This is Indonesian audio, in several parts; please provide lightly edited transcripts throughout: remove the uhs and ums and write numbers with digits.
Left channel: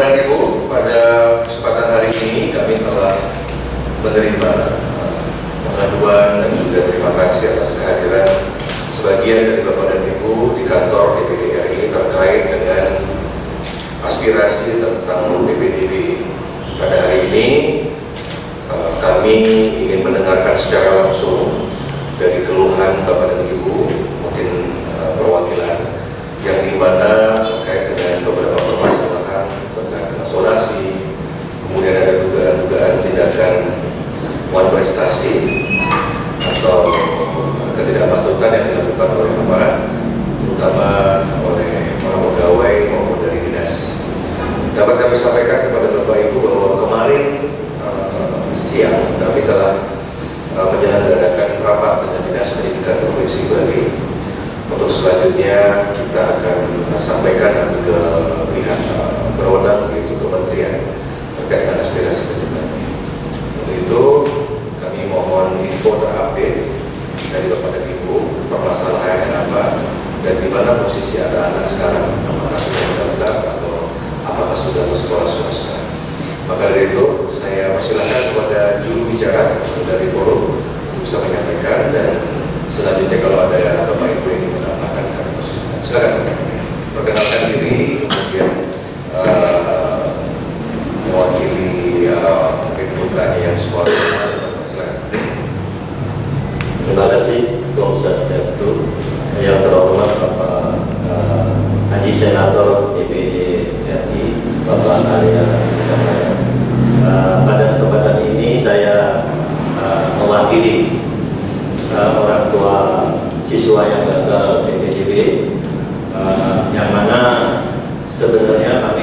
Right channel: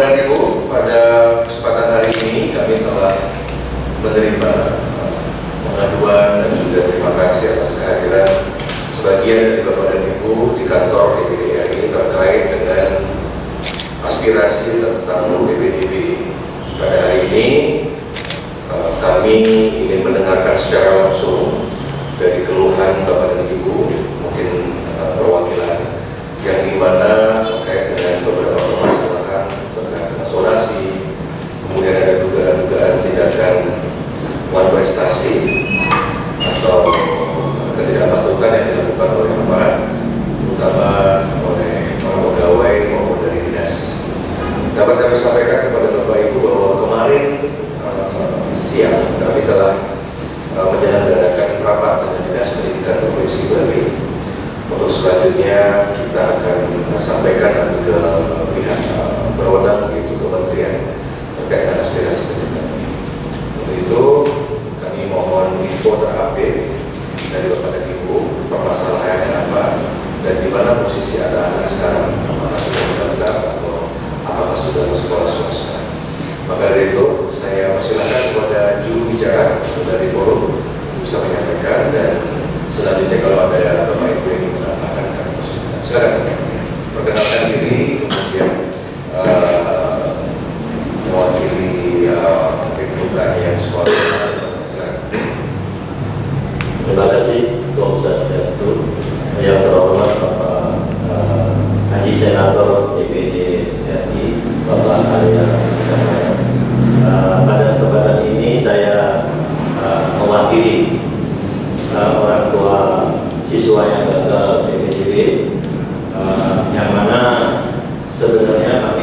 Bapak dan Ibu, pada kesempatan hari ini kami telah menerima pengaduan dan juga terima kasih atas kehadiran sebagian dari Bapak dan Ibu di kantor DPD RI terkait dengan aspirasi tentang PPDB. Pada hari ini kami ingin mendengarkan secara langsung dari keluhan Bapak dan Ibu, mungkin perwakilan yang dimana terkait dengan beberapa permasalahan terkait dengan zonasi, kemudian ada dugaan-dugaan tindakan wan prestasi atau ketidakpatutan yang dilakukan oleh aparat, terutama oleh para pegawai maupun dari dinas. Dapat kami sampaikan kepada Bapak Ibu bahwa kemarin siang kami telah menyelenggarakan rapat dengan Dinas Pendidikan Provinsi Bali. Untuk selanjutnya kita akan sampaikan nanti ke pihak berwenang, yaitu kementerian, terkait dengan aspirasi pendidikan. Untuk itu kami mohon info terupdate dari Bapak dan Ibu, permasalahannya apa dan di mana posisi anak-anak sekarang, apakah sudah mendaftar atau apakah sudah ke sekolah swasta. Maka dari itu saya persilakan kepada juru bicara dari forum bisa menyampaikan, dan selanjutnya kalau ada Bapak Ibu yang ingin menambahkan kami persilakan. Silakan perkenalkan diri, kemudian mewakili mungkin putranya yang sekolah. Silakan. Terima kasih Om Swastiastu. Yang terhormat Bapak Haji Senator DPD RI Bapak Arya. Pada kesempatan ini saya mewakili orang tua siswa yang gagal PPDB, yang mana sebenarnya kami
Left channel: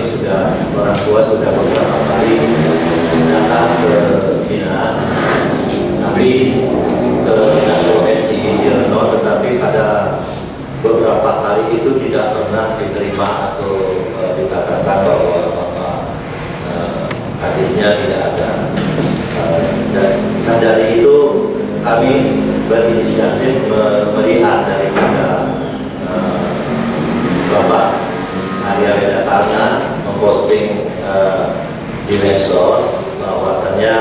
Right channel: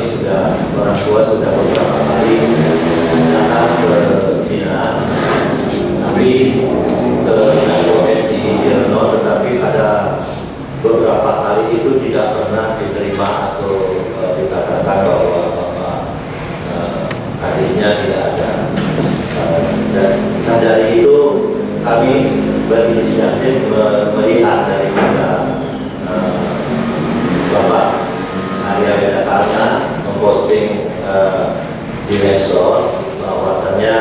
orang tua sudah beberapa kali datang ke dinas, tapi ke dinas provinsi Dirno, tetapi pada beberapa kali itu tidak pernah diterima atau dikatakan bahwa hadisnya tidak ada. Dan dari itu kami berinisiatif melihat daripada Bapak Arya Wedakarna memposting di medsos bahwasannya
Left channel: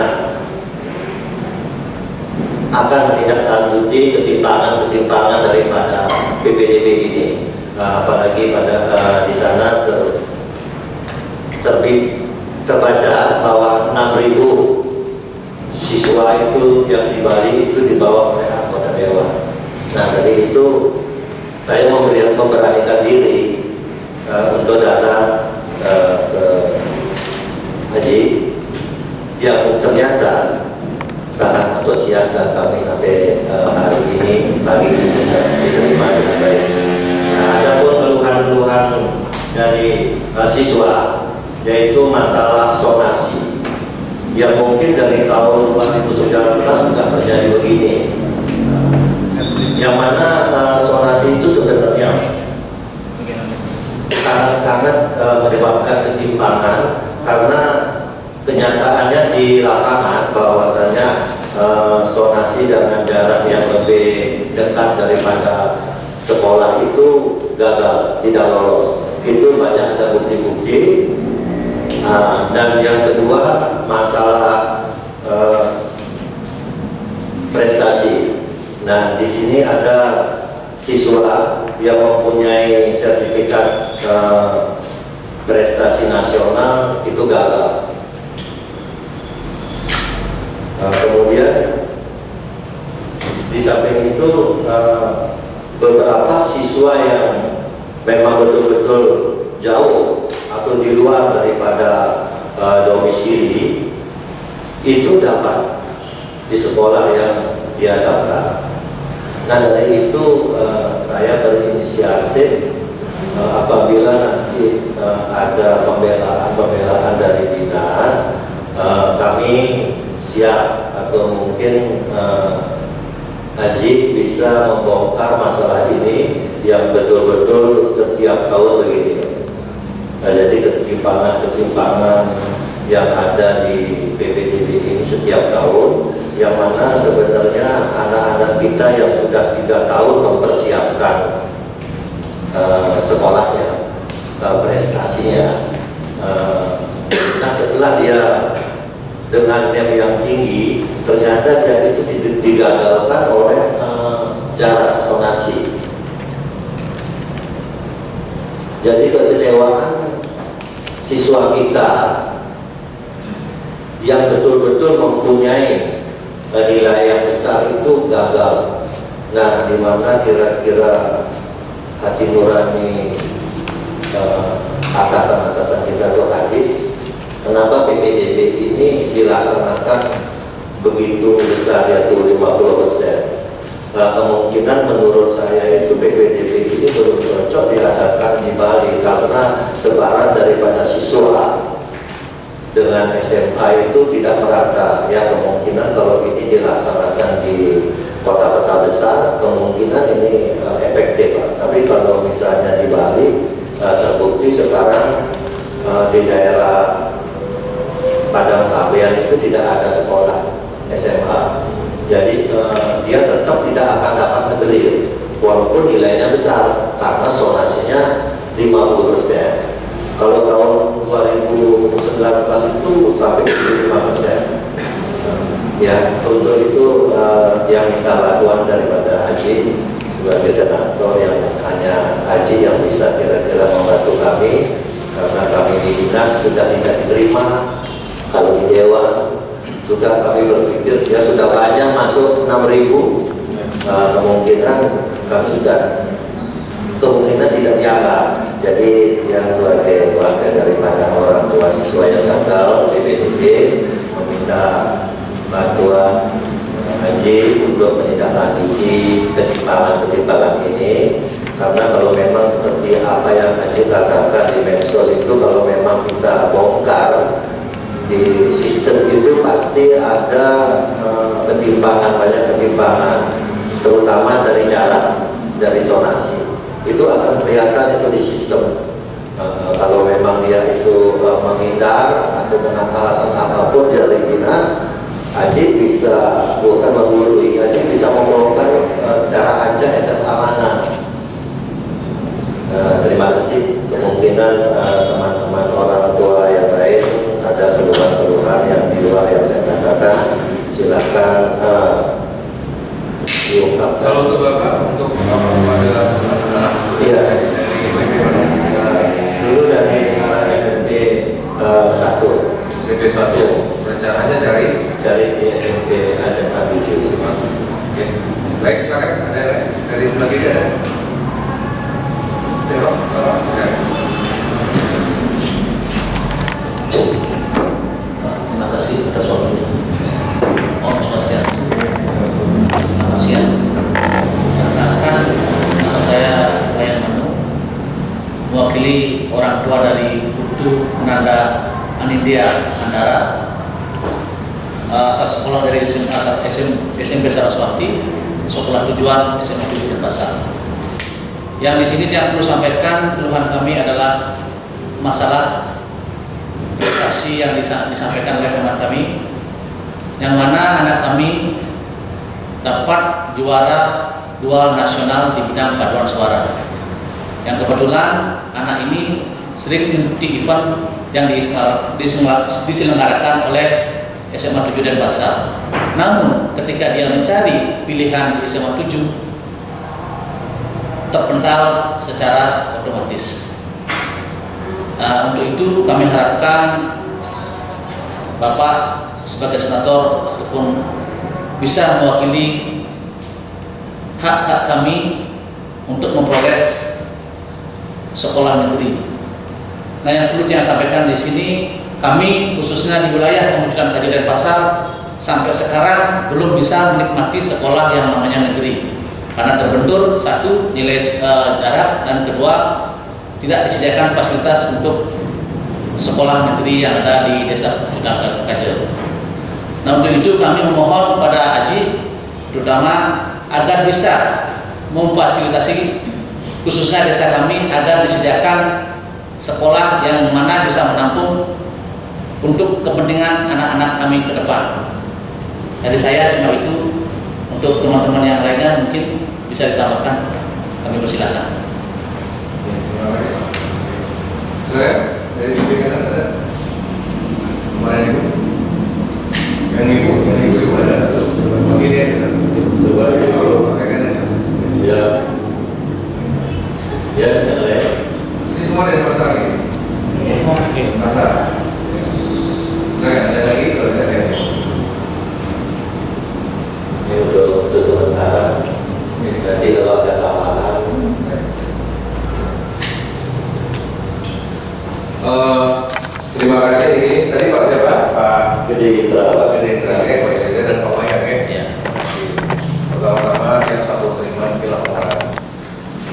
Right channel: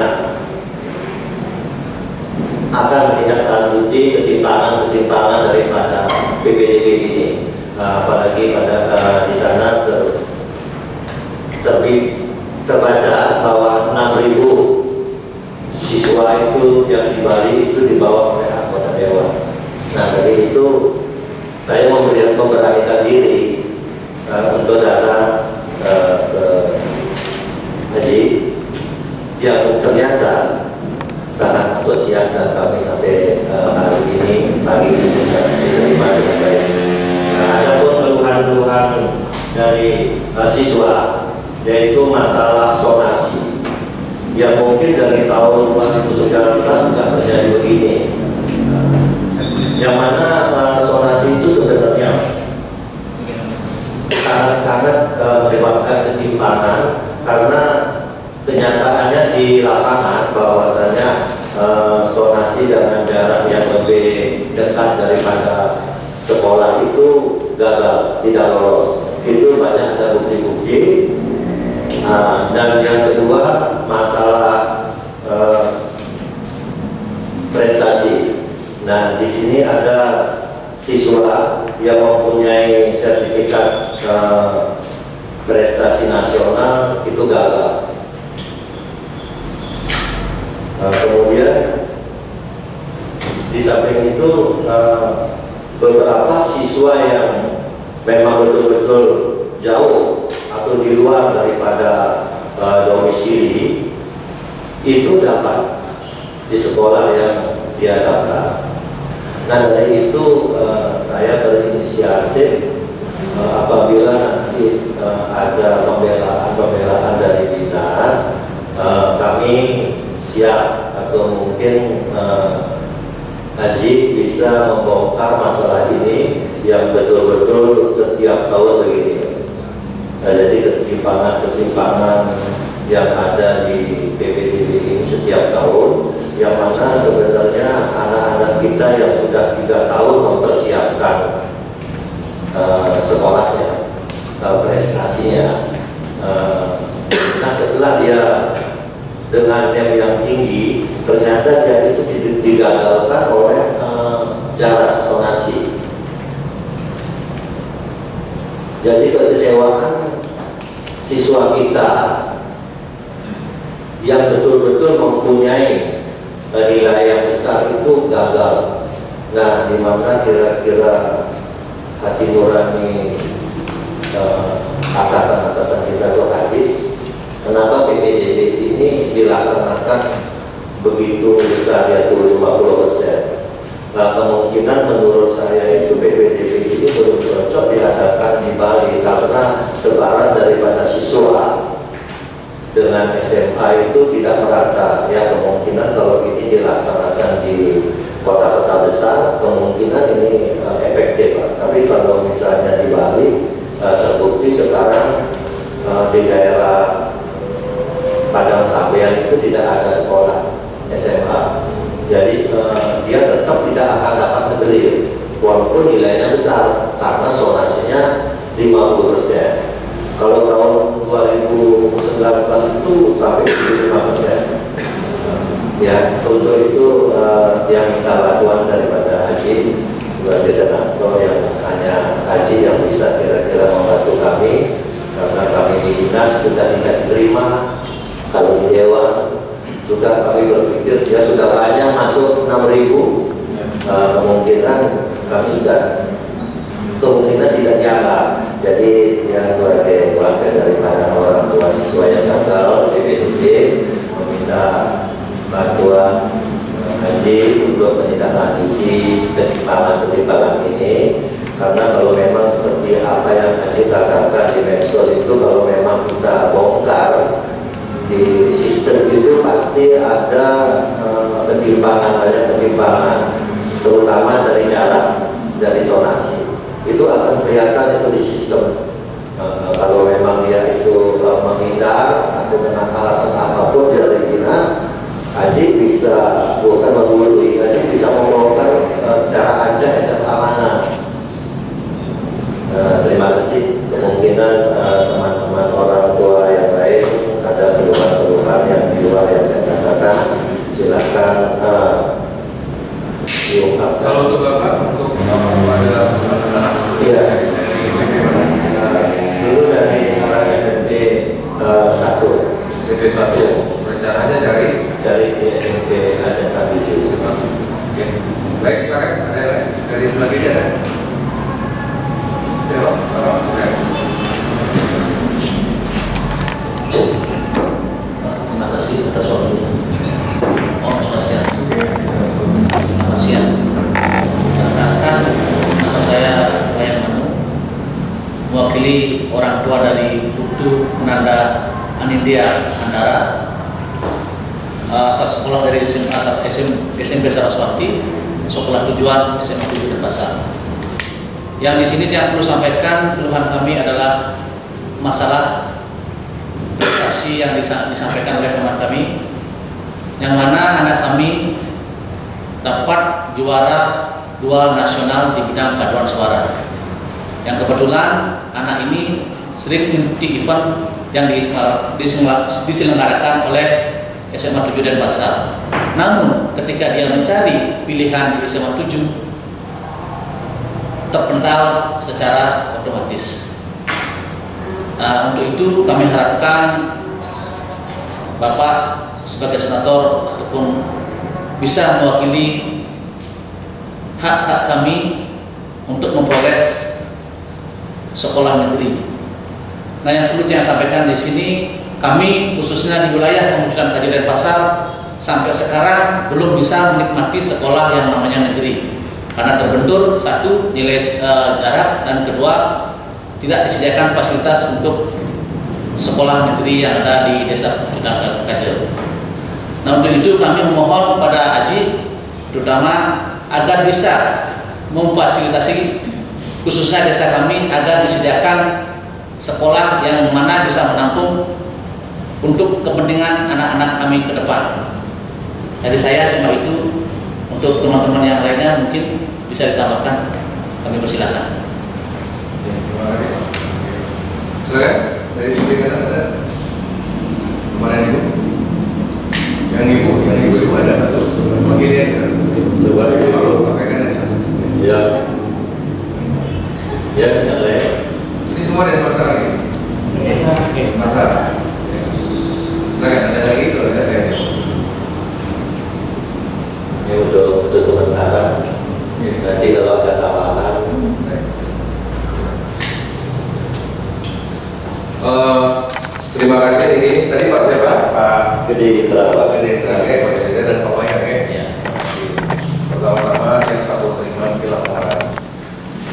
akan menindaklanjuti ketimpangan daripada PPDB ini, apalagi pada di sana terbaca bahwa 6.000 siswa itu yang di Bali itu dibawa oleh anggota dewan. Nah, dari itu saya memberanikan diri untuk datang ke Haji, yang ternyata sangat antusias, dan kami sampai hari ini pagi ini bisa diterima dengan baik. Nah, ada pun keluhan-keluhan dari siswa, yaitu masalah zonasi, yang mungkin dari tahun 2019 sudah terjadi begini, yang mana zonasi itu sebenarnya sangat menyebabkan ketimpangan, karena kenyataannya di lapangan bahwasanya zonasi dengan jarak yang lebih dekat daripada sekolah itu gagal, tidak lolos. Itu banyak ada bukti-bukti. Dan yang kedua, masalah prestasi. Nah, di sini ada siswa yang mempunyai sertifikat prestasi nasional itu gagal. Kemudian di samping itu beberapa siswa yang memang betul-betul jauh atau di luar daripada domisili itu dapat di sekolah yang dia daftar. Nah, dari itu saya berinisiatif apabila nanti ada pembelaan dari dinas, kami siap, atau mungkin Haji bisa membongkar masalah ini yang betul-betul setiap tahun begini. Nah, jadi ketimpangan yang ada di PPDB ini setiap tahun, yang mana sebenarnya anak-anak kita yang sudah 3 tahun mempersiapkan sekolahnya, prestasinya, sonasi. Jadi kekecewaan siswa kita yang betul-betul mempunyai nilai yang besar itu gagal. Nah, di mana kira-kira hati nurani atasan-atasan kita itu habis? Kenapa PPDB ini dilaksanakan begitu besar, yaitu 50%? Nah, kemungkinan menurut saya itu PPDB ini belum cocok diadakan di Bali karena sebaran daripada siswa dengan SMA itu tidak merata. Ya, kemungkinan kalau ini dilaksanakan di kota-kota besar, kemungkinan ini efektif. Tapi kalau misalnya di Bali, terbukti sekarang di daerah Padang Sambean itu tidak ada sekolah SMA. Jadi dia tetap tidak akan dapat negeri walaupun nilainya besar karena sonasinya 50%. Kalau tahun 2019 itu sampai 75%. Ya, untuk itu yang minta bantuan daripada Haji sebagai senator, yang hanya Haji yang bisa kira-kira membantu kami karena kami di dinas sudah tidak diterima. Kalau di dewan juga kami berpikir ya sudah banyak masuk 6.000, kemungkinan kami sudah kemungkinan tidak dianggap. Jadi yang sebagai wakil daripada orang tua siswa yang gagal, PPDB meminta bantuan Haji untuk menindaklanjuti ketimpangan ini, karena kalau memang seperti apa yang Haji katakan di medsos itu, kalau memang kita bongkar di sistem itu pasti ada ketimpangan, banyak ketimpangan, terutama dari jarak, dari zonasi. Itu akan kelihatan itu di sistem. Kalau memang dia itu menghindar atau dengan alasan apapun dari dinas, Haji bisa bukan menggurui, Haji bisa membongkar secara acak SMA mana. Terima kasih. Kemungkinan teman-teman orang tua yang lain ada keluhan-keluhan yang di luar yang saya katakan, silakan diungkapkan. Kalau untuk Bapak, untuk pada anak-anak iya, dari SMP mana? Dulu dari SMP 1. SMP 1, rencananya cari di SMP SMK 7. Oke. Baik, silakan. Ada yang lain? Dari sebelah kiri ada? Saya Terima kasih atas waktunya. Om Swastiastu. Selamat siang. Perkenalkan, nama saya Wayan Manu, mewakili orang tua dari Putu Nanda Anindya Andara, asal sekolah dari SMP Saraswati, sekolah tujuan SMA 7 Denpasar. Yang di sini yang perlu sampaikan keluhan kami adalah masalah prestasi yang disampaikan oleh teman kami, yang mana anak kami dapat juara 2 nasional di bidang paduan suara. Yang kebetulan anak ini sering mengikuti event yang diselenggarakan oleh SMA 7 Denpasar. Namun ketika dia mencari pilihan di SMA 7, terpental secara otomatis. Untuk itu kami harapkan Bapak sebagai senator ataupun bisa mewakili hak-hak kami untuk memperoleh sekolah negeri. Nah, yang perlu saya sampaikan di sini, kami khususnya di wilayah Pemujulan Kaji Denpasar sampai sekarang belum bisa menikmati sekolah yang namanya negeri, karena terbentur, satu, nilai jarak, dan kedua, tidak disediakan fasilitas untuk sekolah negeri yang ada di desa Pemujulan Kaji. Nah, untuk itu kami memohon pada Haji, terutama agar bisa memfasilitasi khususnya desa kami agar disediakan sekolah yang mana bisa menampung untuk kepentingan anak-anak kami ke depan. Dari saya cuma itu. Untuk teman-teman yang lainnya mungkin bisa ditambahkan, kami persilakan. Silakan, dari sini kan ada mana ibu? Yang ibu ada satu. Begini aja. Coba dulu. Pakai kanan. Ya. Ya, yang lain. Ini semua dari pasar ini. Pasar. Nah, ada lagi kalau ada. Ini untuk sementara. Nanti kalau ada tambahan. Terima kasih ini. Tadi Pak siapa? Pak Gede Indra. Pak Gede Indra, Pak Gede dan Pak Mayan ya. Ya. Pertama-tama yang satu terima di laporan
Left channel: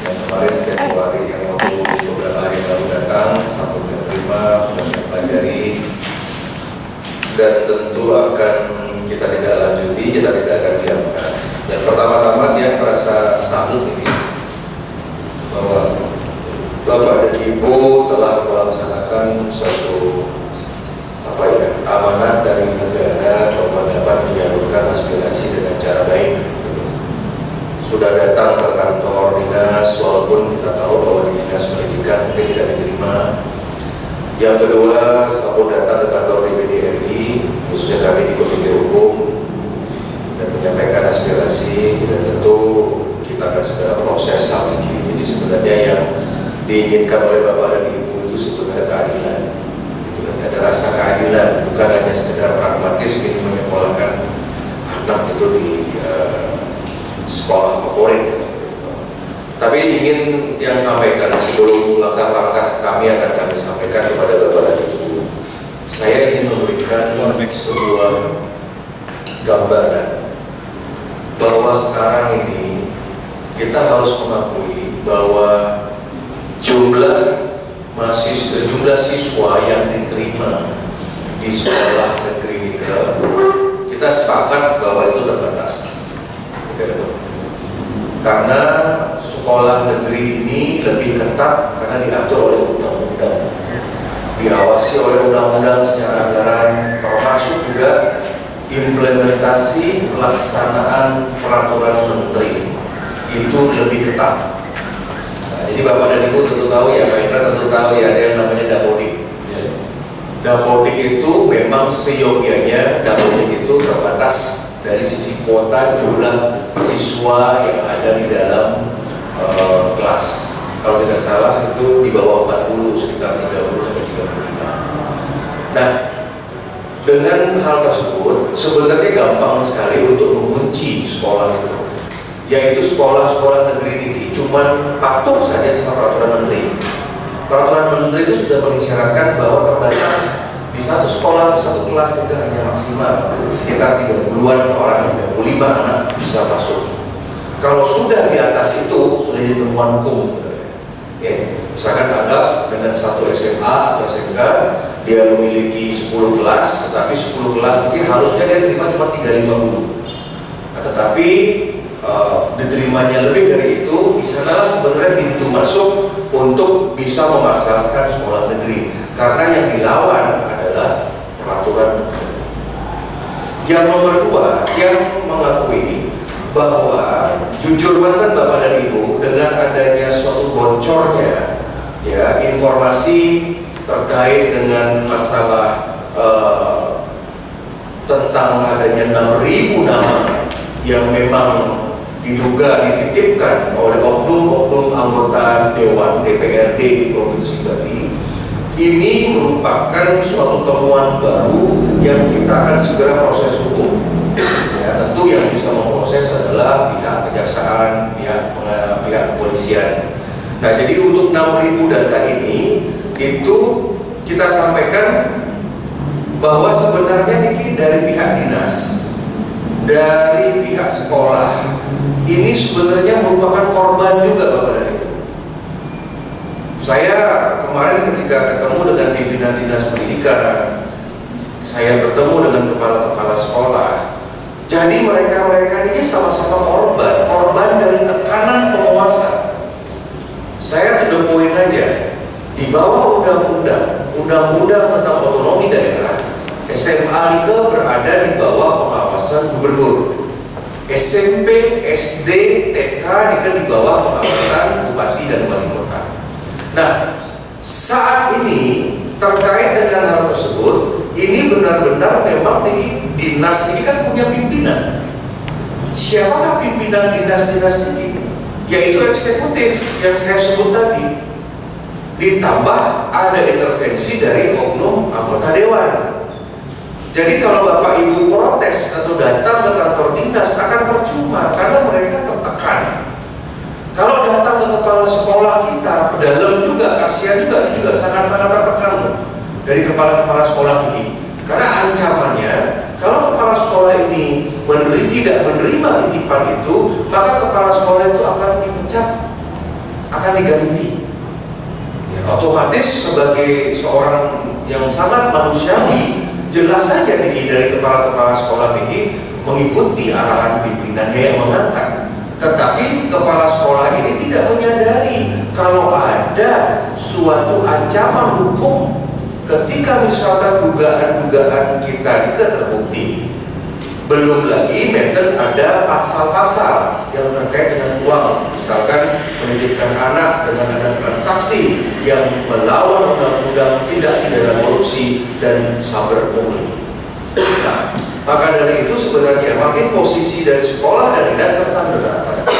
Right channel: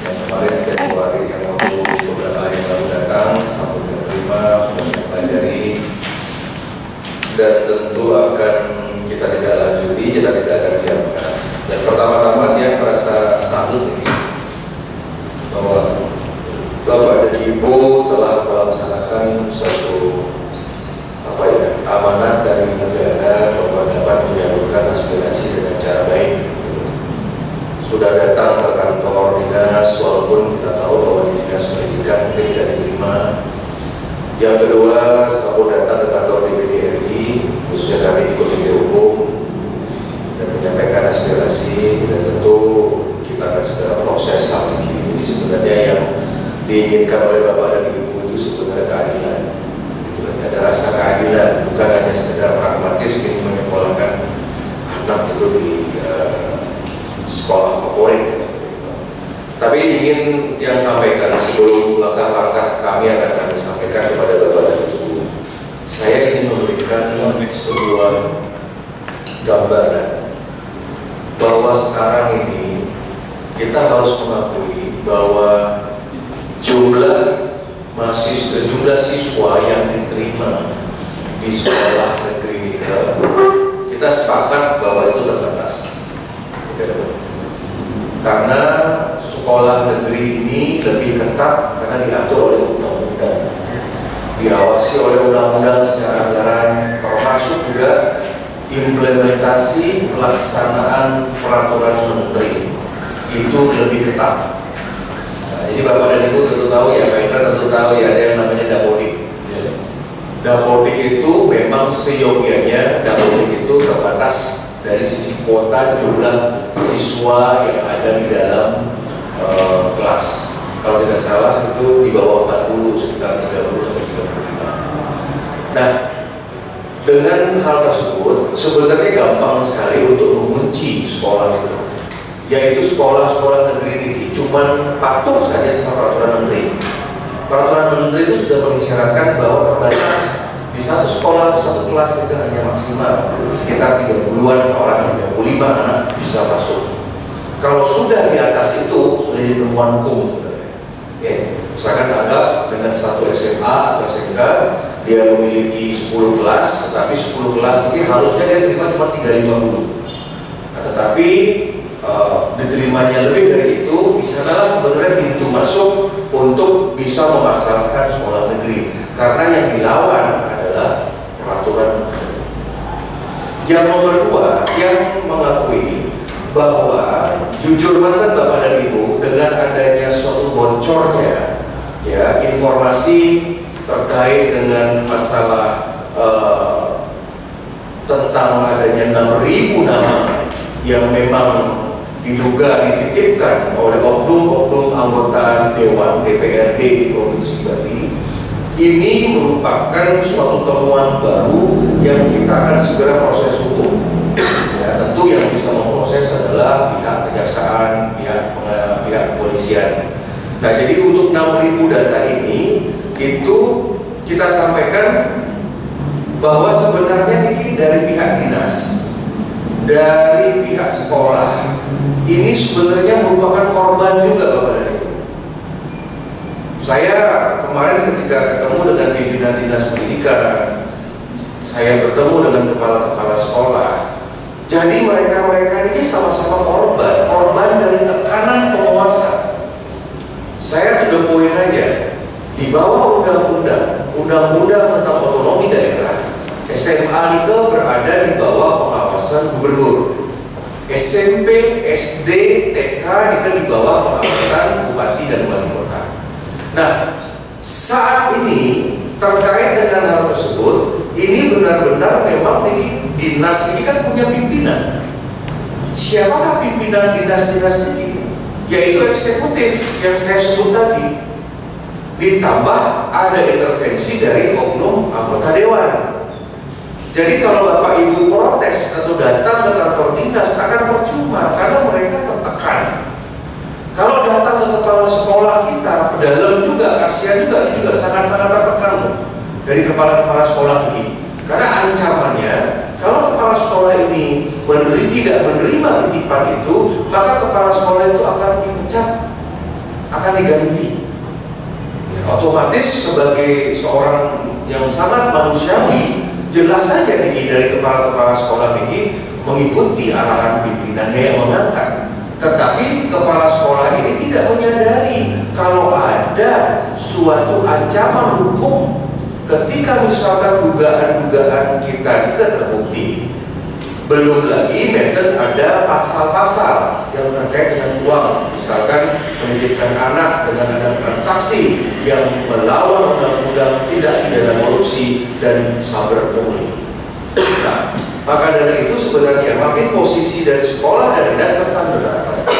yang kemarin Februari yang waktu beberapa hari lalu datang, satu terima sudah saya pelajari dan tentu akan kita tidak lanjuti, kita tidak akan diamkan. Dan pertama-tama dia merasa salut ini bahwa Bapak dan Ibu telah melaksanakan satu amanat dari negara bahwa dapat menyalurkan aspirasi dengan cara baik. Sudah datang ke kantor dinas walaupun kita tahu bahwa di dinas pendidikan mungkin tidak diterima. Yang kedua, saya datang ke kantor DPD RI, khususnya kami di Komite Hukum dan menyampaikan aspirasi dan tentu kita akan segera proses hal ini. Jadi sebenarnya yang diinginkan oleh Bapak dan Ibu itu sebenarnya keadilan. Ada rasa keadilan, bukan hanya sekedar pragmatis ingin menyekolahkan anak itu di sekolah favorit ya. Tapi ingin yang sampaikan sebelum langkah-langkah kami akan kami sampaikan kepada Bapak dan Ibu, saya ingin memberikan sebuah gambaran bahwa sekarang ini kita harus mengakui bahwa jumlah siswa yang diterima di sekolah negeri kita sepakat bahwa itu terbatas. Karena sekolah negeri ini lebih ketat karena diatur oleh undang-undang, diawasi oleh undang-undang secara anggaran, termasuk juga implementasi pelaksanaan peraturan menteri itu lebih ketat. Jadi Bapak dan Ibu tentu tahu ya, Pak Indra tentu tahu ya, ada yang namanya Dapodik. Dapodik itu memang seyogianya Dapodik itu terbatas dari sisi kuota jumlah siswa yang ada di dalam kelas. Kalau tidak salah itu di bawah 40, sekitar 30 sampai 35. Nah, dengan hal tersebut sebenarnya gampang sekali untuk mengunci sekolah itu, yaitu sekolah-sekolah negeri ini cuman patuh saja sama peraturan menteri. Peraturan menteri itu sudah mengisyaratkan bahwa terbatas di satu sekolah, satu kelas itu hanya maksimal sekitar 30-an orang, 35 anak bisa masuk. Kalau sudah di atas itu sudah jadi temuan hukum sebenarnya. Oke, misalkan anggap dengan satu SMA atau SMK dia memiliki 10 kelas, tapi 10 kelas ini harusnya dia terima cuma 350. Nah, tetapi diterimanya lebih dari itu, di sanalah sebenarnya pintu masuk untuk bisa memasalahkan sekolah negeri, karena yang dilawan adalah peraturan. Yang nomor dua, yang mengakui bahwa jujur banget Bapak dan Ibu, dengan adanya suatu bocornya ya informasi terkait dengan masalah tentang adanya 6.000 nama yang memang diduga dititipkan oleh oknum-oknum anggota Dewan DPRD di Provinsi Bali, ini merupakan suatu temuan baru yang kita akan segera proses hukum. Ya, tentu yang bisa memproses adalah pihak kejaksaan, pihak kepolisian. Nah, jadi untuk 6.000 data ini itu kita sampaikan bahwa sebenarnya ini dari pihak dinas, dari pihak sekolah, ini sebenarnya merupakan korban juga Bapak dan Ibu. Saya kemarin ketika ketemu dengan pimpinan dinas pendidikan, saya bertemu dengan kepala-kepala sekolah. Jadi mereka ini sama-sama korban dari tekanan penguasa. Saya to the point aja, di bawah undang-undang tentang otonomi daerah, SMA itu berada di bawah pengawasan gubernur. SMP, SD, TK di bawah pengawasan bupati dan wali kota. Nah, saat ini terkait dengan hal tersebut, ini benar-benar memang dinas ini kan punya pimpinan. Siapakah pimpinan dinas-dinas ini? yaitu eksekutif yang saya sebut tadi. Ditambah ada intervensi dari oknum anggota dewan. Jadi kalau Bapak Ibu protes atau datang ke kantor dinas akan percuma karena mereka tertekan. Kalau datang ke kepala sekolah kita, pedalam juga, kasihan juga, ini juga sangat-sangat tertekan dari kepala-kepala sekolah ini. Karena ancamannya, kalau kepala sekolah ini tidak menerima titipan itu, maka kepala sekolah itu akan dipecat, akan diganti. Ya, otomatis sebagai seorang yang sangat manusiawi, jelas saja Niki dari kepala-kepala sekolah Niki mengikuti arahan pimpinannya yang mengangkat. Tetapi kepala sekolah ini tidak menyadari kalau ada suatu ancaman hukum ketika misalkan dugaan-dugaan kita terbukti. Belum lagi meten ada pasal-pasal yang terkait dengan uang, misalkan menitipkan anak dengan ada transaksi yang melawan undang-undang tidak pidana korupsi dan saber pungli. Nah, maka dari itu sebenarnya makin posisi dari sekolah dan dinas tersandera pasti.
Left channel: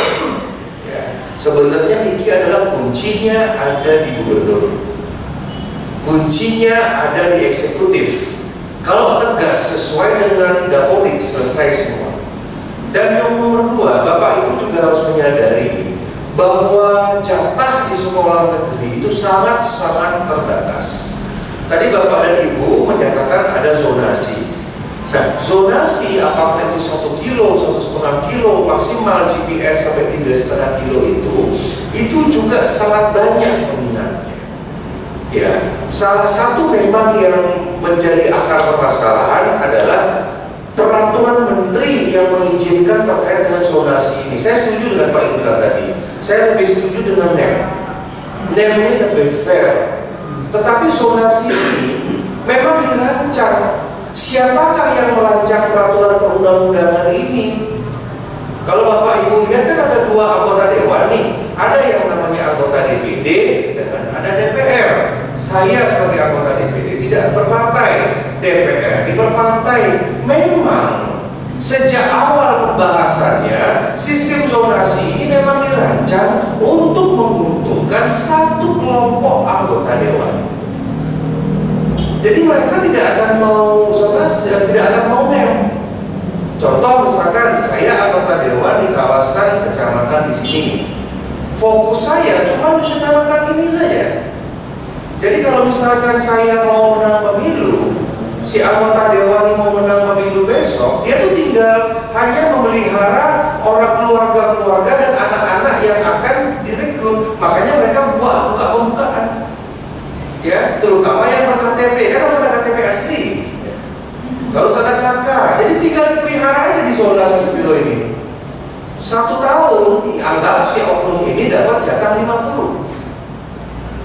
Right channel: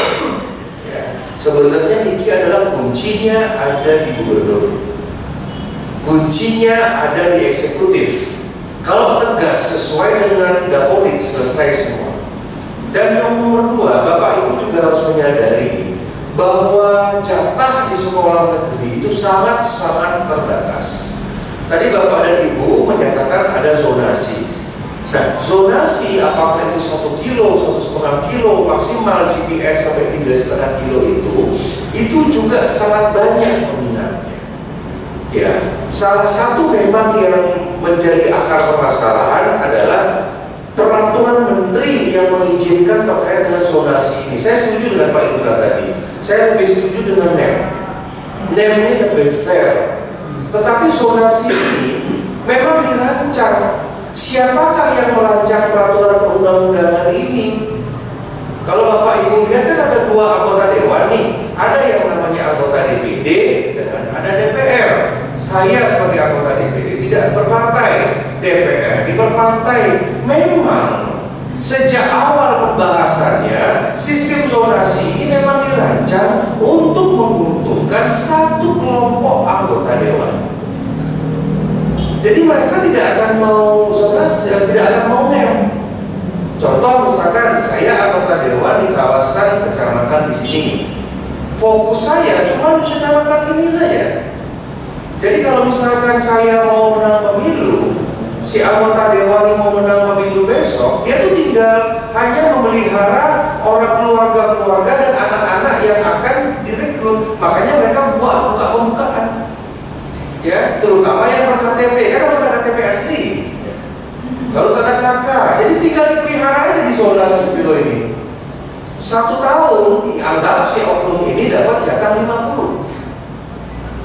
Ya. Sebenarnya Niki adalah kuncinya ada di gubernur, kuncinya ada di eksekutif. Kalau tegas sesuai dengan Dapodik selesai semua. Dan yang nomor dua, Bapak Ibu juga harus menyadari bahwa jatah di sekolah negeri itu sangat-sangat terbatas. Tadi Bapak dan Ibu menyatakan ada zonasi. Nah, zonasi apakah itu 1 kilo, 1,5 kilo, maksimal GPS sampai 3,5 kilo itu juga sangat banyak peminatnya. Ya, salah satu memang yang menjadi akar permasalahan adalah peraturan menteri yang mengizinkan terkait dengan zonasi ini. Saya setuju dengan Pak Indra tadi. Saya lebih setuju dengan NEM. NEM ini lebih fair. Tetapi zonasi ini memang dirancang. Siapakah yang merancang peraturan perundang-undangan ini? Kalau Bapak Ibu lihat kan ada 2 anggota dewan nih. Ada yang namanya anggota DPD dan ada DPR. Saya sebagai anggota DPD tidak berpartai, DPR berpartai. Memang sejak awal pembahasannya sistem zonasi ini memang dirancang untuk menguntungkan satu kelompok anggota dewan. Jadi mereka tidak akan mau zonasi dan tidak akan mau NEM. Contoh misalkan saya anggota dewan di kawasan kecamatan di sini. Fokus saya cuma di kecamatan ini saja. Jadi kalau misalkan saya mau menang pemilu, si anggota dewan ini mau menang pemilu besok, dia tuh tinggal hanya memelihara orang keluarga-keluarga dan anak-anak yang akan direkrut. Makanya mereka buat buka-bukaan. Ya, terutama yang berKTP, kan harus ada KTP asli, harus ada KK. Jadi tinggal dipelihara aja di zona 1 kilo ini. 1 tahun, anggap si oknum ini dapat jatah 50.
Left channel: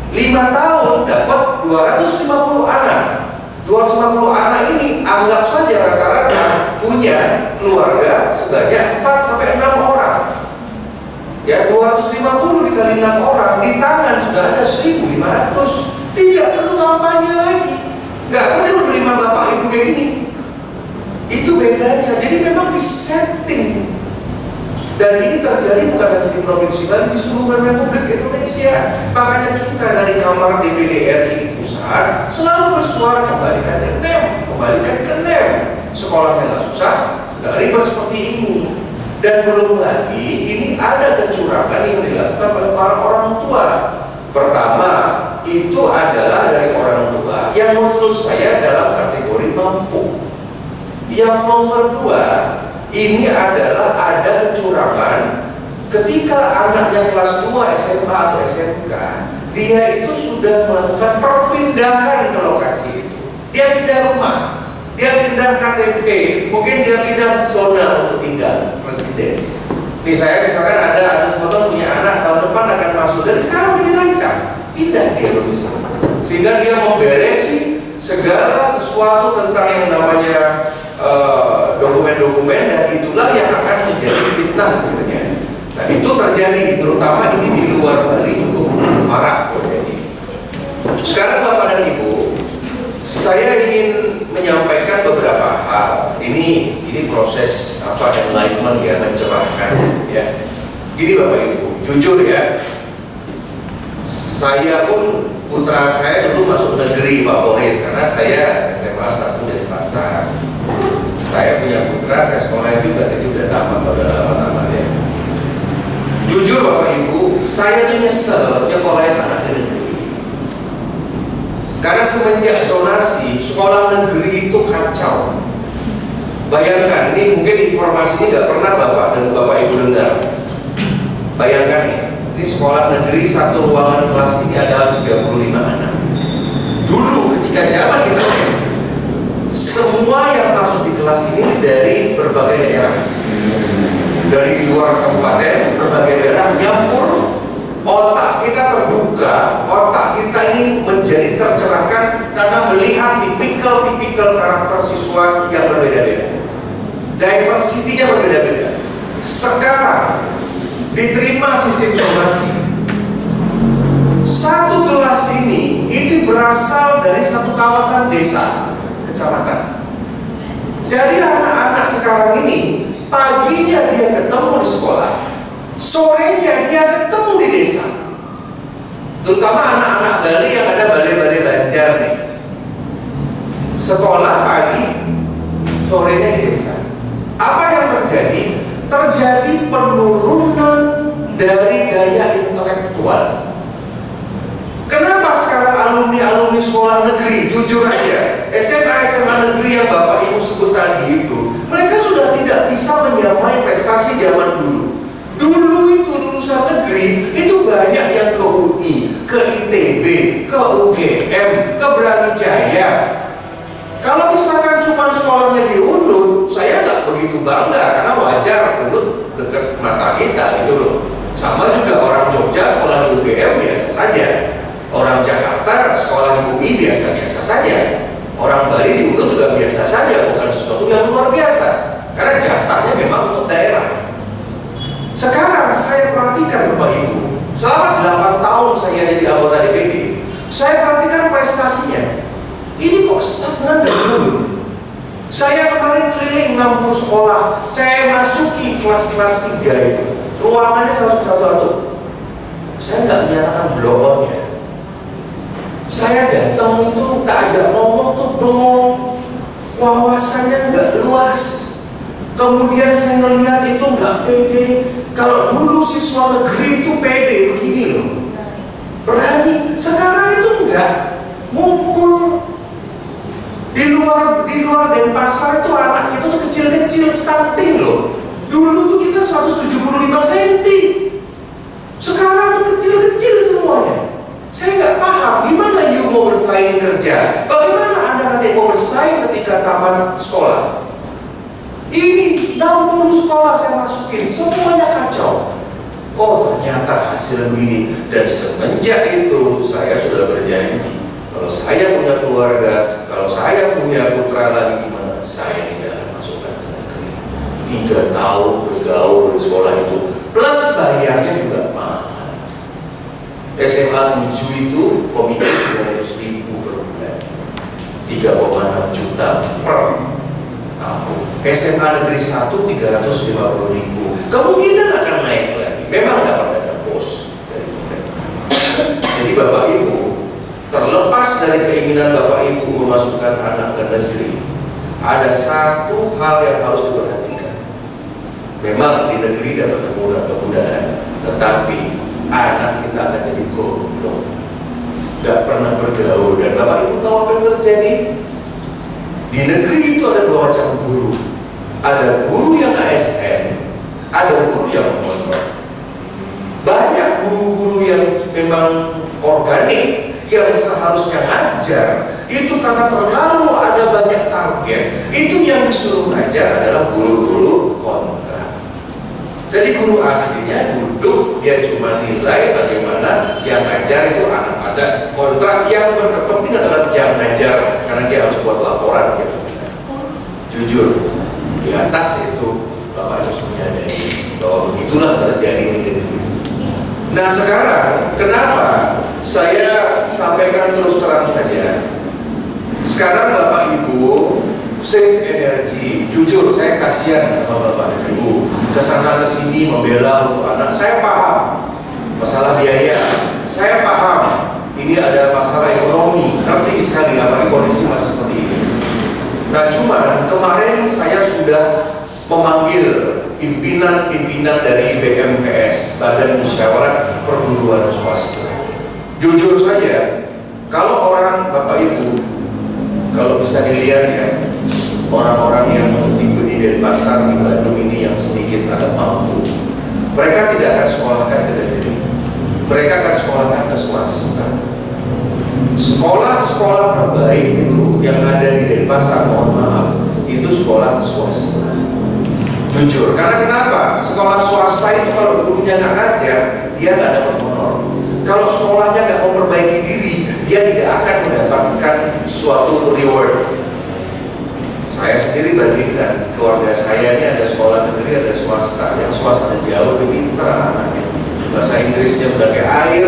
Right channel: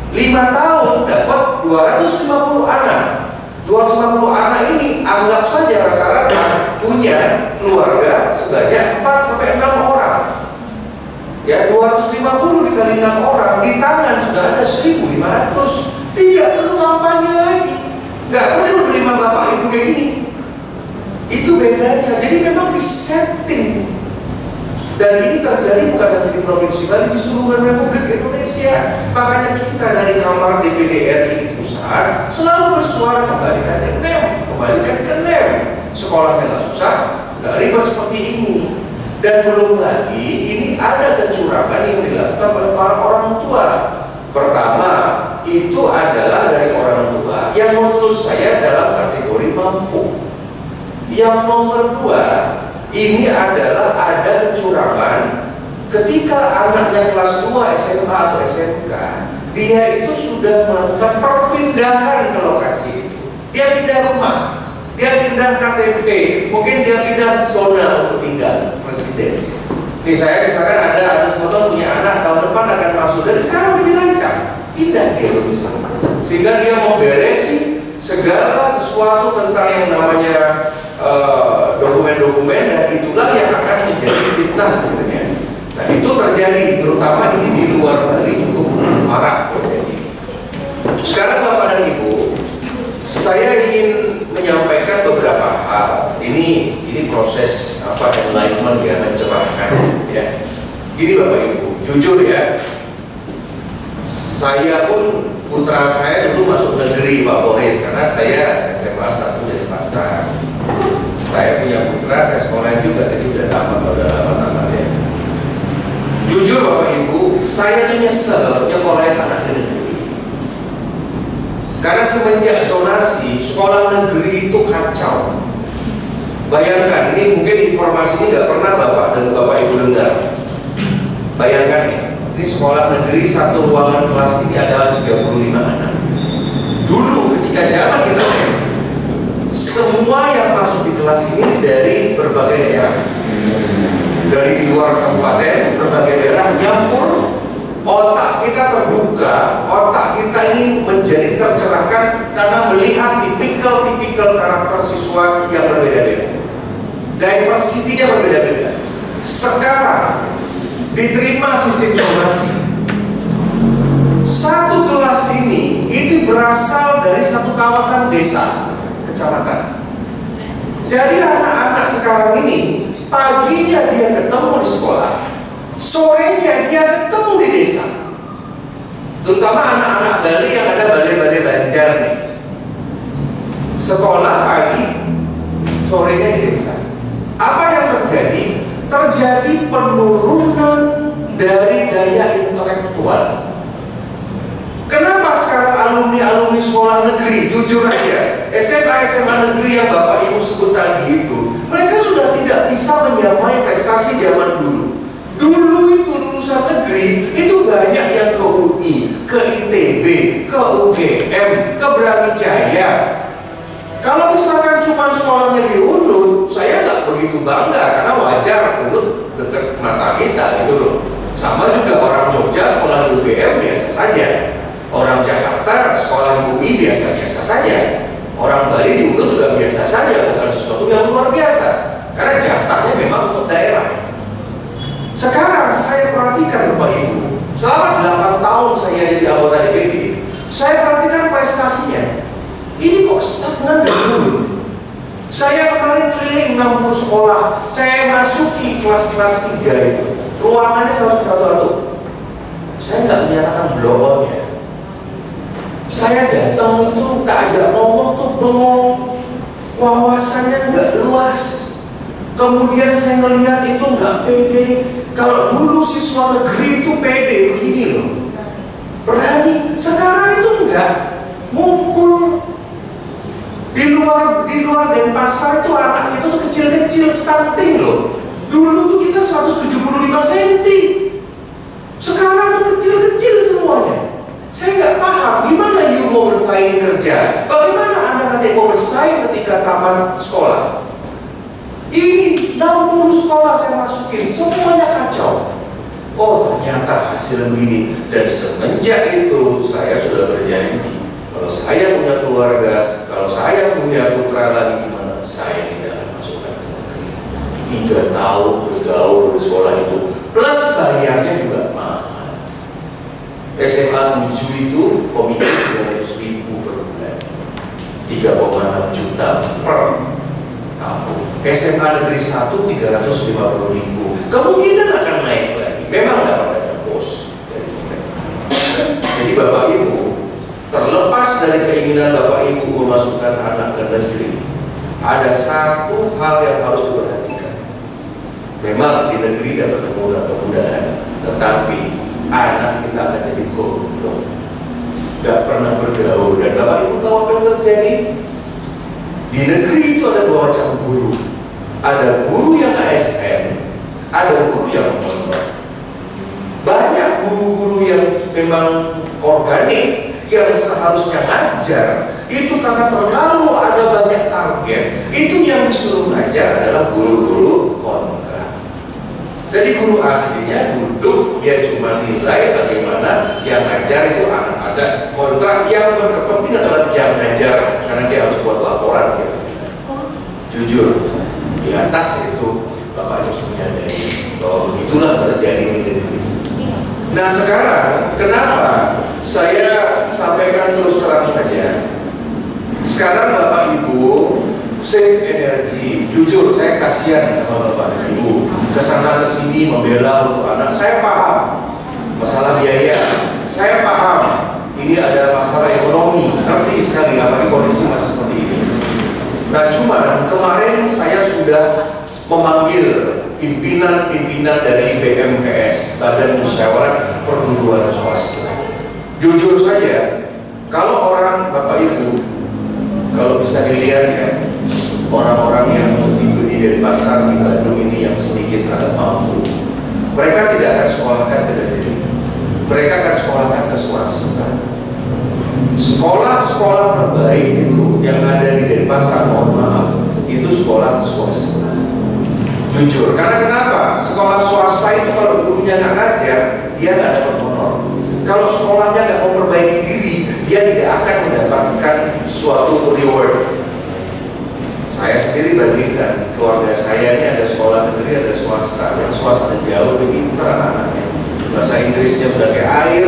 5 tahun dapat 250 anak. 250 anak ini anggap saja rata-rata punya keluarga sebanyak 4-6 orang. Ya, 250 dikali 6 orang, di tangan sudah ada 1.500. Tidak perlu kampanye lagi, nggak perlu terima Bapak Ibu kayak gini. Itu bedanya. Jadi memang disetting. Dan ini terjadi bukan hanya di Provinsi Bali, di seluruh Republik Indonesia. Makanya kita dari Kamar DPD RI di pusat selalu bersuara kembalikan ke NEM, kembalikan ke NEM. Sekolahnya nggak susah, nggak ribet seperti ini. Dan belum lagi ini ada kecurangan yang dilakukan oleh para orang tua. Pertama, itu adalah dari orang tua yang menurut saya dalam kategori mampu. Yang nomor 2, ini adalah ada kecurangan ketika anaknya kelas 2 SMA atau SMK, dia itu sudah melakukan perpindahan ke lokasi itu. Dia pindah rumah, dia pindah KTP, mungkin dia pindah zona untuk tinggal residensi. Misalnya ada sebetulnya punya anak tahun depan akan masuk, dari sekarang dirancang pindah dia misalnya, sehingga dia mau beresi segala sesuatu tentang yang namanya dokumen-dokumen, dan itulah yang akan menjadi fitnah tentunya. Nah, itu terjadi terutama ini di luar Bali cukup marak terjadi. Sekarang Bapak dan Ibu, saya ingin menyampaikan beberapa hal. Ini proses enlightenment ya, mencerahkan ya. Gini Bapak Ibu, jujur Saya pun, putra saya dulu masuk negeri favorit karena saya SMA 1 dari Pasar. Saya punya putra, saya sekolah juga, jadi udah lama-lama ya. Jujur Bapak Ibu, saya tuh nyesel nyekolahin anak di negeri. Karena semenjak zonasi, sekolah negeri itu kacau. Bayangkan, ini mungkin informasi ini nggak pernah Bapak dan Bapak Ibu dengar. Bayangkan nih, ini sekolah negeri satu ruangan kelas ini adalah 35 anak. Dulu ketika zaman kita, semua yang masuk di kelas ini dari berbagai daerah, dari luar kabupaten, berbagai daerah nyampur. Otak kita terbuka, otak kita ini menjadi tercerahkan karena melihat tipikal karakter siswa yang berbeda-beda. Diversity-nya berbeda-beda. Sekarang diterima sistem zonasi. Satu kelas ini itu berasal dari satu kawasan desa, kecamatan. Jadi anak-anak sekarang ini paginya dia ketemu di sekolah, sorenya dia ketemu di desa. Terutama anak-anak Bali yang ada balai-balai Banjar nih. Sekolah pagi, sorenya di desa. Apa yang terjadi? Terjadi penurunan dari daya intelektual. Kenapa sekarang alumni sekolah negeri, jujur aja, SMA negeri yang Bapak Ibu sebut tadi itu, mereka sudah tidak bisa menyamai prestasi zaman dulu. Dulu itu lulusan negeri itu banyak yang ke UI, ke ITB, ke UGM, ke Brawijaya. Kalau misalkan cuma sekolahnya di Unut, saya nggak begitu bangga karena wajar, Unut dekat mata kita gitu loh. Sama juga orang Jogja sekolah di UGM biasa saja. Orang Jakarta sekolah di UI biasa-biasa saja. Orang Bali di Unut juga biasa saja, bukan sesuatu yang luar biasa. Karena jatahnya memang untuk daerah. Sekarang saya perhatikan Bapak Ibu, selama 8 tahun saya jadi anggota DPD, saya perhatikan prestasinya. Ini kok stagnan dan turun. Saya kemarin keliling 60 sekolah, saya masuki kelas-kelas 3 itu. Ruangannya satu-satu. Saya nggak menyatakan blow on ya. Saya datang itu tak ajak ngomong tuh bengong, wawasannya nggak luas. Kemudian saya ngelihat itu nggak pede. Kalau dulu siswa negeri itu pede begini loh, berani. Sekarang itu enggak. Ngumpul di luar Denpasar itu anak itu tuh kecil-kecil stunting loh. Dulu tuh kita 175 cm. Sekarang tuh kecil-kecil semuanya. Saya nggak paham gimana you mau bersaing kerja. Bagaimana Anda nanti mau bersaing ketika taman sekolah? Ini 60 sekolah saya masukin, semuanya kacau. Oh ternyata hasil begini. Dan semenjak itu saya sudah berjanji, kalau saya punya keluarga, kalau saya punya putra lagi gimana, saya tidak akan masukkan ke negeri. 3 tahun bergaul di sekolah itu, plus bayarnya juga mahal. SMA 7 itu komite 900.000 per bulan, 3,6 juta per tahun. SMA negeri 1 350.000, kemungkinan akan naik lagi. Memang dapat ada bos dari pemerintah. Jadi Bapak Ibu, terlepas dari keinginan Bapak Ibu memasukkan anak ke negeri, ada satu hal yang harus diperhatikan. Memang di negeri dapat kemudahan, tetapi anak kita akan jadi goblok, gak pernah bergaul. Dan Bapak Ibu tahu apa yang terjadi? Di negeri itu ada 2 macam guru. Ada guru yang ASN, ada guru yang mondok. Banyak guru-guru yang memang organik, yang seharusnya ngajar, itu karena terlalu ada banyak target, itu yang disuruh ngajar adalah guru-guru kontrak. Jadi guru aslinya duduk, dia cuma nilai bagaimana yang ngajar itu anak ada kontrak. Yang berkepentingan adalah jam ngajar, karena dia harus buat laporan ya. Jujur, di atas itu Bapak harus menyadari bahwa begitulah terjadi di negeri. Nah sekarang kenapa saya sampaikan terus terang saja? Sekarang Bapak Ibu save energi. Jujur saya kasihan sama Bapak dan Ibu kesana kesini membela untuk anak. Saya paham masalah biaya. Saya paham ini ada masalah ekonomi, ngerti sekali apalagi kondisi masih seperti ini. Nah, cuman kemarin saya sudah memanggil pimpinan-pimpinan dari BMPS, Badan Musyawarah Perguruan Swasta. Jujur saja, kalau orang Bapak Ibu, kalau bisa dilihat ya, orang-orang yang di Denpasar di Bandung ini yang sedikit agak mampu, mereka tidak akan sekolahkan ke negeri, mereka akan sekolahkan ke swasta. Sekolah-sekolah terbaik itu yang ada di Denpasar, mohon maaf, itu sekolah swasta. Jujur, karena kenapa? Sekolah swasta itu kalau gurunya nggak ngajar, dia nggak dapat honor. Kalau sekolahnya nggak memperbaiki diri, dia tidak akan mendapatkan suatu reward. Saya sendiri bandingkan, keluarga saya ini ada sekolah negeri, ada swasta. Yang swasta jauh lebih pintar anaknya. Bahasa Inggrisnya sudah kayak air.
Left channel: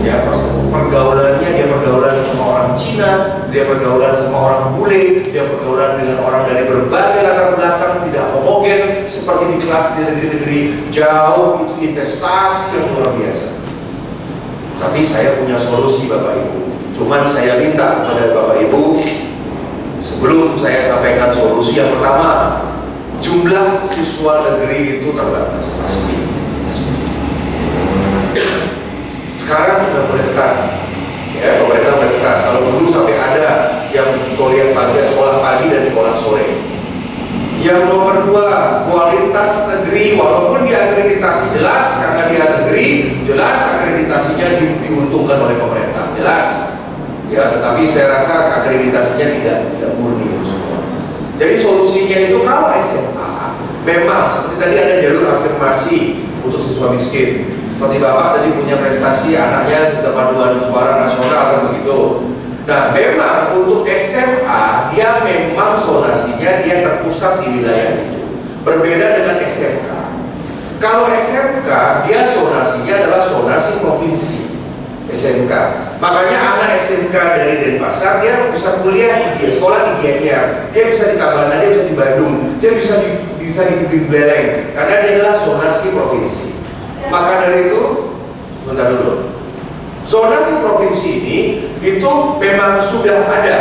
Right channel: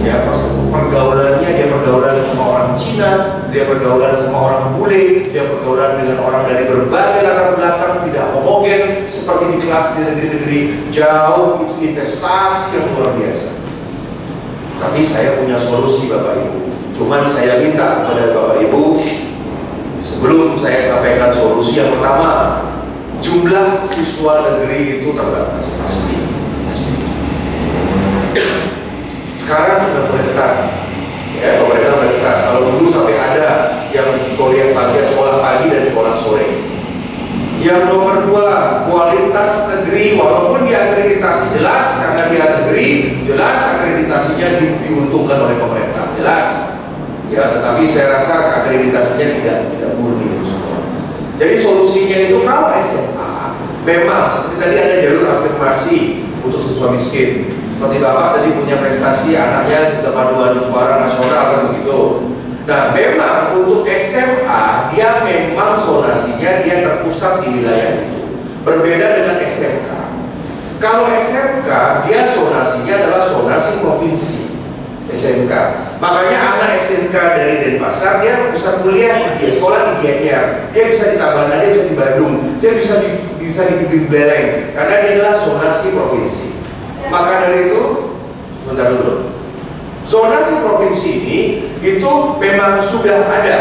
Ya, pergaulannya dia pergaulan sama orang Cina, dia pergaulan sama orang bule, dia pergaulan dengan orang dari berbagai latar belakang, tidak homogen seperti di kelas di negeri-negeri jauh. Itu investasi yang luar biasa. Tapi saya punya solusi Bapak Ibu. Cuman saya minta kepada Bapak Ibu, sebelum saya sampaikan solusi yang pertama, jumlah siswa negeri itu terbatas pasti. Sekarang sudah mulai ketat, ya, pemerintah mulai ketat. Kalau dulu sampai ada yang kuliah pagi, sekolah pagi dan sekolah sore. Yang nomor dua, kualitas negeri, walaupun diakreditasi jelas karena dia negeri, jelas akreditasinya diuntungkan oleh pemerintah, jelas. Ya, tetapi saya rasa akreditasinya tidak murni itu semua. Jadi solusinya itu kalau SMA, memang seperti tadi ada jalur afirmasi untuk siswa miskin. Seperti Bapak tadi punya prestasi anaknya paduan suara nasional kan begitu. Nah, memang untuk SMA dia memang zonasinya dia terpusat di wilayah itu. Berbeda dengan SMK. Kalau SMK dia zonasinya adalah zonasi provinsi. SMK. Makanya anak SMK dari Denpasar dia bisa kuliah di sekolah di Gianyar, dia bisa di Tabanan, dia bisa di Bandung, dia bisa di Beleng karena dia adalah zonasi provinsi. Maka dari itu, sebentar dulu. Zonasi provinsi ini itu memang sudah ada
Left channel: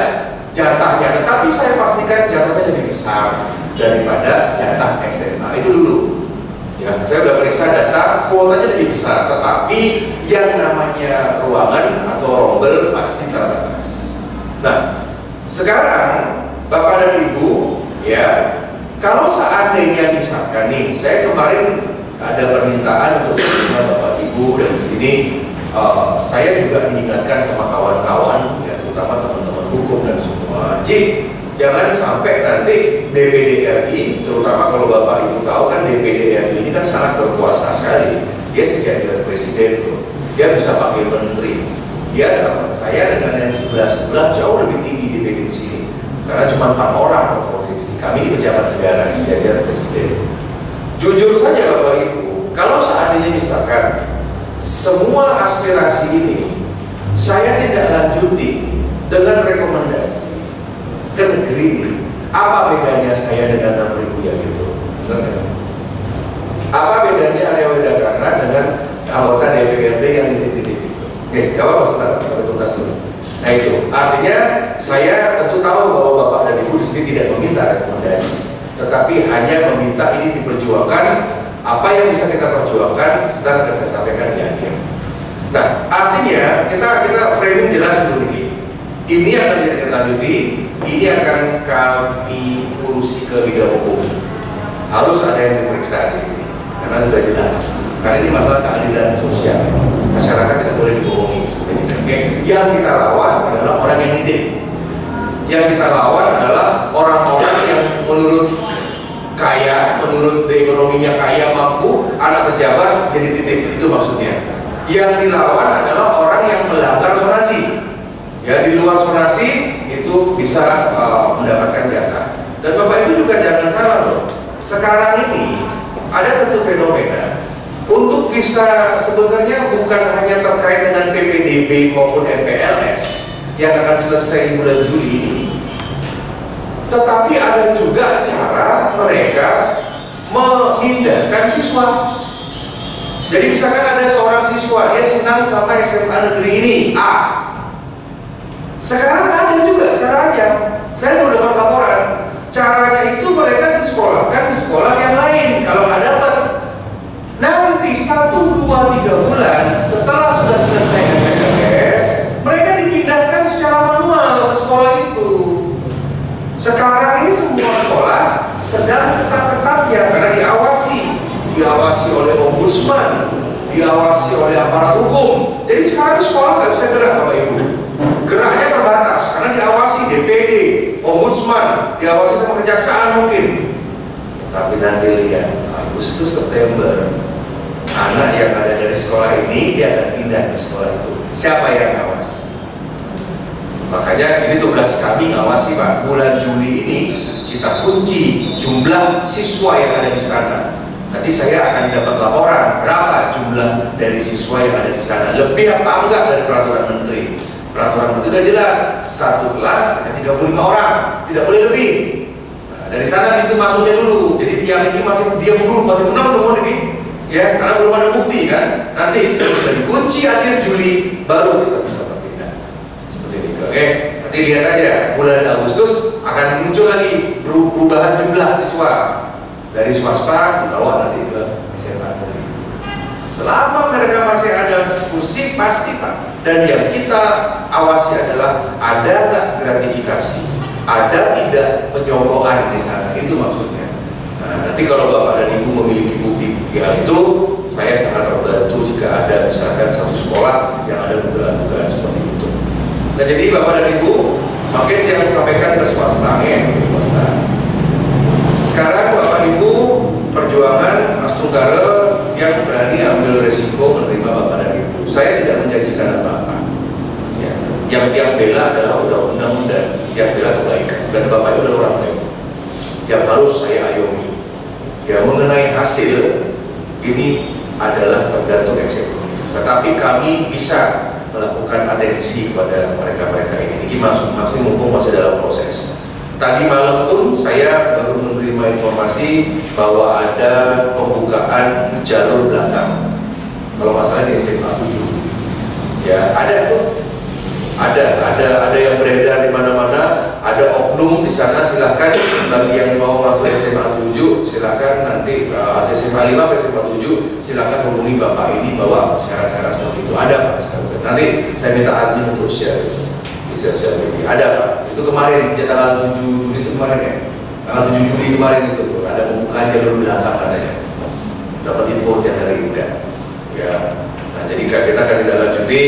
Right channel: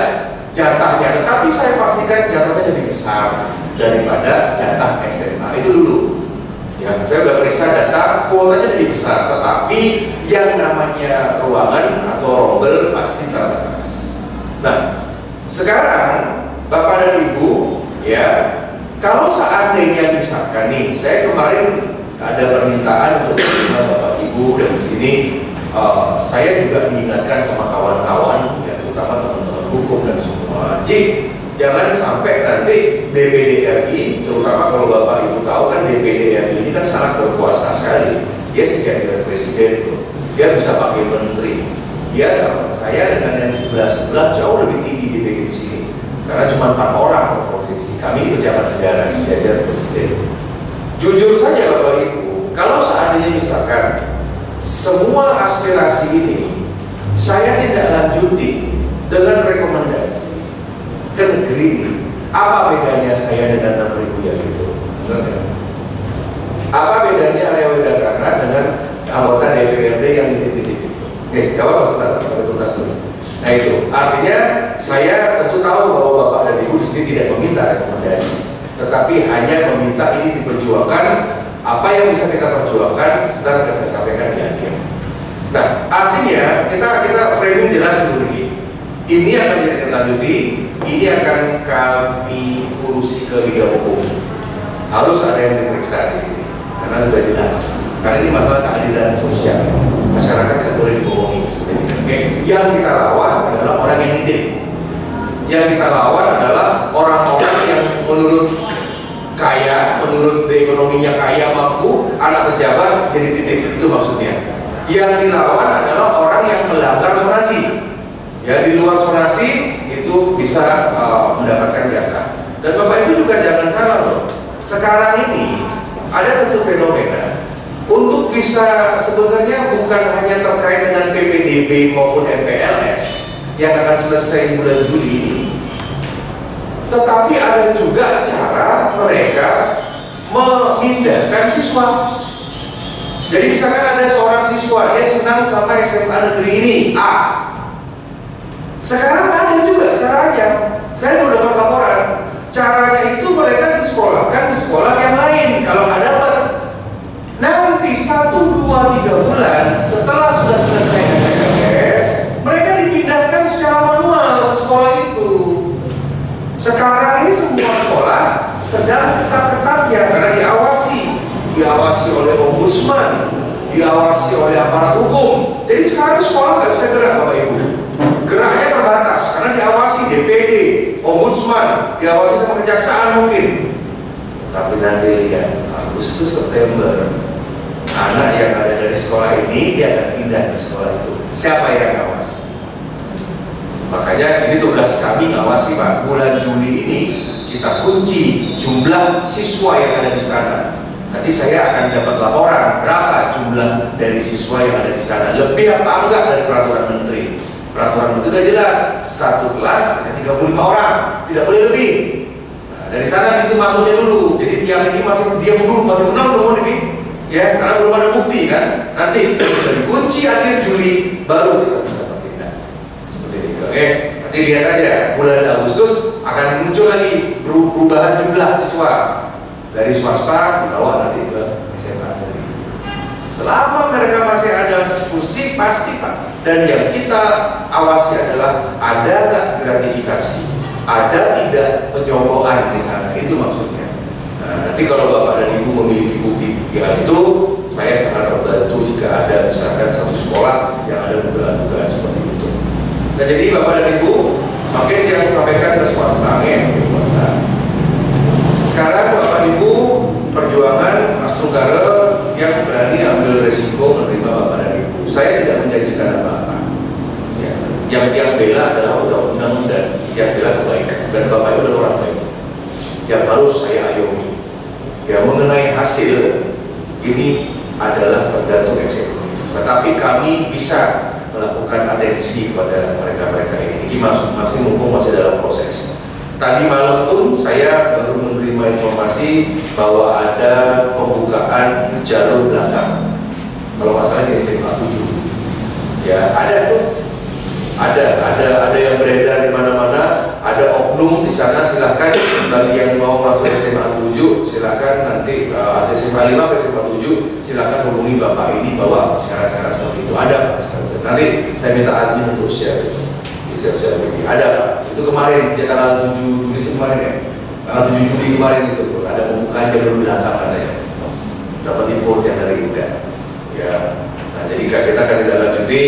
jatahnya, tetapi saya pastikan jatahnya lebih besar daripada jatah SMA. Itu dulu. Ya, saya sudah periksa data, kuotanya lebih besar, tetapi yang namanya ruangan atau rombel pasti terbatas. Nah, sekarang Bapak dan Ibu, ya, kalau seandainya misalkan nih, saya kemarin ada permintaan untuk Bapak Ibu dan di sini saya juga diingatkan sama kawan-kawan, ya, terutama teman-teman hukum dan semua. Jangan sampai nanti DPD RI, terutama kalau Bapak Ibu tahu kan DPD RI ini kan sangat berkuasa sekali. Dia sejajar presiden tuh, dia bisa pakai menteri. Dia sama saya dengan yang sebelah jauh lebih tinggi DPD di sini, karena cuma 4 orang per provinsi. Kami ini pejabat negara sejajar presiden. Jujur saja Bapak Ibu, kalau seandainya misalkan semua aspirasi ini saya tidak lanjuti dengan rekomendasi ke negeri ini, apa bedanya saya dengan 6.000 yang itu? Apa bedanya Arya Widakarna dengan anggota DPRD yang nitip-nitip itu? Oke, gak apa-apa sebentar, sampai tuntas dulu. Nah itu, artinya saya tentu tahu bahwa Bapak dan Ibu di sini tidak meminta rekomendasi, tetapi hanya meminta ini diperjuangkan. Apa yang bisa kita perjuangkan sebentar akan saya sampaikan di akhir. Nah, artinya kita framing jelas dulu ini. Ini akan ditindaklanjuti, ini akan kami urusi ke bidang hukum. Harus ada yang diperiksa di sini, karena sudah jelas. Karena ini masalah keadilan sosial. Masyarakat tidak boleh dibohongi. Oke. Yang kita lawan adalah orang yang nitip. Yang kita lawan adalah orang-orang yang menurut kaya, menurut ekonominya kaya, mampu, anak pejabat jadi titip, itu maksudnya. Yang dilawan adalah orang yang melanggar zonasi. Ya, di luar zonasi itu bisa mendapatkan jatah. Dan Bapak Ibu juga jangan salah loh. Sekarang ini ada satu fenomena untuk bisa, sebenarnya bukan hanya terkait dengan PPDB maupun MPLS yang akan selesai di bulan Juli ini, tetapi ada juga cara mereka memindahkan siswa. Jadi misalkan ada seorang siswa, dia senang sama SMA negeri ini, A. Sekarang ada juga caranya. Saya baru dapat laporan. Caranya itu mereka disekolahkan di sekolah yang lain. Kalau nggak dapat, nanti 1, 2, 3 bulan setelah sudah selesai MTS, mereka dipindahkan secara manual ke sekolah itu. Sekarang ini semua sekolah sedang ketat-ketat ya, karena diawasi oleh ombudsman, diawasi oleh aparat hukum. Jadi sekarang sekolah nggak bisa gerak, Bapak Ibu. Geraknya terbatas karena diawasi DPD, ombudsman, diawasi sama kejaksaan mungkin. Tapi nanti lihat Agustus September, anak yang ada dari sekolah ini dia akan pindah ke sekolah itu. Siapa yang ngawasi? Makanya ini tugas kami ngawasi, Pak. Bulan Juli ini kita kunci jumlah siswa yang ada di sana. Nanti saya akan dapat laporan berapa jumlah dari siswa yang ada di sana. Lebih apa enggak dari peraturan menteri? Peraturan menteri sudah jelas, satu kelas ada 35 orang, tidak boleh lebih. Nah, dari sana itu masuknya dulu. Jadi tiap ini masih diam dulu, masih benar belum ini, ya, karena belum ada bukti kan. Nanti sudah dikunci akhir Juli baru kita bisa bertindak. Seperti ini. Oke, nanti lihat aja bulan Agustus akan muncul lagi perubahan jumlah siswa dari swasta dibawa nanti ke SMA negeri. Selama mereka masih ada kursi pasti, Pak. Dan yang kita awasi adalah ada nggak gratifikasi, ada tidak penyogokkan di sana, itu maksudnya. Nah, nanti kalau Bapak dan Ibu memiliki bukti hal itu, saya sangat terbantu jika ada misalkan satu sekolah yang ada dugaan-dugaan seperti itu. Nah, jadi Bapak dan Ibu, makin yang disampaikan ke swasta, ya, ke swasta. Sekarang Bapak Ibu perjuangan Mas Tunggara yang berani ambil resiko menerima Bapak dan Ibu. Saya tidak menjanjikan apa-apa. Ya, yang bela adalah undang-undang dan yang bela kebaikan. Dan Bapak Ibu adalah orang baik yang harus saya ayomi. Ya, mengenai hasil ini adalah tergantung eksekutif. Tetapi kami bisa melakukan atensi kepada mereka-mereka ini. Ini masing-masing mumpung masih dalam proses. Tadi malam pun saya baru menerima informasi bahwa ada pembukaan jalur belakang. Kalau masalah di SMA 7, ya ada tuh, ada yang beredar di mana-mana, ada oknum di sana. Silahkan bagi yang mau masuk SMA 7, silahkan nanti ada SMA 5 ke SMA 7, silahkan hubungi Bapak ini bawa syarat-syarat seperti itu. Ada Pak, nanti saya minta admin untuk share di sosial media. Ada Pak, itu kemarin tanggal 7 Juli itu kemarin ya, tanggal 7 Juli kemarin itu tuh, ada pembukaan jalur belakang katanya. Dapat info yang dari Uda. Ya, nah jadi kita akan tidak lanjuti.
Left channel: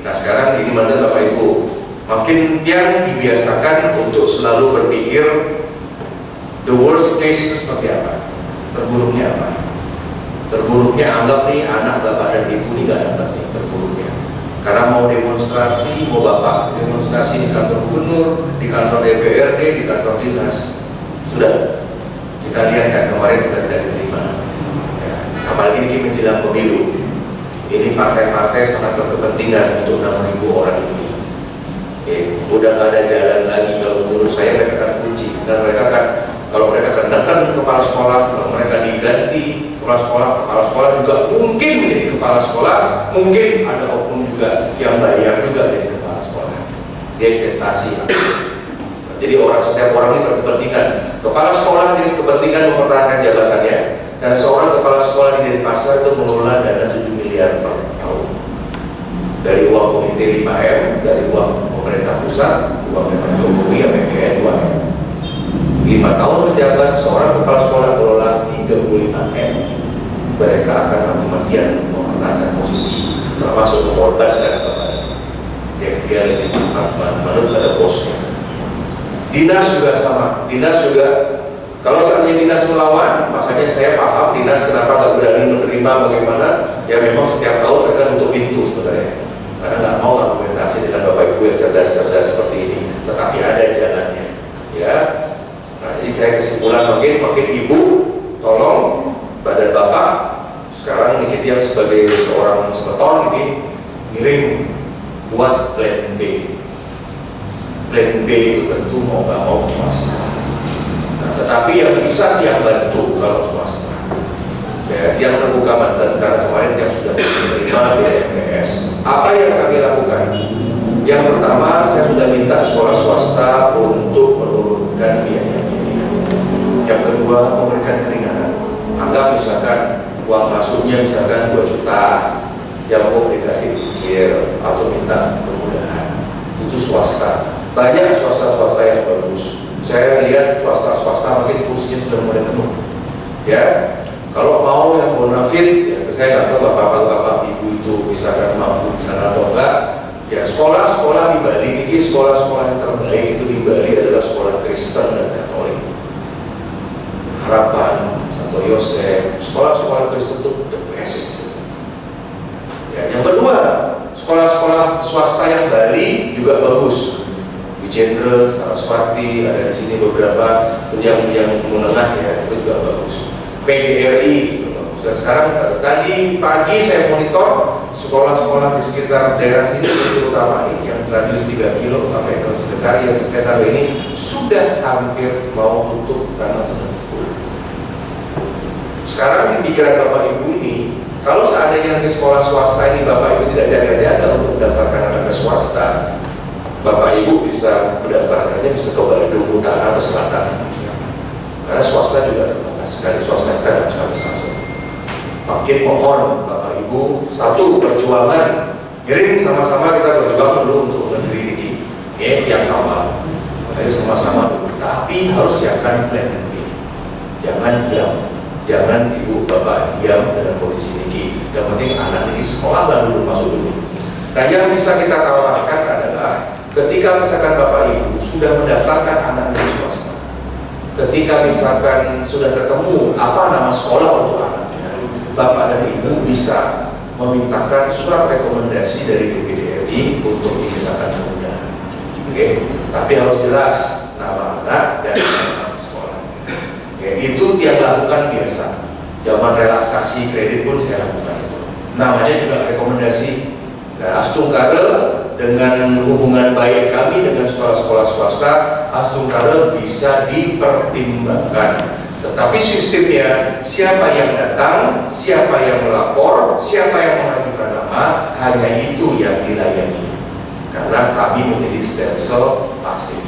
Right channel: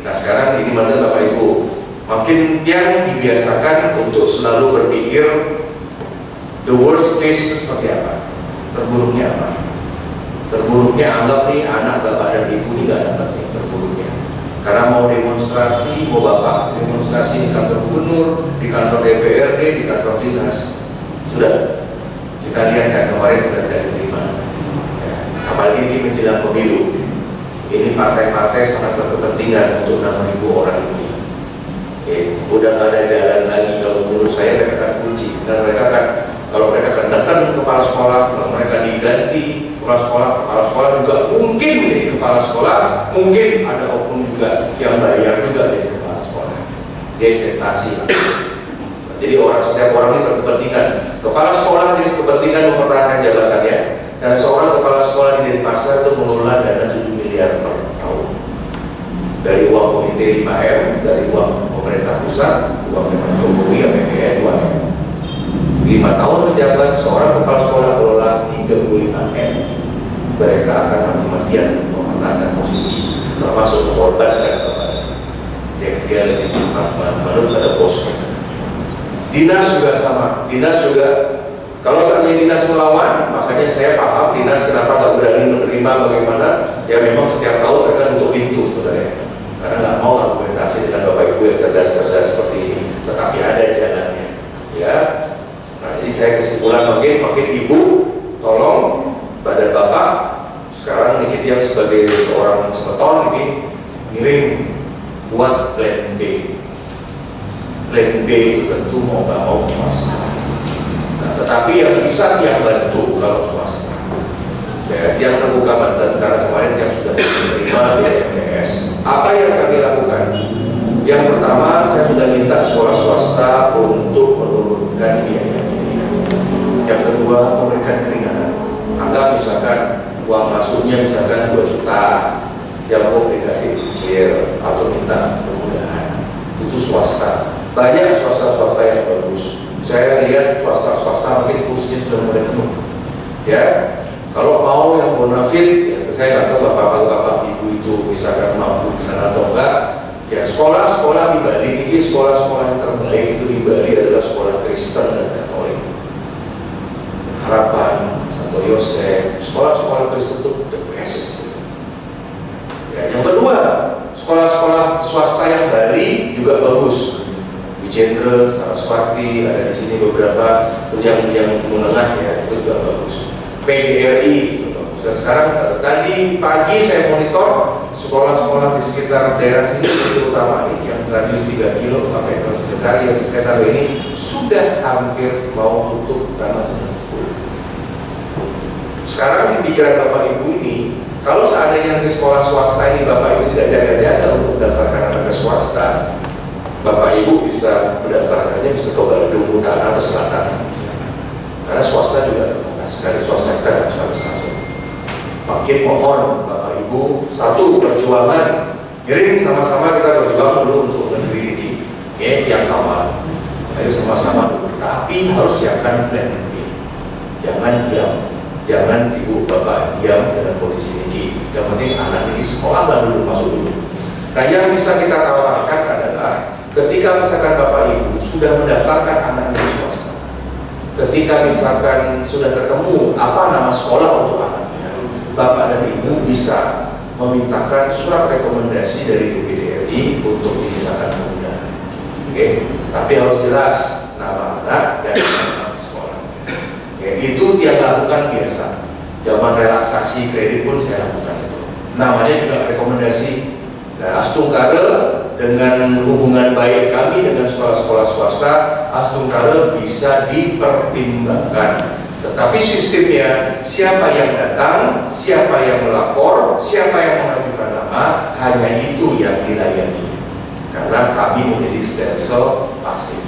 Nah sekarang ini mana Bapak Ibu, makin yang dibiasakan untuk selalu berpikir the worst case itu seperti apa, terburuknya apa. Terburuknya anggap nih anak Bapak dan Ibu ini nggak dapat nih terburuknya, karena mau demonstrasi, mau Bapak demonstrasi di kantor gubernur, di kantor DPRD, di kantor dinas, sudah kita lihat kan kemarin sudah tidak diterima. Ya, apalagi ini menjelang pemilu. Ini partai-partai sangat berkepentingan untuk 6.000 orang ini. Udah nggak ada jalan lagi. Kalau menurut saya mereka akan kunci. Dan mereka akan, kalau mereka akan datang ke kepala sekolah, kalau mereka diganti kepala sekolah juga mungkin menjadi kepala sekolah, mungkin ada oknum juga yang bayar juga jadi kepala sekolah. Dia investasi. Jadi setiap orang ini berkepentingan. Kepala sekolah dia kepentingan mempertahankan jabatannya, dan seorang kepala sekolah di Denpasar itu mengelola dana 7 miliar per tahun dari uang komite 5M, dari uang pemerintah pusat, uang Pak Jokowi, APBN 2M. 5 tahun menjabat, seorang kepala sekolah mengelola 35M. Mereka akan mati-matian mempertahankan posisi, termasuk mengorbankan kepada dia lebih manut pada bosnya. Dinas juga sama, dinas juga. Kalau seandainya dinas melawan, makanya saya paham dinas kenapa nggak berani menerima bagaimana. Ya memang setiap tahun mereka nutup pintu sebenarnya, karena nggak mau argumentasi dengan Bapak Ibu yang cerdas-cerdas seperti ini. Tetapi ada jalannya, ya. Nah jadi saya kesimpulan makin Ibu tolong badan Bapak sekarang ini yang sebagai seorang senator ini ngirim buat plan B. Plan B itu tentu mau nggak mau swasta. Nah, tetapi yang bisa tiap bantu kalau swasta. ya, yang terbuka Banten, karena kemarin yang sudah diterima BMTS. Apa yang kami lakukan? Yang pertama, saya sudah minta sekolah swasta untuk menurunkan biaya ini. Yang kedua, memberikan keringanan. Anggap misalkan uang masuknya misalkan 2 juta, yang mau dikasih cicil atau minta kemudahan. Itu swasta. Banyak swasta-swasta yang bagus. Saya lihat swasta-swasta mungkin kursinya sudah mulai penuh. Ya, kalau mau yang bonafit, ya saya nggak tahu bapak-bapak ibu itu misalkan mampu di sana atau enggak. Ya, sekolah-sekolah di Bali ini, sekolah-sekolah yang terbaik itu di Bali adalah sekolah Kristen dan Katolik. Harapan, Santo Yosef, sekolah-sekolah Kristen itu the best. Ya, yang kedua, sekolah-sekolah swasta yang Bali juga bagus. Wijendra, Saraswati, ada di sini beberapa yang menengah ya, itu juga bagus. PGRI juga bagus. Dan sekarang tadi pagi saya monitor sekolah-sekolah di sekitar daerah sini, terutama ini yang radius 3 kilo sampai ke Sedekarya, saya tahu ini sudah hampir mau tutup karena sudah full. Sekarang di pikiran Bapak Ibu ini, kalau seandainya nanti sekolah swasta ini Bapak Ibu tidak jaga-jaga untuk mendaftarkan anak ke swasta, Bapak Ibu bisa mendaftarkannya bisa ke Bandung Utara atau Selatan. Karena swasta juga terbatas sekali, swasta kita nggak bisa besar. Makin mohon Bapak Ibu, satu perjuangan, kirim sama-sama kita berjuang dulu untuk negeri ini, ya, yang awal. Ayo sama-sama dulu, tapi harus siapkan plan B. Jangan diam, jangan Ibu Bapak diam dengan kondisi ini. Yang penting anak ini sekolah dulu, masuk dulu. Nah, yang bisa kita tawarkan adalah ketika misalkan Bapak Ibu sudah mendaftarkan anak di swasta, ketika misalkan sudah ketemu apa nama sekolah untuk anaknya, Bapak dan Ibu bisa memintakan surat rekomendasi dari DPDRI untuk dimintakan kemudahan. Oke, tapi harus jelas nama anak dan nama sekolah. Oke, itu yang lakukan biasa. Zaman relaksasi kredit pun saya lakukan itu. Namanya juga rekomendasi. Nah, Astungkade dengan hubungan baik kami dengan sekolah-sekolah swasta, Astungkade bisa dipertimbangkan. Tetapi sistemnya, siapa yang datang, siapa yang melapor, siapa yang mengajukan nama, hanya itu yang dilayani. Karena kami menjadi stelsel pasif.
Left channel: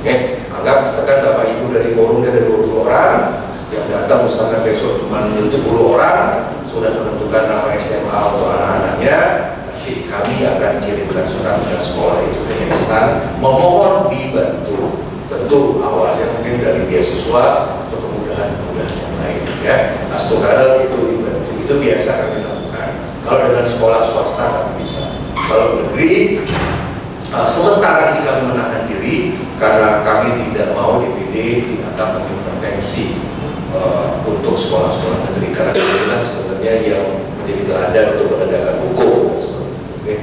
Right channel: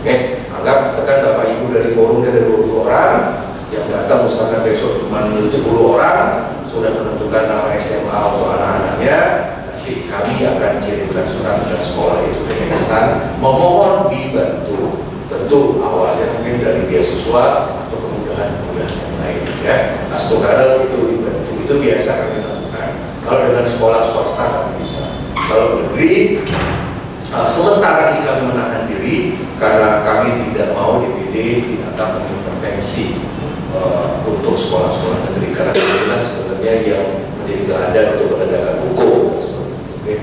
Oke, anggap misalkan Bapak Ibu dari forumnya ada 20 orang, yang datang misalkan besok cuma 10 orang, sudah menentukan nama SMA untuk anak-anaknya, nanti kami akan kirimkan surat ke sekolah itu ke yayasan, memohon dibantu. Tentu awalnya mungkin dari beasiswa atau kemudahan yang lain, ya. Astungkade itu dibantu, itu biasa kami lakukan. Kalau dengan sekolah swasta kami bisa. Kalau negeri, sementara ini kami menahan diri karena kami tidak mau DPD dianggap mengintervensi untuk sekolah-sekolah negeri, karena inilah sebenarnya yang menjadi teladan untuk penegakan hukum. Okay.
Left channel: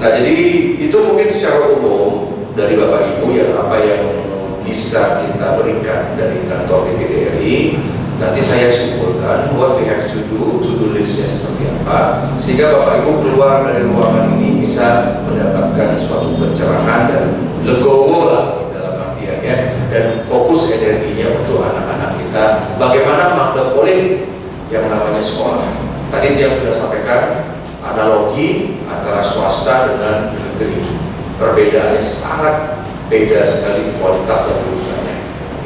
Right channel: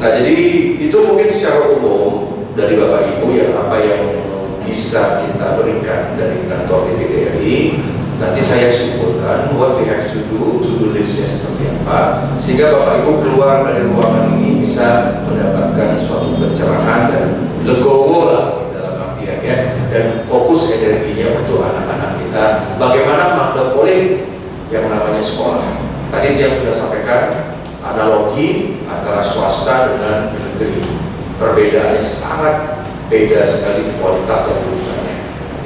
Nah, jadi itu mungkin secara umum dari Bapak Ibu yang apa yang bisa kita berikan dari kantor DPD. Nanti saya simpulkan what we have to do listnya seperti apa, sehingga Bapak Ibu keluar dari ruangan ini bisa mendapatkan suatu pencerahan dan legowo lah dalam artiannya, dan fokus energinya untuk anak-anak kita. Bagaimana magdepoling yang namanya sekolah. Tadi yang sudah sampaikan analogi antara swasta dengan negeri. Perbedaannya sangat beda sekali kualitas dan urusannya.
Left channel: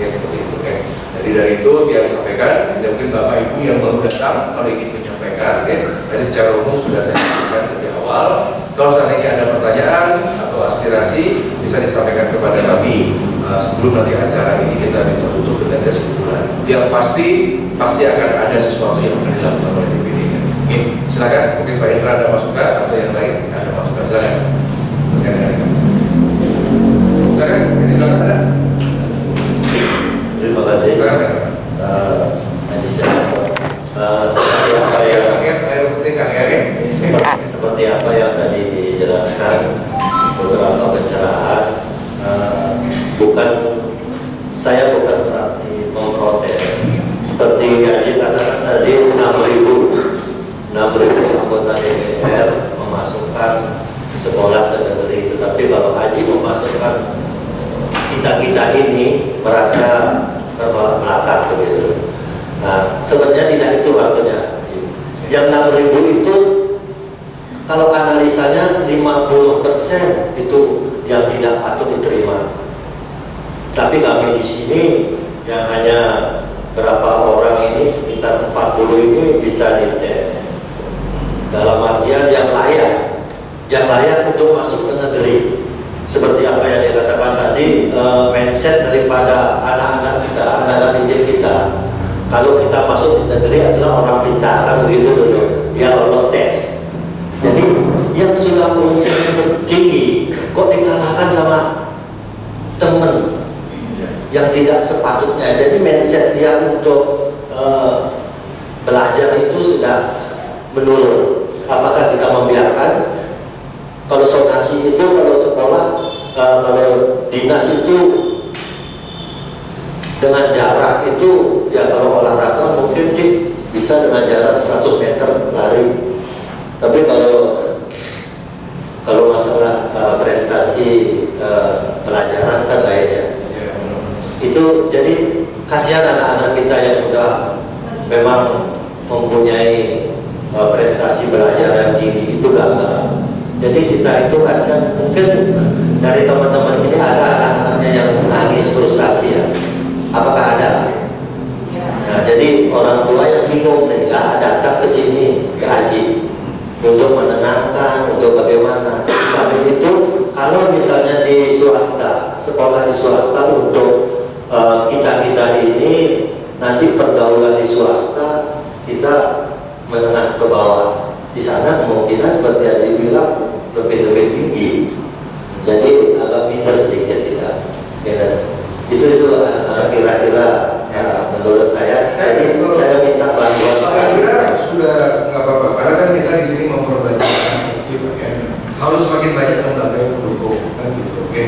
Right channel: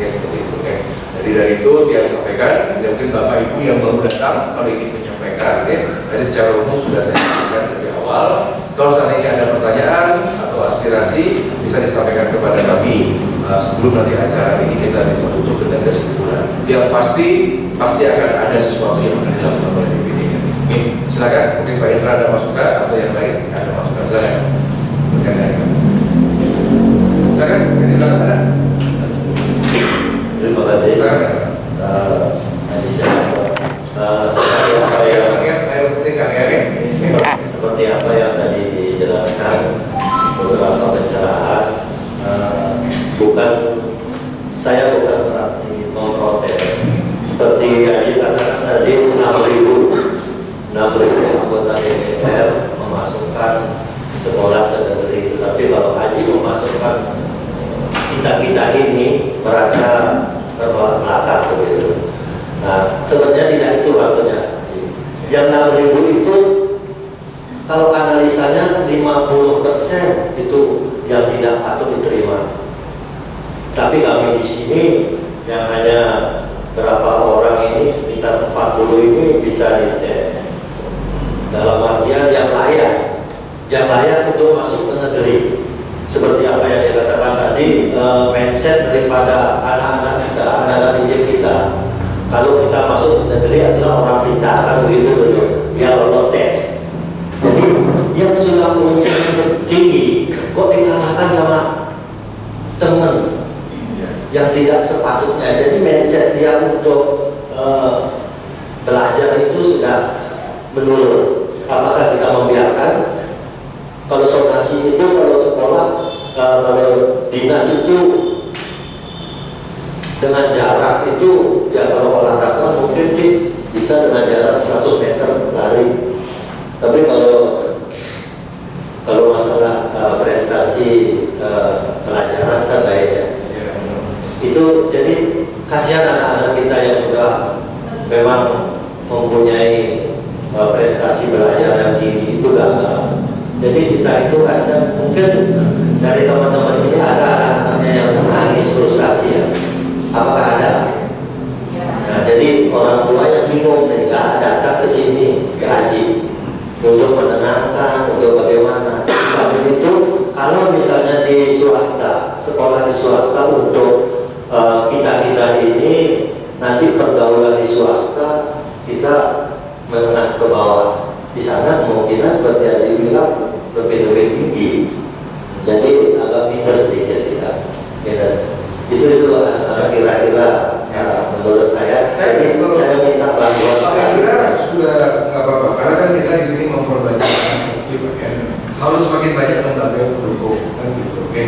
Ya, seperti itu. Ya. Jadi dari itu dia sampaikan, mungkin Bapak Ibu yang baru datang kalau ingin menyampaikan, ya. Tadi secara umum sudah saya sampaikan dari awal. Kalau seandainya ada pertanyaan atau aspirasi bisa disampaikan kepada kami sebelum nanti acara ini kita bisa tutup dengan kesimpulan. Yang pasti akan ada sesuatu yang dilakukan oleh DPD. Oke, silakan. Mungkin Pak Indra ada masukan atau yang lain ada masukan. Silakan. Silakan. Ini belakang ada. Terima kasih. Seperti apa yang tadi dijelaskan, beberapa pencerahan. Saya bukan berarti memprotes. Seperti Haji katakan tadi, 6.000 anggota DPR memasukkan sekolah ke negeri. Tetapi kalau Haji memasukkan kita ini merasa terbelakang begitu. Nah, Nah, sebenarnya tidak itu maksudnya. Yang 6.000 itu kalau analisanya 50% itu yang tidak patut diterima. Tapi kami di sini yang hanya berapa orang ini, sekitar 40 ini bisa dites. Dalam artian yang layak untuk masuk ke negeri. Seperti apa yang dikatakan tadi, mindset daripada anak-anak kita, anak-anak didik kita. Kalau kita masuk ke negeri adalah orang pintar, kan begitu dulu. Dia lolos tes. Jadi yang sudah punya tinggi kok dikalahkan sama teman yang tidak sepatutnya. Jadi mindset dia untuk belajar itu sudah menurun. Apakah kita membiarkan? Kalau sonasi itu, kalau sekolah, kalau dinas itu dengan jarak itu, ya kalau olahraga mungkin bisa dengan jarak 100 meter lari. Tapi kalau masalah prestasi pelajaran kan lainnya. Itu jadi kasihan anak-anak kita yang sudah memang mempunyai prestasi belajar yang tinggi itu gagal. Jadi kita itu kasihan, mungkin dari teman-teman ini ada anak-anaknya yang menangis frustasi ya. Apakah ada? Nah, jadi orang tua yang bingung sehingga datang ke sini ke Aji untuk menenangkan, untuk bagaimana. Sambil itu kalau misalnya di swasta, sekolah di swasta untuk kita ini nanti pergaulan di swasta kita menengah ke bawah. Di sana kemungkinan seperti yang dibilang lebih tinggi. Jadi agak minder sedikit kita. Itu kira-kira menurut saya. Jadi saya minta bantuan. Saya kira sudah nggak apa-apa karena kan kita di sini memperbanyak harus semakin banyak lembaga yang mendukung kan gitu. Oke.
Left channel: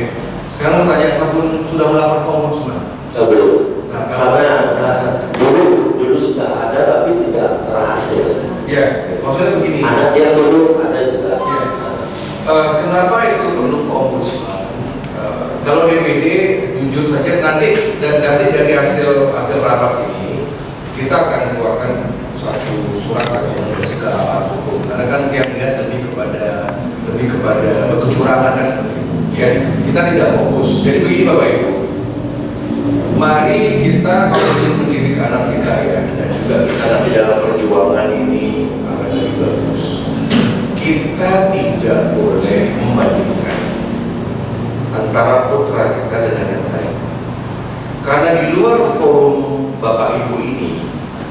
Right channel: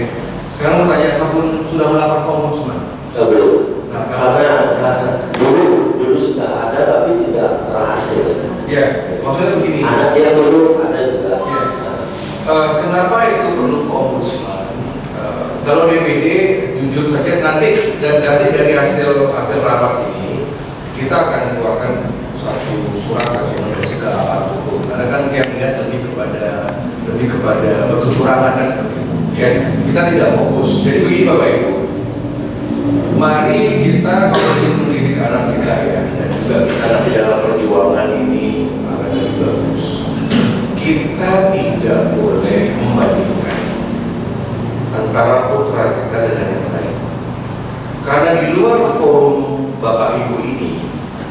Sekarang mau tanya, Sabun sudah melapor ke Ombudsman? Belum. Nah, karena dulu sudah ada tapi tidak berhasil. Ya, maksudnya begini. Ada yang dulu, ada juga. Ya. Kenapa itu perlu ke Ombudsman? Kalau DPD jujur saja nanti dari hasil rapat ini kita akan keluarkan satu surat rekomendasi ke aparat hukum karena kan yang lihat lebih kepada kecurangan dan seperti itu. Ya, kita tidak fokus. Jadi begini Bapak Ibu, mari kita kalau ingin mendidik anak kita ya, dan juga kita nanti dalam perjuangan ini akan lebih bagus. Kita tidak boleh membandingkan antara putra kita dengan yang lain. Karena di luar forum Bapak Ibu ini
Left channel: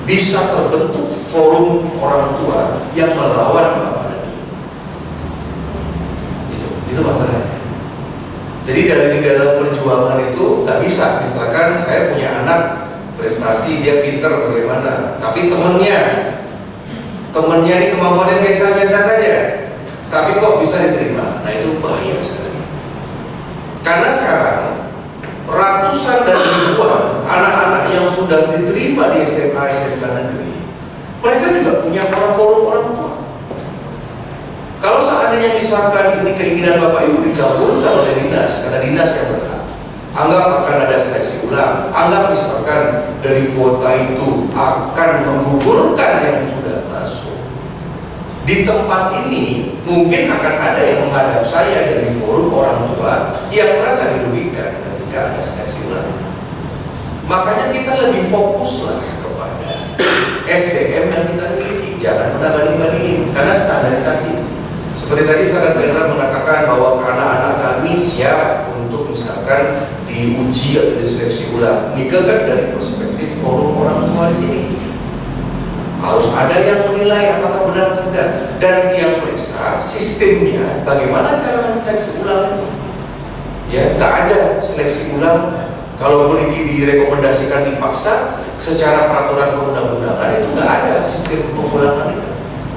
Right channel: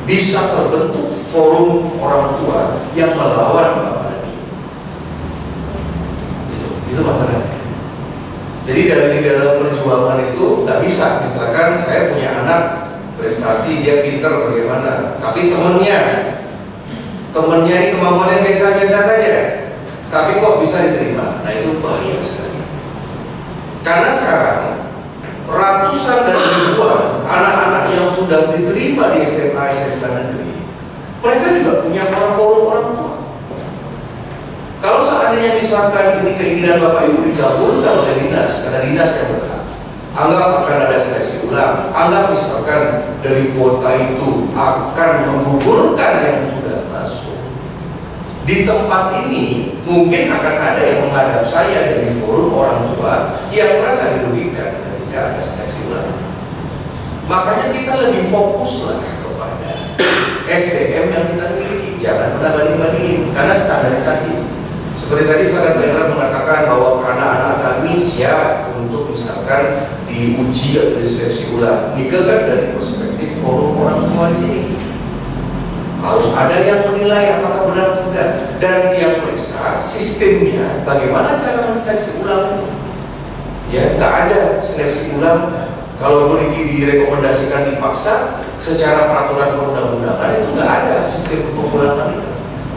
bisa terbentuk forum orang tua yang melawan Bapak dan Ibu. Itu masalahnya. Jadi di dalam perjuangan itu nggak bisa. Misalkan saya punya anak prestasi dia pinter bagaimana, tapi temennya ini kemampuannya biasa-biasa saja, tapi kok bisa diterima? Nah itu bahaya sekali. Karena sekarang ratusan dan ribuan anak-anak yang sudah diterima di SMA SMK negeri, mereka juga punya forum orang tua. Kalau seandainya misalkan ini keinginan Bapak Ibu digabungkan oleh dinas, karena dinas yang berhak, anggap akan ada seleksi ulang, anggap misalkan dari kuota itu akan menggugurkan yang sudah masuk. Di tempat ini mungkin akan ada yang menghadap saya dari forum orang tua yang merasa dirugikan ketika ada seleksi ulang. Makanya kita lebih fokuslah kepada SDM yang kita miliki, jangan pernah banding-bandingin karena standarisasi. Seperti tadi misalkan Pak Indra mengatakan bahwa anak-anak kami siap untuk misalkan diuji atau diseleksi ulang. Ini kan dari perspektif forum orang tua di sini. Harus ada yang menilai apakah benar atau tidak, dan yang periksa sistemnya bagaimana cara seleksi ulang itu. Ya, nggak ada seleksi ulang. Kalau direkomendasikan dipaksa secara peraturan perundang-undangan itu nggak ada sistem pengulangan itu.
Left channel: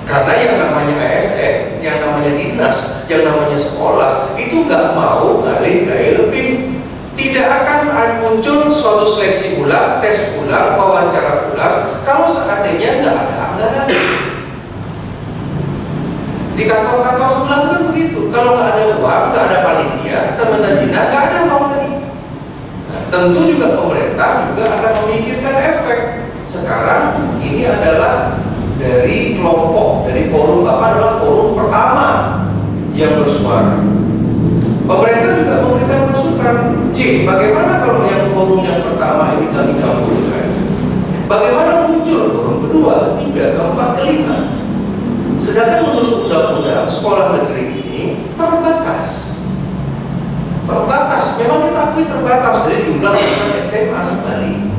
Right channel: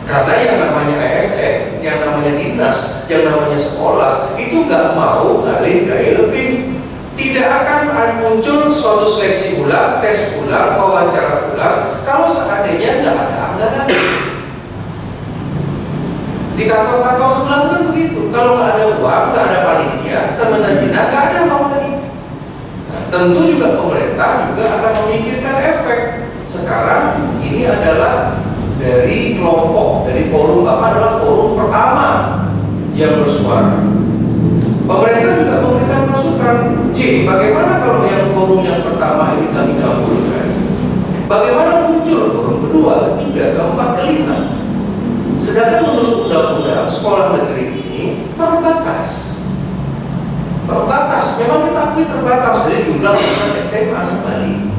Karena yang namanya ASN, yang namanya dinas, yang namanya sekolah itu nggak mau ngalih gaya lebih. Tidak akan muncul suatu seleksi ulang, tes ulang, wawancara ulang kalau seandainya nggak ada anggaran. Di kantor-kantor sebelah itu kan begitu. Kalau nggak ada uang, nggak ada panitia, teman-teman jinak nggak ada mau lagi. Nah, tentu juga pemerintah juga akan memikirkan efek. sekarang ini adalah dari kelompok, dari forum Bapak adalah forum pertama yang bersuara. Pemerintah juga memberikan masukan, bagaimana kalau yang forum yang pertama ini kami kabulkan? Bagaimana muncul forum kedua, ketiga, keempat, kelima? Sedangkan menurut undang-undang sekolah negeri ini terbatas. Memang kita akui terbatas dari jumlah SMA sekali.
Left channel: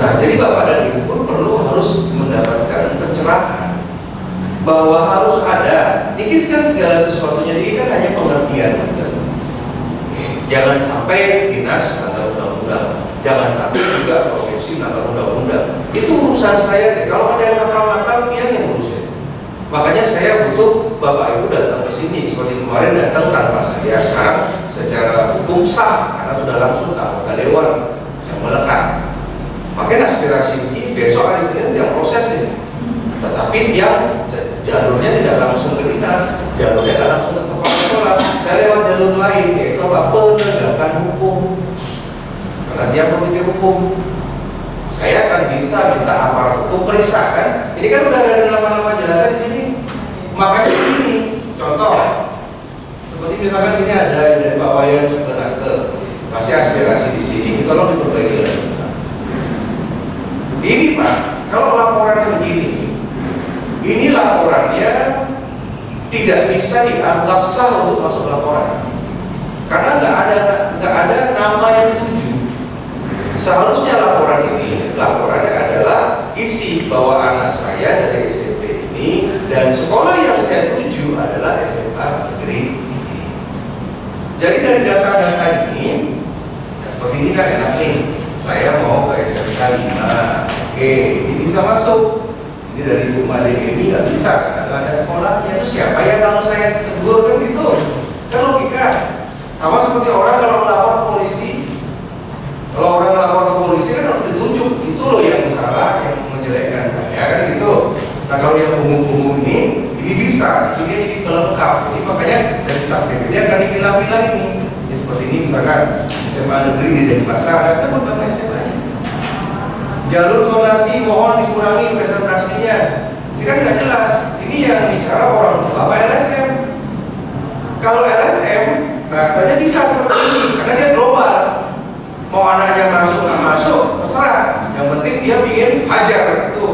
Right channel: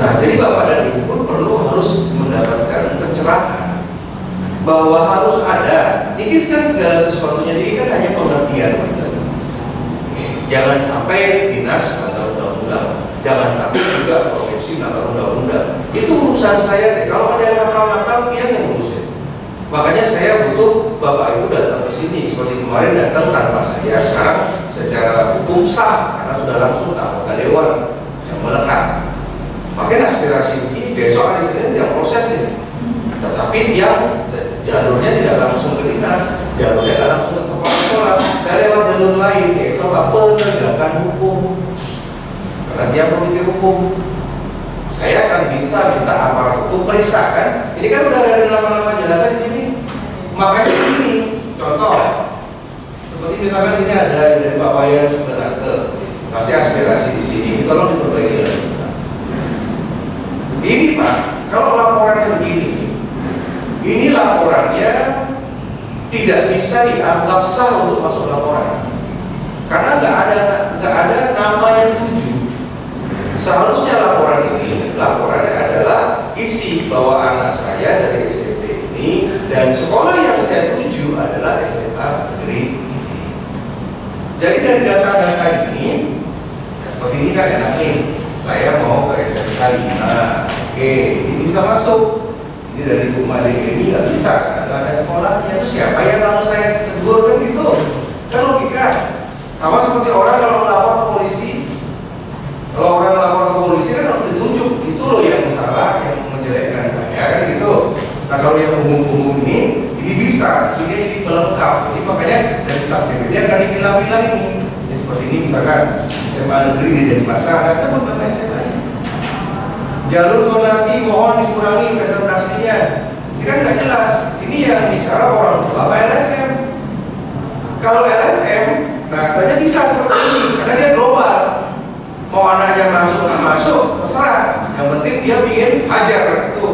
Nah, jadi Bapak dan Ibu pun harus mendapatkan pencerahan bahwa harus ada. Ini kan segala sesuatunya ini kan hanya pengertian. Jangan sampai dinas melanggar undang-undang, jangan sampai juga provinsi melanggar undang-undang. Itu urusan saya deh. Kalau ada yang nakal-nakal, dia yang ngurusin. Makanya saya butuh Bapak Ibu datang ke sini seperti kemarin datang tanpa saya. Sekarang secara hukum sah karena sudah langsung ke anggota dewan yang melekat. Makanya aspirasi ini besok hari Senin yang proses ini. Tetapi yang jalurnya tidak langsung ke dinas, jalurnya tidak langsung ke kepala sekolah. Saya lewat jalur lain, yaitu penegakan hukum. Karena dia memiliki hukum, saya akan bisa minta aparat hukum periksa kan. Ini kan udah ada nama-nama jelasnya di sini. Makanya di sini, contoh, seperti misalkan ini ada dari Pak Wayan Subenante, masih aspirasi di sini, tolong diperbaiki lagi. Ini Pak, kalau laporannya begini, ini laporannya tidak bisa dianggap sah untuk masuk laporan, karena nggak ada nama yang tuju. Seharusnya laporannya adalah isi bahwa anak saya dari SMP ini dan sekolah yang saya tuju adalah SMA negeri ini. Jadi dari data-data ini, seperti ini kan enak nih. Saya mau ke SMK 5, oke, ini bisa masuk. Ini dari rumah ini nggak bisa karena nggak ada sekolahnya. Itu siapa yang kalau saya tegur kan gitu? Kan logika. Sama seperti orang kalau melapor ke polisi. Kalau orang melapor ke polisi kan harus ditunjuk. Itu loh yang salah, yang menjelekkan saya kan gitu. Nah kalau yang umum-umum ini bisa. Itu dia jadi pelengkap. Jadi makanya dari staf DPD akan dipilah-pilah ini. Jadi seperti ini misalkan SMA negeri ini dari pasar, saya mau tambah SMA-nya. Jalur zonasi mohon dikurangi presentasinya. Ini kan nggak jelas. Ini yang bicara orang tua apa LSM. Kalau LSM bahasanya bisa seperti ini karena dia global. Mau anaknya masuk nggak masuk terserah. Yang penting dia bikin hajar itu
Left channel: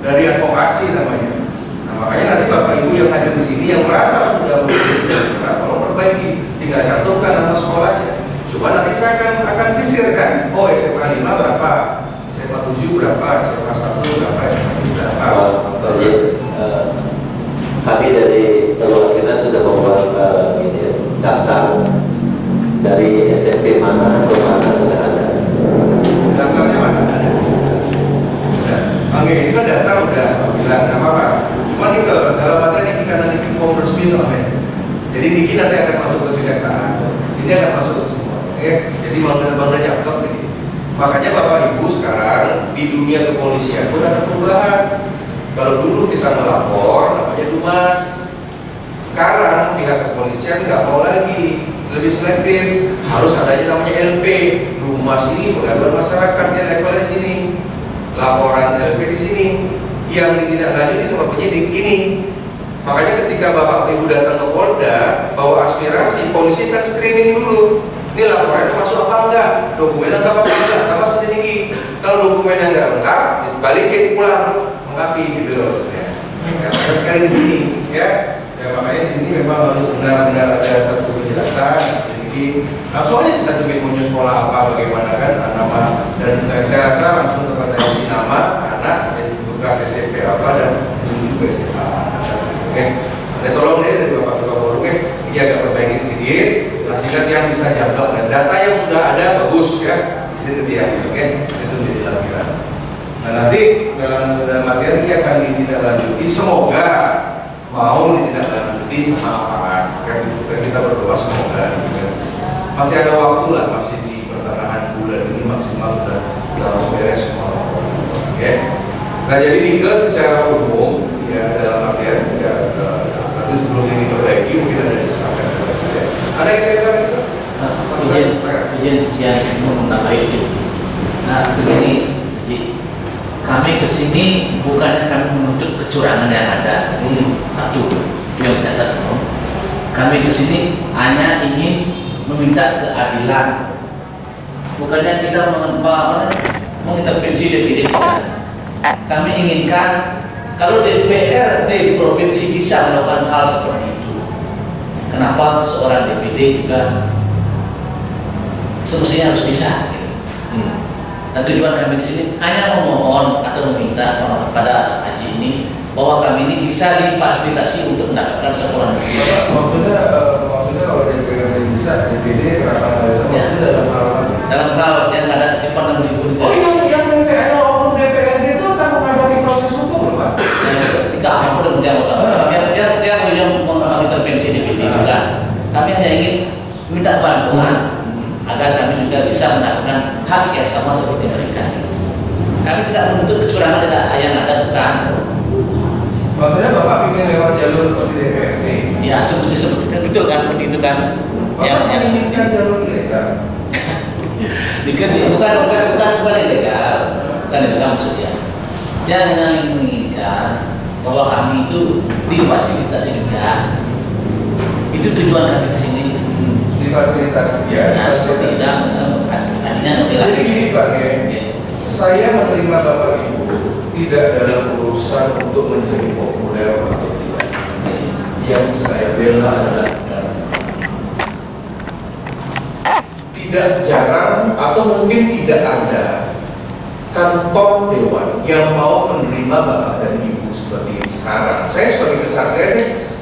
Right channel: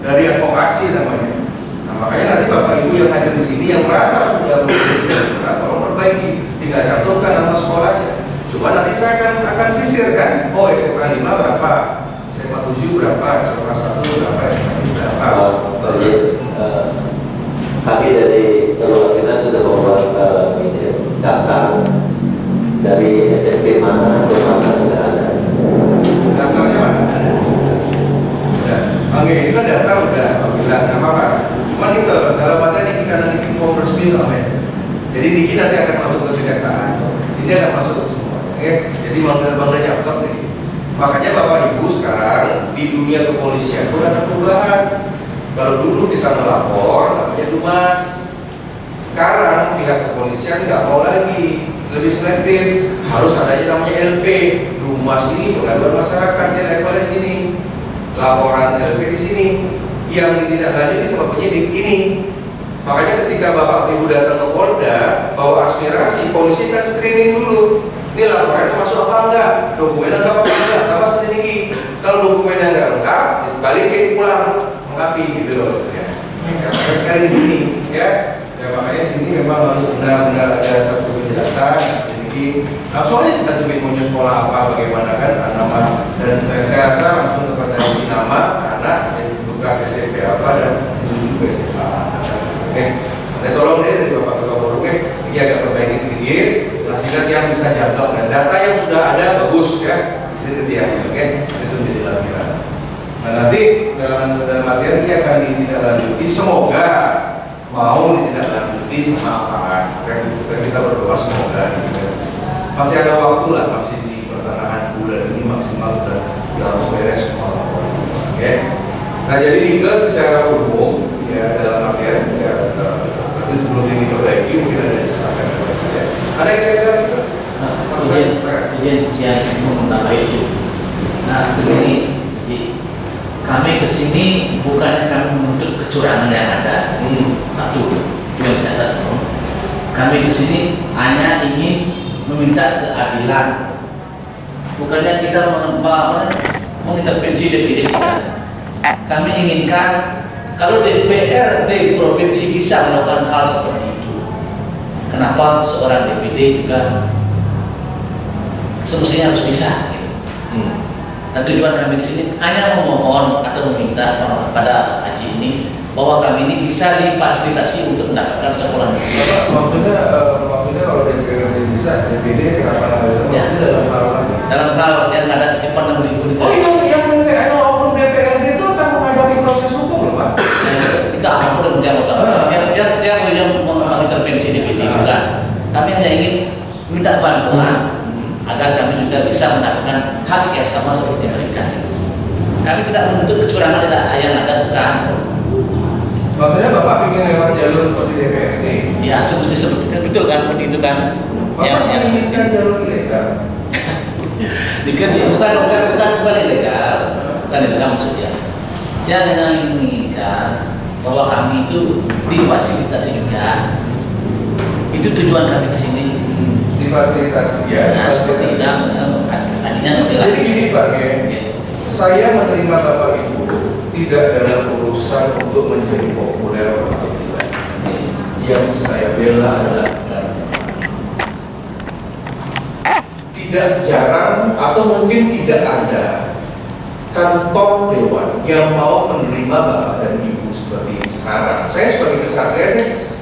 dari advokasi namanya. Nah makanya nanti Bapak Ibu yang hadir di sini yang merasa sudah benar, tolong perbaiki. Tinggal cantumkan nama sekolahnya. Cuma nanti saya akan sisirkan. Oh SMA 5 berapa? SMA 7 berapa, SMA 1 berapa, SMA 2 berapa. Kami dari perwakilan sudah membuat daftar dari SMP mana ke mana sudah ada. Daftarnya mana? Ada. Sudah. Oke, ini kan daftar udah bilang nggak apa-apa. Cuma ini dalam materi ini karena ini form resmi namanya. Jadi Niki nanti akan masuk ke kejaksaan. Ini akan masuk ke semua. Oke, jadi bangga cakep nih. Makanya Bapak Ibu sekarang di dunia kepolisian pun ada perubahan. Kalau dulu kita melapor namanya Dumas. Sekarang pihak kepolisian nggak mau lagi, lebih selektif. Harus adanya namanya LP. Dumas ini pengaduan masyarakat dia levelnya di sini. Laporan LP di sini. Yang ditindaklanjuti sama penyidik ini. Makanya ketika Bapak Ibu datang ke Polda bawa aspirasi, polisi kan screening dulu. Ini laporannya masuk apa enggak? Dokumennya lengkap apa enggak? Sama seperti ini. Kalau dokumennya enggak lengkap, balikin pulang melengkapi gitu loh maksudnya. Ya, maka sekarang di sini ya makanya di sini memang harus benar-benar ada satu kejelasan. Jadi langsung aja disatuin mau sekolah apa, bagaimana kan nama dan saya rasa langsung kepada isi nama anak bekas SMP apa dan tuju ke SMA. Oke, tolong deh dari Bapak Ketua Forum ini agak perbaiki sedikit. Sehingga yang bisa jangkau dan data yang sudah ada bagus ya istri dia, oke itu menjadi lampiran. Nah nanti dalam materi ini akan ditindaklanjuti, semoga mau ditindaklanjuti sama aparat. Kan kita berdoa semoga gitu. Masih ada waktu lah, masih di pertengahan bulan ini maksimal sudah harus beres semua. Oke. Nah jadi Nike secara umum ya dalam materi ya nanti sebelum ini diperbaiki mungkin ada diserahkan kepada saya. Ada kira-kira izin yang menambahi itu. Nah begini, kami kesini bukannya kami menuntut kecurangan yang ada. Satu, yang tidak tahu. Kami kesini hanya ingin meminta keadilan. Bukannya kita mengintervensi DPD kita. Kami inginkan kalau DPRD provinsi bisa melakukan hal seperti itu, kenapa seorang DPD juga semestinya harus bisa? Dan tujuan kami di sini hanya memohon atau meminta pada Haji ini bahwa kami ini bisa difasilitasi untuk mendapatkan sekolah negeri. Maksudnya kalau DPRD bisa, DPD kenapa harus dalam hal yang ada titipan 6.000 Oh yang DPRD oknum DPRD itu akan menghadapi proses hukum, Pak? Tidak apa dia mengintervensi DPD bukan. Kami hanya ingin minta bantuan agar kami juga bisa mendapatkan hak yang sama seperti mereka. Kami tidak menuntut kecurangan yang ada, bukan. Maksudnya Bapak ingin lewat jalur seperti DPRD? Ya, semesti seperti itu, betul kan, seperti itu kan. Bapak menginginkan jalur ilegal? bukan ilegal maksudnya. Yang menginginkan bahwa kami itu difasilitasi juga. Itu tujuan kami ke sini. Difasilitasi ya. Nah, seperti itu artinya jadi gini Pak, ya. Saya menerima Bapak Ibu tidak dalam urusan untuk menjadi populer atau tidak. Yang saya bela adalah tidak jarang atau mungkin tidak ada kantor dewan yang mau menerima Bapak dan Ibu seperti sekarang. Saya sebagai kesatria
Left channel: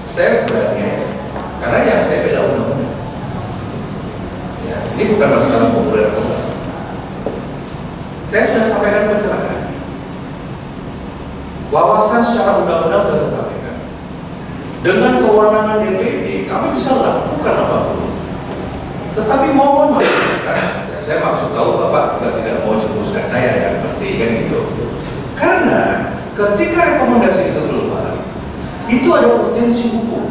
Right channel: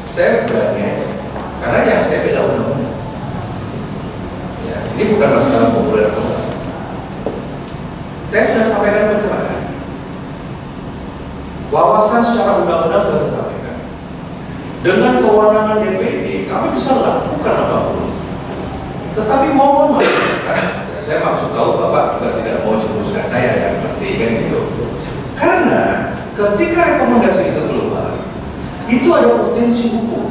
saya berani aja, karena yang saya bela undang-undang. Ya, ini bukan masalah populer atau enggak. Saya sudah sampaikan pencerahan. Wawasan secara undang-undang sudah saya sampaikan. Dengan kewenangan DPD, kami bisa lakukan apapun. Tetapi mohon masyarakat, saya maksud tahu Bapak juga tidak mau jerumuskan saya, yang pasti kan gitu. Karena ketika rekomendasi itu keluar, itu ada potensi hukum.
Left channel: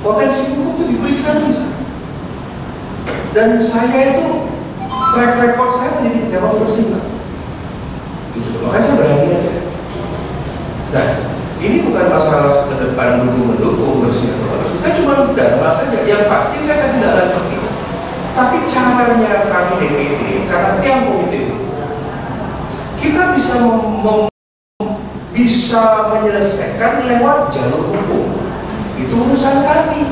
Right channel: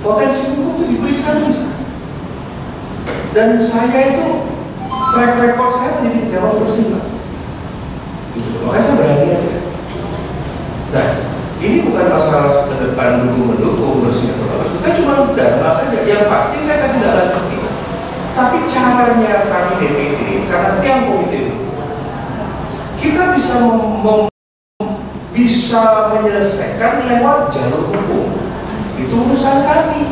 Potensi hukum itu diperiksa bisa. Dan saya itu track record saya menjadi pejabat bersih, Pak. Gitu. Makanya saya berani aja. Nah, ini bukan masalah ke depan mendukung bersih atau apa. Saya cuma dharma saja. Yang pasti saya kan tidak lanjuti. Tapi caranya kami DPD, karena tiang komite itu, kita bisa menyelesaikan lewat jalur hukum. Itu urusan kami.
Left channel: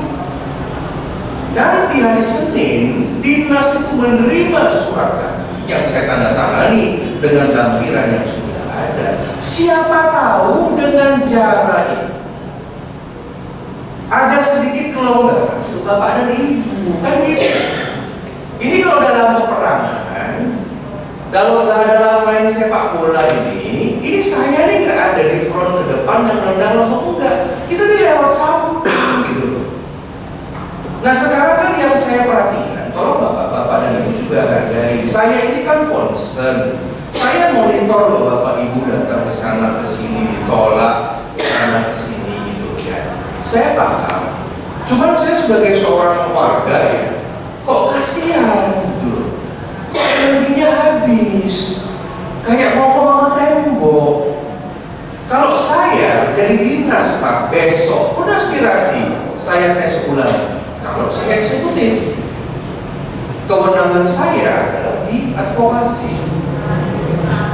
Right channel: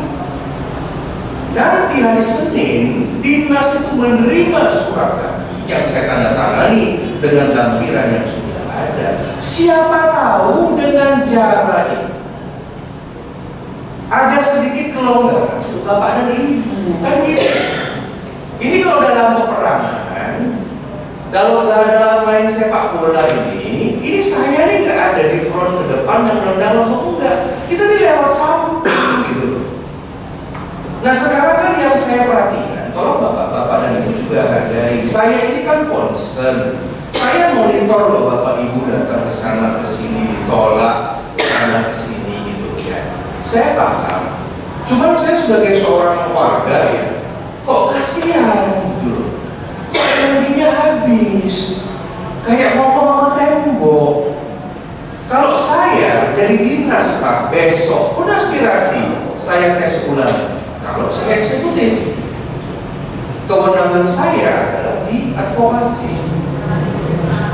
Nanti hari Senin, dinas itu menerima surat kami yang saya tanda tangani dengan lampiran yang sudah ada. Siapa tahu dengan cara itu ada sedikit kelonggaran untuk Bapak dan Ibu, kan gitu. Ini kalau dalam peperangan, kalau dalam main sepak bola ini saya nih nggak ada di front ke depan dan nendang langsung, enggak. Kita nih lewat samping gitu. Nah sekarang kan yang saya perhatikan, tolong Bapak-Bapak dan Ibu juga hargai. Saya ini kan concern. Saya monitor loh Bapak Ibu datang ke sana ke sini ditolak, ke sana ke sini gitu ya. Saya paham. Cuman saya sebagai seorang warga ya, kok kasihan gitu loh. Kok energinya habis. Kayak mau ke tembok. Kalau saya jadi dinas Pak besok pun aspirasi saya tes ulang. Kalau saya eksekutif, kewenangan saya adalah di advokasi.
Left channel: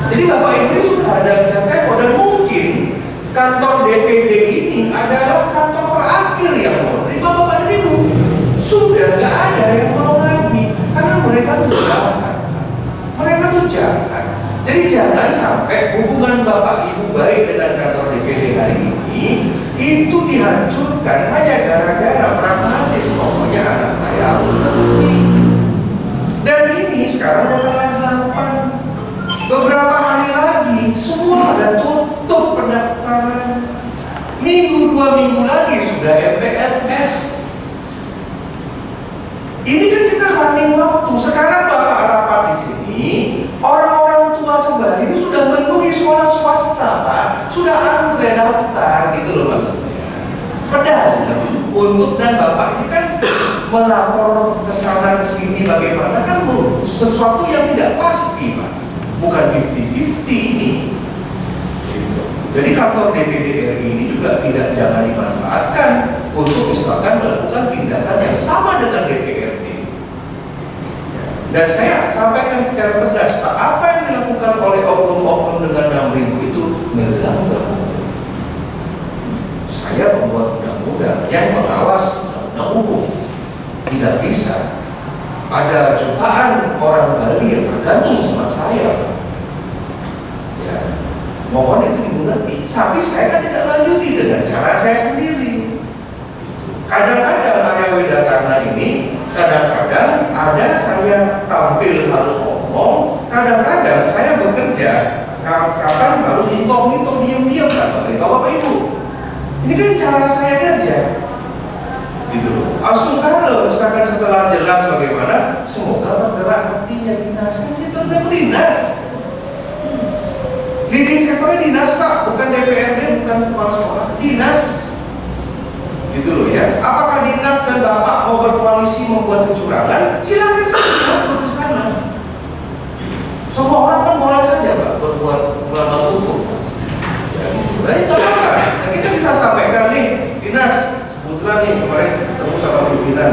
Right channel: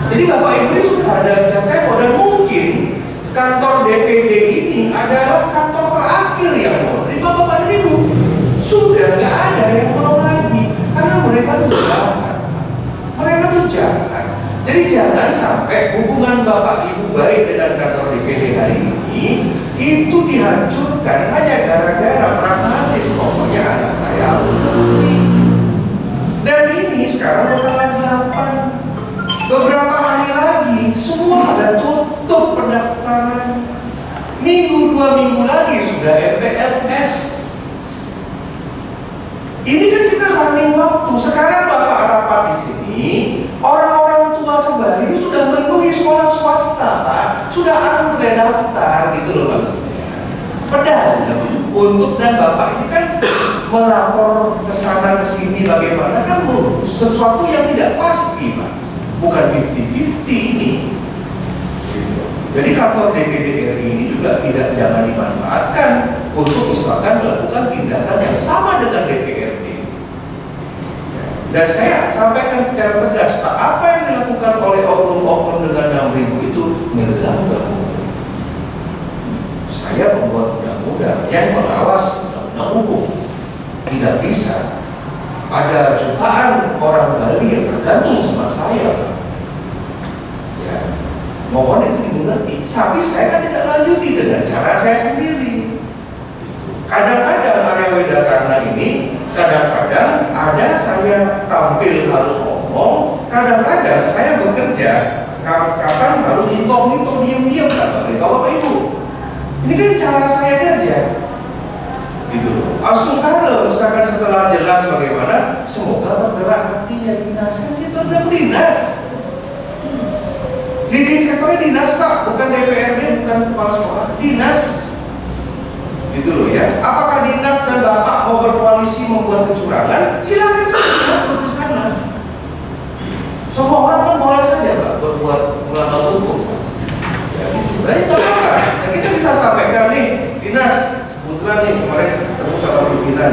Jadi Bapak Ibu sudah ada catatan dan mungkin kantor DPD ini adalah kantor terakhir yang mau terima Bapak dan Ibu. Sudah nggak ada yang mau lagi karena mereka tuh jahat. Mereka tuh jahat. Jadi jangan sampai hubungan Bapak Ibu baik dengan kantor DPD hari ini itu dihancurkan hanya gara-gara pragmatis. Pokoknya anak saya harus berhenti. Dan ini sekarang udah tanggal 8. Beberapa hari lagi semua ada tutup pendaftaran. Minggu 2 minggu lagi sudah MPLS. Ini kan kita running waktu. Sekarang Bapak rapat di sini, orang-orang tua sebelah ini sudah memenuhi sekolah swasta, Pak. Sudah antre daftar gitu loh maksudnya. Padahal untuk dan Bapak ini kan melapor ke sana ke sini bagaimana kan sesuatu yang tidak pasti, Pak. bukan 50-50 ini. Gitu. Jadi kantor DPD RI ini juga jangan dimanfaatkan untuk misalkan melakukan tindakan yang sama dengan DPRD. Dan saya sampaikan secara tegas, Pak, apa yang dilakukan oleh oknum-oknum dengan 6.000 itu melanggar hukum. Saya membuat undang-undang yang mengawas undang-undang hukum. Tidak bisa ada jutaan orang Bali yang tergantung sama saya. Ya, mohon itu dimengerti. Tapi saya kan tidak lanjuti dengan cara saya sendiri. Kadang-kadang area Wedakarna ini, kadang-kadang ada saya tampil harus ngomong, kadang-kadang saya bekerja, kapan harus inkognito, diam-diam, tanpa beritahu Bapak Ibu. Ini kan cara saya kerja. Gitu. Astungkara misalkan setelah jelas bagaimana, semoga tergerak hatinya dinas, kan kita tergerak dinas. Leading sektornya dinas Pak, bukan DPRD, bukan kepala sekolah, dinas. Gitu loh ya. Apakah dinas dan Bapak mau berkoalisi membuat kecurangan? Silakan saja di sana. Semua orang kan boleh saja Pak berbuat melanggar hukum. Ya gitu. Nah, itu apa? Nah, kita bisa sampaikan nih, dinas. Kebetulan nih kemarin saya ketemu sama pimpinan.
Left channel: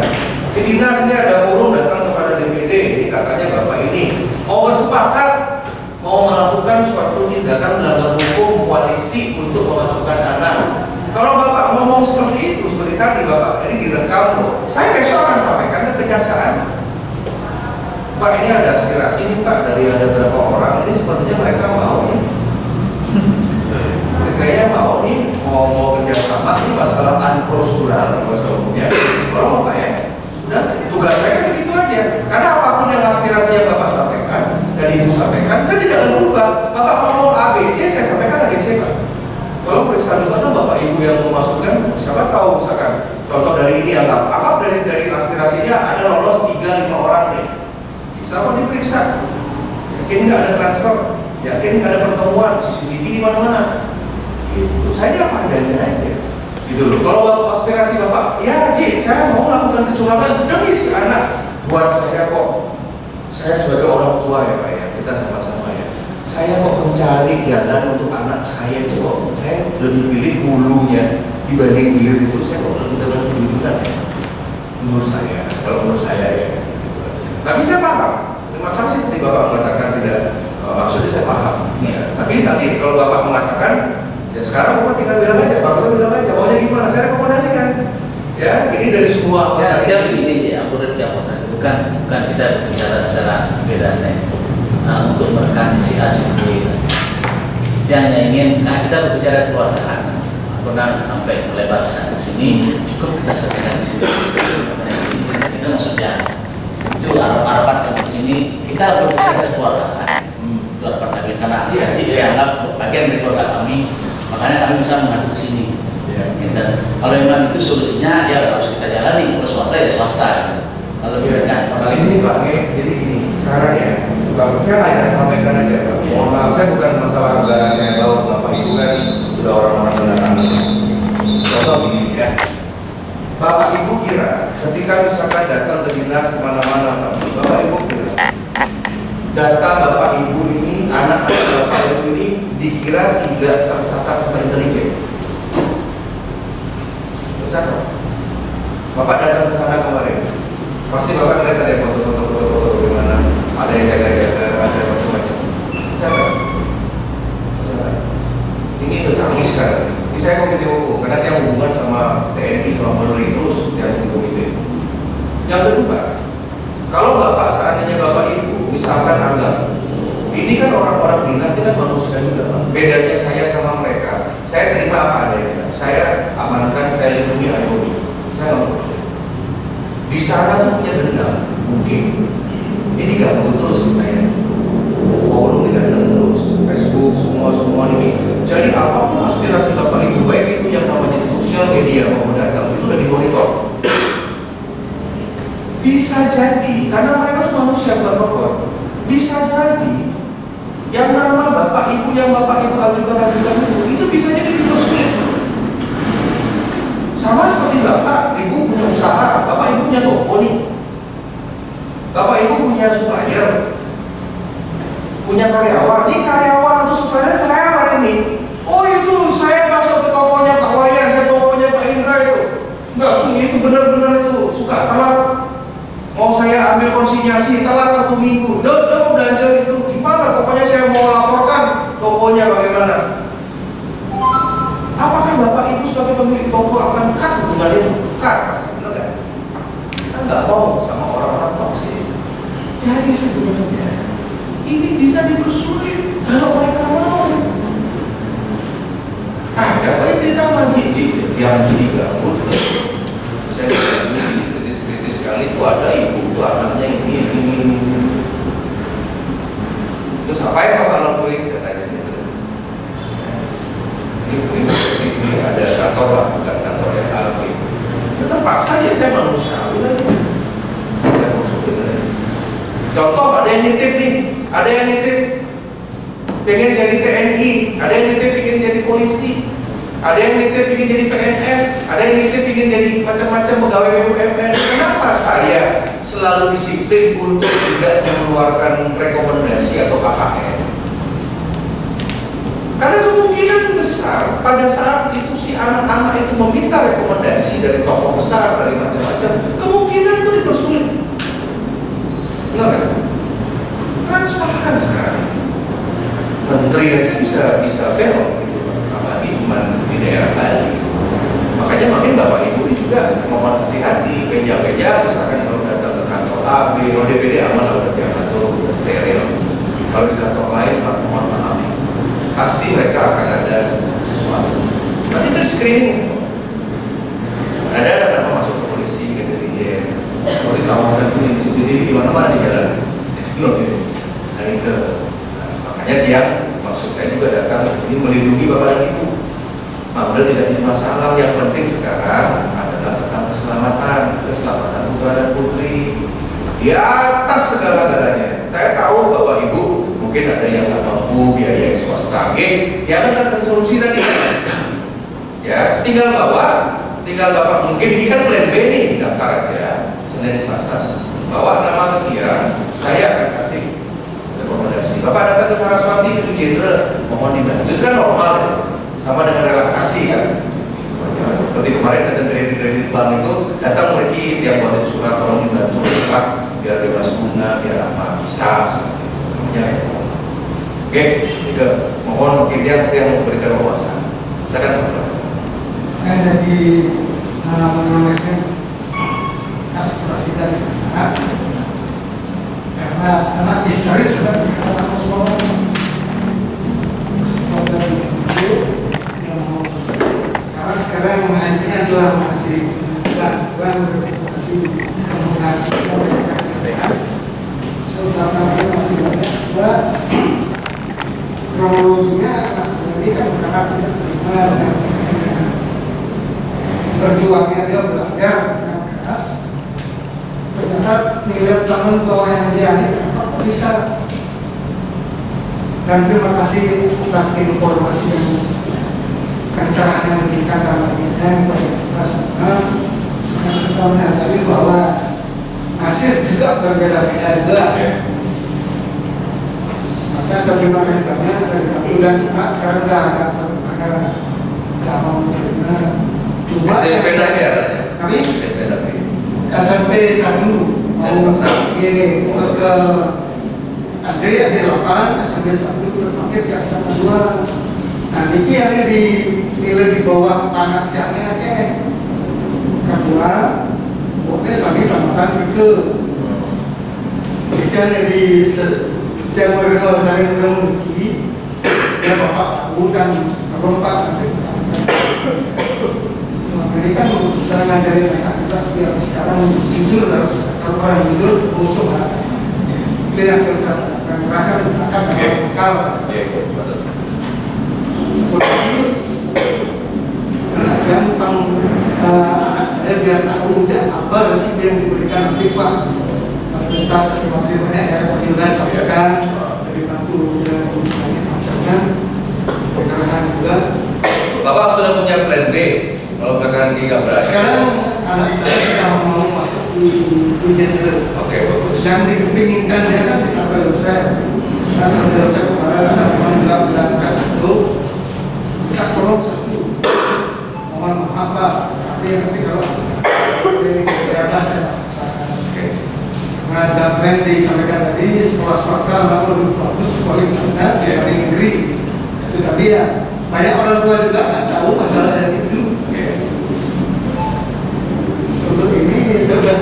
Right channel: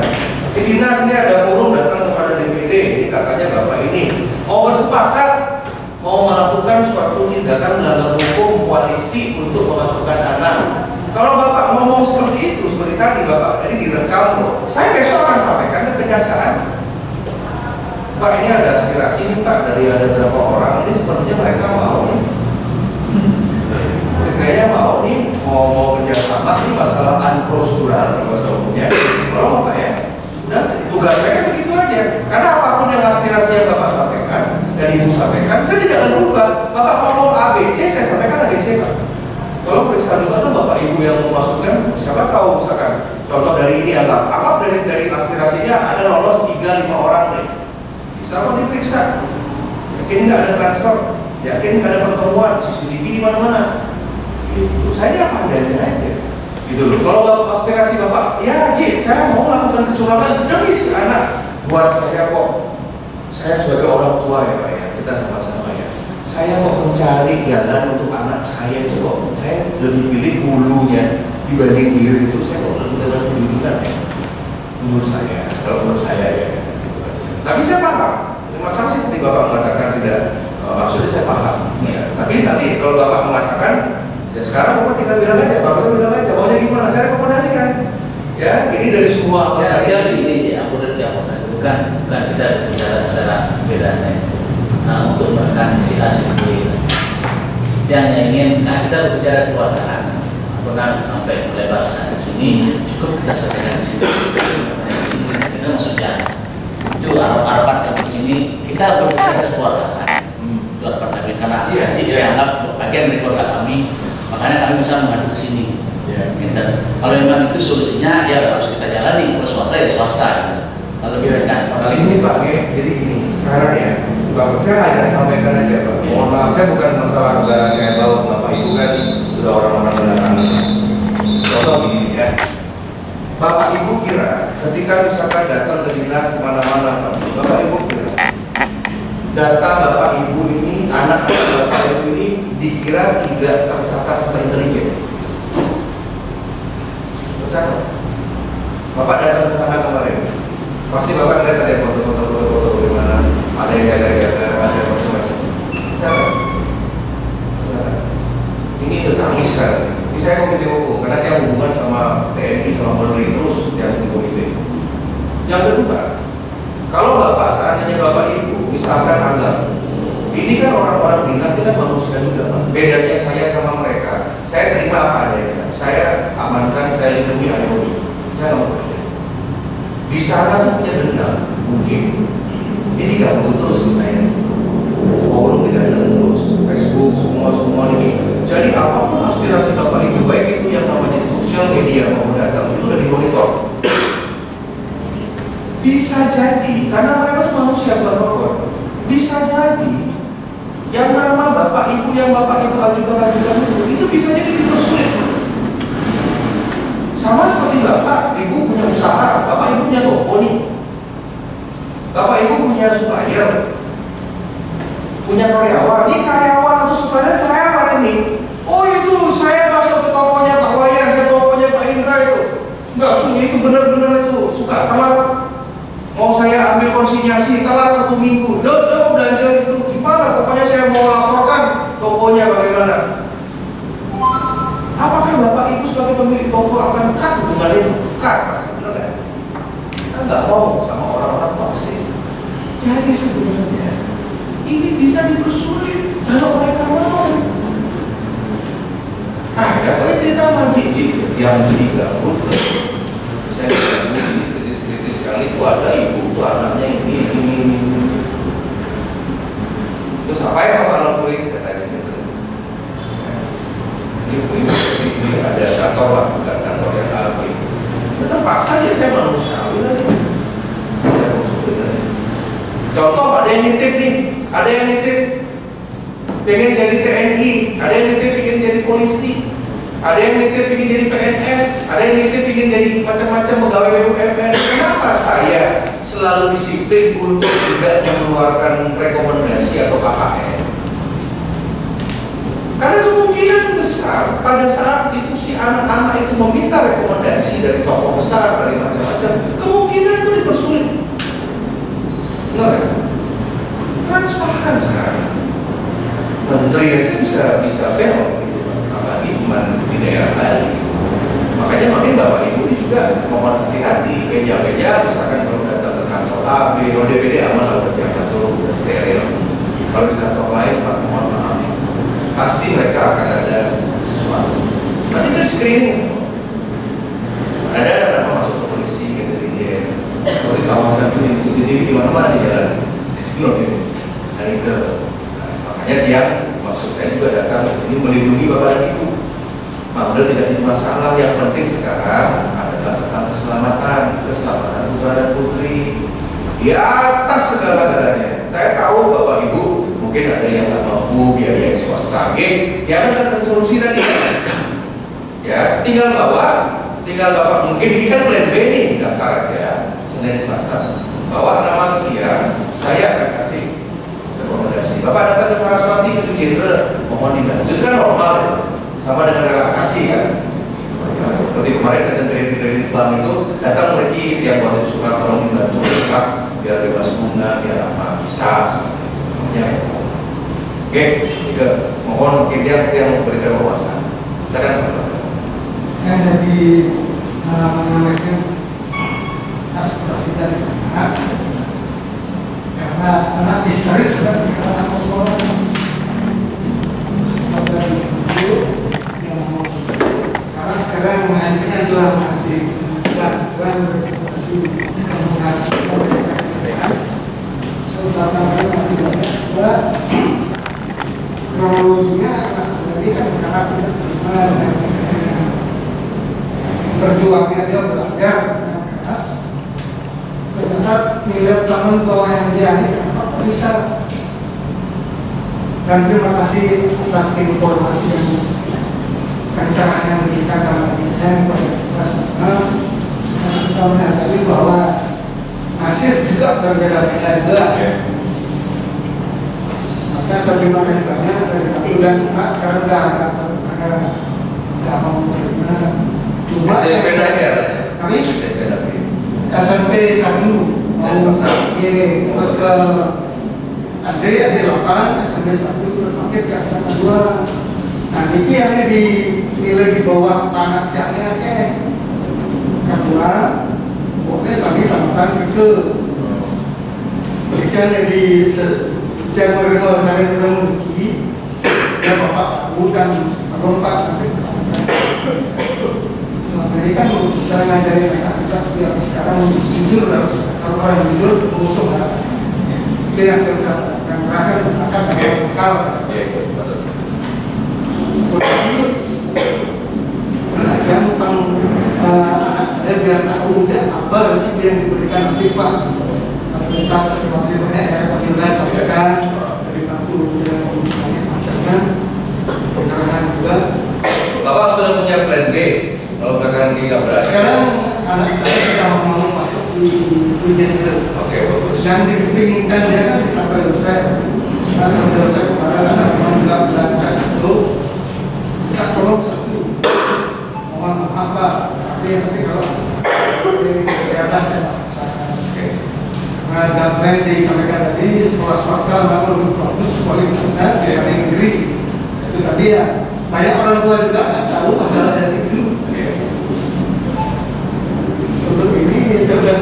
Di dinas ini ada forum datang kepada DPD. Ini katanya Bapak ini mau bersepakat mau melakukan suatu tindakan melanggar hukum koalisi untuk memasukkan dana. Kalau Bapak ngomong seperti itu, seperti tadi Bapak, ini direkam loh. Saya besok akan sampaikan ke kejaksaan. Pak, ini ada aspirasi nih Pak dari ada beberapa orang. Ini sepertinya mereka mau nih. Kayaknya mau nih, mau kerjasama ini masalah unprocedural bahasa umumnya. Kalau mau Pak ya, udah tugas saya kan begitu aja. Karena apapun yang aspirasi yang Bapak sampaikan dan Ibu sampaikan, saya tidak akan berubah. Bapak ngomong ABC, saya sampaikan ABC Pak. Kalau periksa juga kan Bapak Ibu yang memasukkan, siapa tahu misalkan contoh dari ini anggap dari aspirasinya ada lolos 3-5 orang nih, bisa apa diperiksa? Yakin nggak ada transfer? Yakin nggak ada pertemuan? CCTV di mana-mana? Gitu. Saya apa adanya aja. Gitu loh. Kalau Bapak aspirasi Bapak, ya Ji, saya mau melakukan kecurangan demi si anak. Buat saya kok, saya sebagai orang tua ya Pak ya, kita sama-sama ya. Saya kok mencari jalan untuk anak saya itu kok saya lebih pilih hulunya dibanding hilir itu. Saya kok lebih dalam kejujuran ya. Menurut saya, kalau menurut saya ya. Gitu aja. Tapi saya paham. Terima kasih tadi Bapak mengatakan tidak, maksudnya saya paham. Ya. Tapi nanti kalau Bapak mengatakan, ya sekarang Bapak tinggal bilang aja, Bapak bilang aja maunya gimana. Saya rekomendasikan. Ya, ini dari semua. Ya begini ya, bukan kita bicara secara beda nih. Nah, untuk menekan si A si B yang ingin, nah kita berbicara keluargaan, pernah sampai melebar sampai sini, cukup kita selesaikan di sini. Itu maksudnya itu harapan kami di sini kita berbicara keluargaan, itu harapan kami karena sih dianggap bagian dari keluarga kami, makanya kami bisa mengadu ke sini. Kalau memang itu solusinya ya harus kita jalani, kalau swasta ya swasta. Kalau berikan kali ini Pak, jadi gini sekarang ya. Bapak saya hanya sampaikan aja Pak. Mohon maaf, saya bukan masalah negara kayak tahu Bapak Ibu kan sudah orang-orang negara. Contoh gini ya, Bapak Ibu kira ketika misalkan datang ke dinas kemana-mana, Bapak Ibu kira data Bapak Ibu ini, anak Bapak Ibu ini dikira tidak tercatat sama intelijen. Tercatat. Bapak datang ke sana kemarin, pasti Bapak lihat ada foto-foto bagaimana. Ada yang ada macam-macam. Catat. Ini tercanggih sekali. Ini saya komite hukum karena dia hubungan sama TNI sama Polri terus yang komite. Yang kedua, kalau Bapak seandainya Bapak Ibu misalkan anggap ini kan orang-orang dinas ini kan manusia juga Pak. Bedanya saya sama mereka, saya terima apa adanya. Saya amankan, saya lindungi ayomi. Saya nggak manusia. Di sana tuh punya dendam mungkin. Ini ganggu terus sebenarnya. Forum tidak ada terus, Facebook semua ini. Jadi apapun aspirasi Bapak Ibu baik itu yang namanya sosial media maupun datang itu udah dimonitor. Bisa jadi karena mereka tuh manusia bukan robot. Bisa jadi yang nama Bapak Ibu yang Bapak Ibu ajukan itu bisa jadi dipersulit. Sama seperti Bapak Ibu punya usaha, Bapak Ibu punya toko nih. Bapak Ibu punya supplier, punya karyawan. Ini karyawan atau supplier cerewet ini. Oh itu saya masuk ke tokonya Pak Wayan, saya tokonya Pak Indra itu. Enggak, itu benar-benar itu suka telat. Mau saya ambil konsinyasi telat 1 minggu. Udah mau belanja itu gimana? Pokoknya saya mau laporkan tokonya bagaimana. Apakah Bapak Ibu sebagai pemilik toko akan cut hubungan itu? Cut pasti, benar nggak? Kita nggak mau sama orang-orang toksik. Jadi sebenarnya ini bisa dipersulit kalau mereka mau. Dapat cerita majik yang diganggu terus. Saya kritis sekali itu ada ibu itu anaknya ini. Terus apa yang Bapak lakuin? Saya tanya gitu. Ini ada kantor lah, bukan kantor yang AB. Terpaksa aja saya manusiawi aja. Saya masuk gitu. Contoh ada yang nitip nih, ada yang nitip pengen jadi TNI, ada yang nitip pengen jadi polisi, ada yang nitip pengen jadi PNS, ada yang nitip pengen jadi macam-macam pegawai BUMN. Kenapa saya selalu disiplin untuk tidak mengeluarkan rekomendasi atau KKN? Karena kemungkinan besar pada saat itu si anak-anak itu meminta rekomendasi dari tokoh besar, dari macam-macam, kemungkinan itu dipersulit. Benar kan? Transparan sekarang. Menteri aja bisa belok gitu, apalagi cuma di daerah Bali. Gitu. Makanya makin Bapak Ibu ini juga mohon hati-hati, meja-meja misalkan kalau datang ke kantor A, B, DPD aman lah berarti atau udah steril. Kalau di kantor lain, Pak mohon maaf, pasti mereka akan ada sesuatu. Nanti kan screening. Ada nama masuk ke polisi, ke intelijen. Kalau di kawasan ini CCTV di mana-mana di jalan. Belum ini. Hari ke. Makanya dia maksud saya juga datang ke sini melindungi Bapak dan Ibu. Udah tidak jadi masalah. Yang penting sekarang adalah tentang keselamatan putra dan putri. Di atas segala-galanya. Saya tahu Bapak Ibu mungkin ada yang nggak mampu biaya swasta, jangan ada solusi tadi. Ya, tinggal Bapak mungkin ini kan plan B nih, daftar aja Senin Selasa. Bawa nama Ketia, saya akan kasih rekomendasi. Bapak datang ke Saraswati ke Jenderal, mohon dibantu. Itu kan normal ya, sama dengan relaksasi kan. Seperti kemarin ada kredit bank itu datang mereka yang buat surat tolong dibantu surat biar bebas bunga, biar apa bisa seperti itu. Namanya Oke, juga mohon mungkin dia yang memberikan wawasan. Silakan Pak. Saya dari menyampaikan aspirasi dari anak karena historis sudah dikatakan Rasulullah itu yang mau karena sekarang mengajarnya adalah masih masih masih banyak juga kronologinya anak sendiri kan karena tidak terima dengan berjuangnya dia belajar dengan keras. Ternyata nilai teman bawah yang dia kenapa bisa. Dan terima kasih atas informasi yang kencang yang diberikan dalam saya kepada semua. Dan kita menyadari bahwa hasil juga berbeda-beda juga. Saya terima kasih banyak dan karena tidak mau menerima. Cuma SMP saja. Kami SMP 1 mau terus ke SD 8, SMP 1 terus makin ke SMA 2. Nah ini yang dinilai di bawah tanah jaknya kedua, pokoknya sampai tambahkan ke jadi di yang menerima saya sedang menguji ya Bapak bukan berompat nanti selama ini kan saya ngajarin mereka biar sekarang jujur harus kalau orang jujur musuh itu yang saya dan terakhir akan bekal karena yang tentang anak saya biar tahu apa resiko yang diberikan nanti Pak kita seperti banyak ya kita sampaikan dari kampung dan banyak macamnya pencerahan juga. Bapak sudah punya plan B kalau misalkan nggak berhasil. Sekarang anak saya sudah mau masuk di ujian dulu. Oke, bagus. Dan dipinginkan dia kan bisa ke dosen. Nah, sambil saya kemarin ada teman bilang satu, kita tolong satu, mohon maaf Pak, nanti kalau ada saya ada plan disampaikan tadi, sekolah swasta memang lebih bagus kualitasnya dari negeri. Itu tadi ya, banyak orang tua juga nggak tahu masalah itu. Untuk ini saya sudah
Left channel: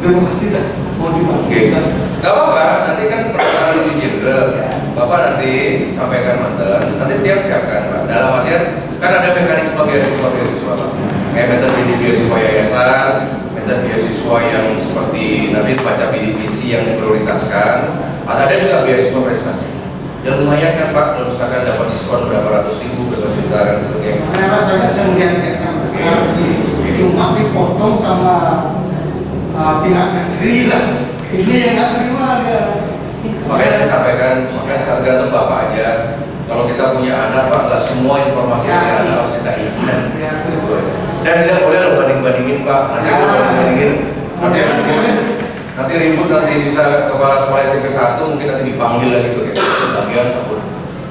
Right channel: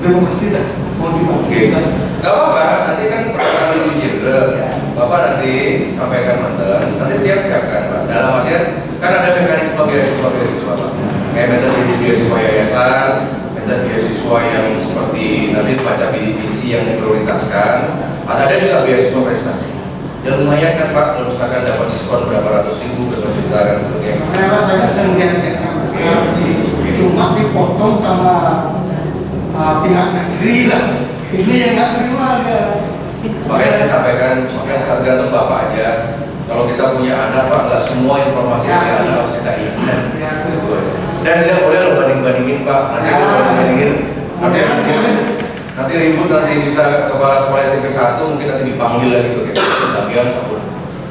demokrasi dah mau dipakai. Gak apa-apa, nanti kan pertanyaan lebih general. Bapak nanti sampaikan mantan, nanti tiap siapkan Pak. Dalam artian kan ada mekanisme beasiswa Pak. Kayak metode beasiswa yayasan, metode beasiswa yang seperti nanti baca misi yang diprioritaskan. Ada juga beasiswa prestasi. Ya lumayan kan Pak, kalau misalkan dapat diskon berapa ratus ribu, berapa juta kan gitu ya. Karena saya sedang lihat-lihatkan, cuma dipotong sama pihak negeri lah. Ini yang nggak terima dia. Makanya saya sampaikan, makanya tergantung Bapak aja. Kalau kita punya anak Pak, nggak semua informasi dari anak harus kita ingat. Dan tidak boleh lo banding-bandingin Pak. Nanti kalau banding-bandingin, nanti ribut, nanti bisa kepala sekolah SMP 1 mungkin nanti dipanggil lagi begitu bagian sabun.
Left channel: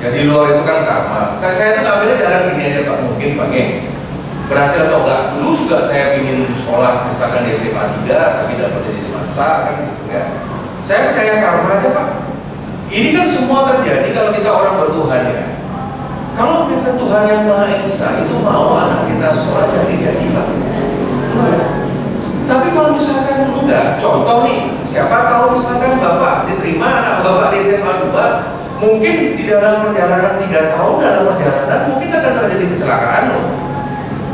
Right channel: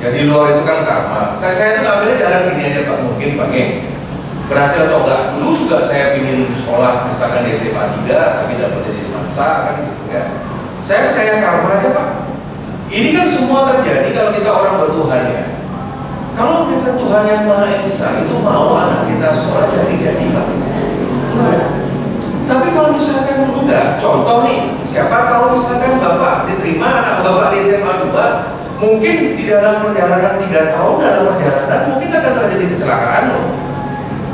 Ya di luar itu kan karma. Saya itu ngambilnya jalan gini aja Pak, mungkin Pak berhasil atau enggak. Dulu juga saya ingin sekolah misalkan di SMA 3 tapi dapat jadi semansa kan gitu ya. Saya percaya karma aja Pak. Ini kan semua terjadi kalau kita orang bertuhan ya. Kalau bukan Tuhan yang Maha Esa itu mau anak kita sekolah jadi Pak. Tapi kalau misalkan enggak, contoh nih, siapa tahu misalkan Bapak diterima anak Bapak di SMA 2, mungkin di dalam perjalanan 3 tahun dalam perjalanan mungkin akan terjadi kecelakaan loh.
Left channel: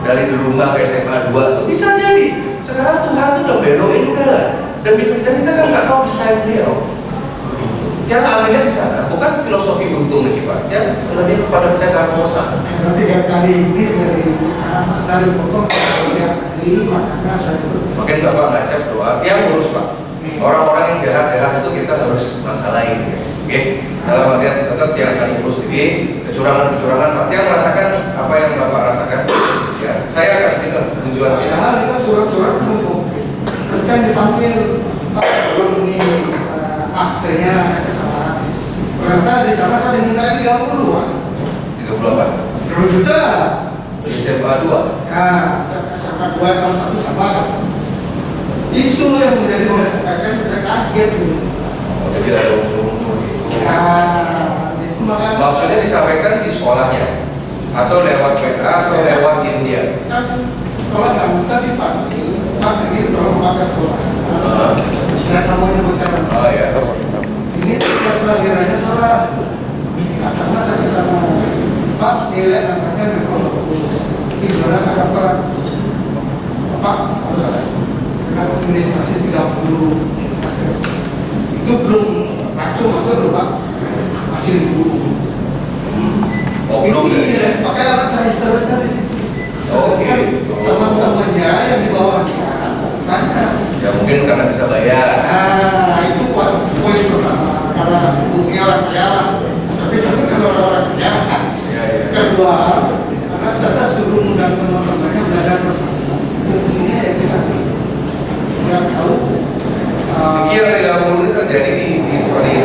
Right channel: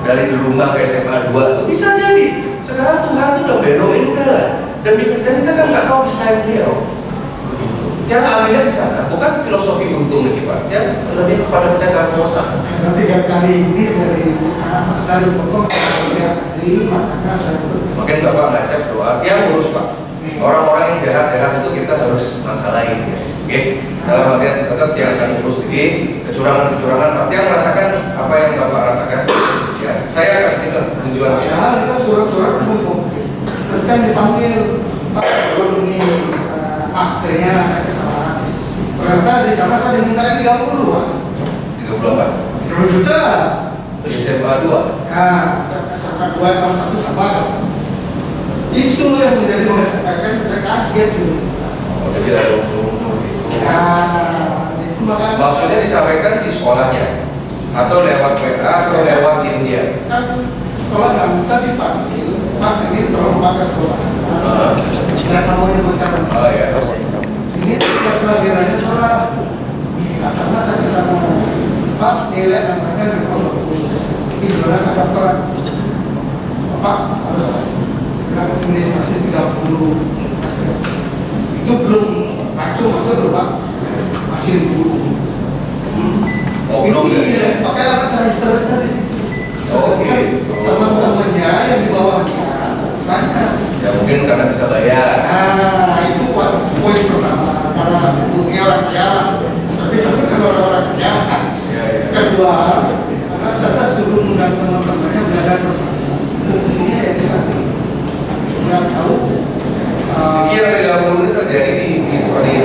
Dari rumah ke SMA 2 itu bisa jadi. Sekarang Tuhan itu udah belokin udah lah. Dan kita kan nggak tahu desain beliau. Jangan ambilnya di sana, bukan filosofi untung nih Pak. Jangan lebih kepada percaya karmosa. Nanti kali ini dari saya dipotong dari makanya saya Mungkin Bapak ngajak doa, dia ngurus Pak. Orang-orang yang jahat-jahat itu kita harus masalahin ya. Oke, dalam artian tetap dia akan ngurus ini kecurangan-kecurangan Pak. Dia merasakan apa yang Bapak rasakan. Ya, saya akan kita tujuan. Padahal kita surat-surat belum kan dipanggil Pak ini akhirnya ada kesalahan. Ternyata di sana saya diminta 30 Pak. 30 apa? 30 juta. Di SMA 2. Nah, SMA 2 sama 1 sama. Itu yang menjadi saya kaget ini. Oh, jadi ada unsur-unsur gitu. Nah, itu makanya Maksudnya disampaikan di sekolahnya atau lewat WA atau lewat dia. kan sekolah nggak bisa dipanggil Pak ini tolong pakai sekolah. Saya namanya berkata. Oh ya. Ini setiap kelahirannya salah. Karena saya bisa ngomong Pak nilai anaknya memang bagus. Ini benar ada Pak harus dengan administrasi 30. Itu belum langsung masuk loh Pak. Masih dulu. Oh belum ya? Pakai anak saya seterusnya di situ. Oke. Teman-temannya yang di bawahnya tanya. Ya mungkin karena bisa bayar. Nah itu poin pertama karena mungkin orang kaya. Tapi kalau orang kaya. Kedua, karena saya suruh undang teman-temannya belajar bersama. Fungsinya ya kita nggak tahu. Yang 30 ini terjadi di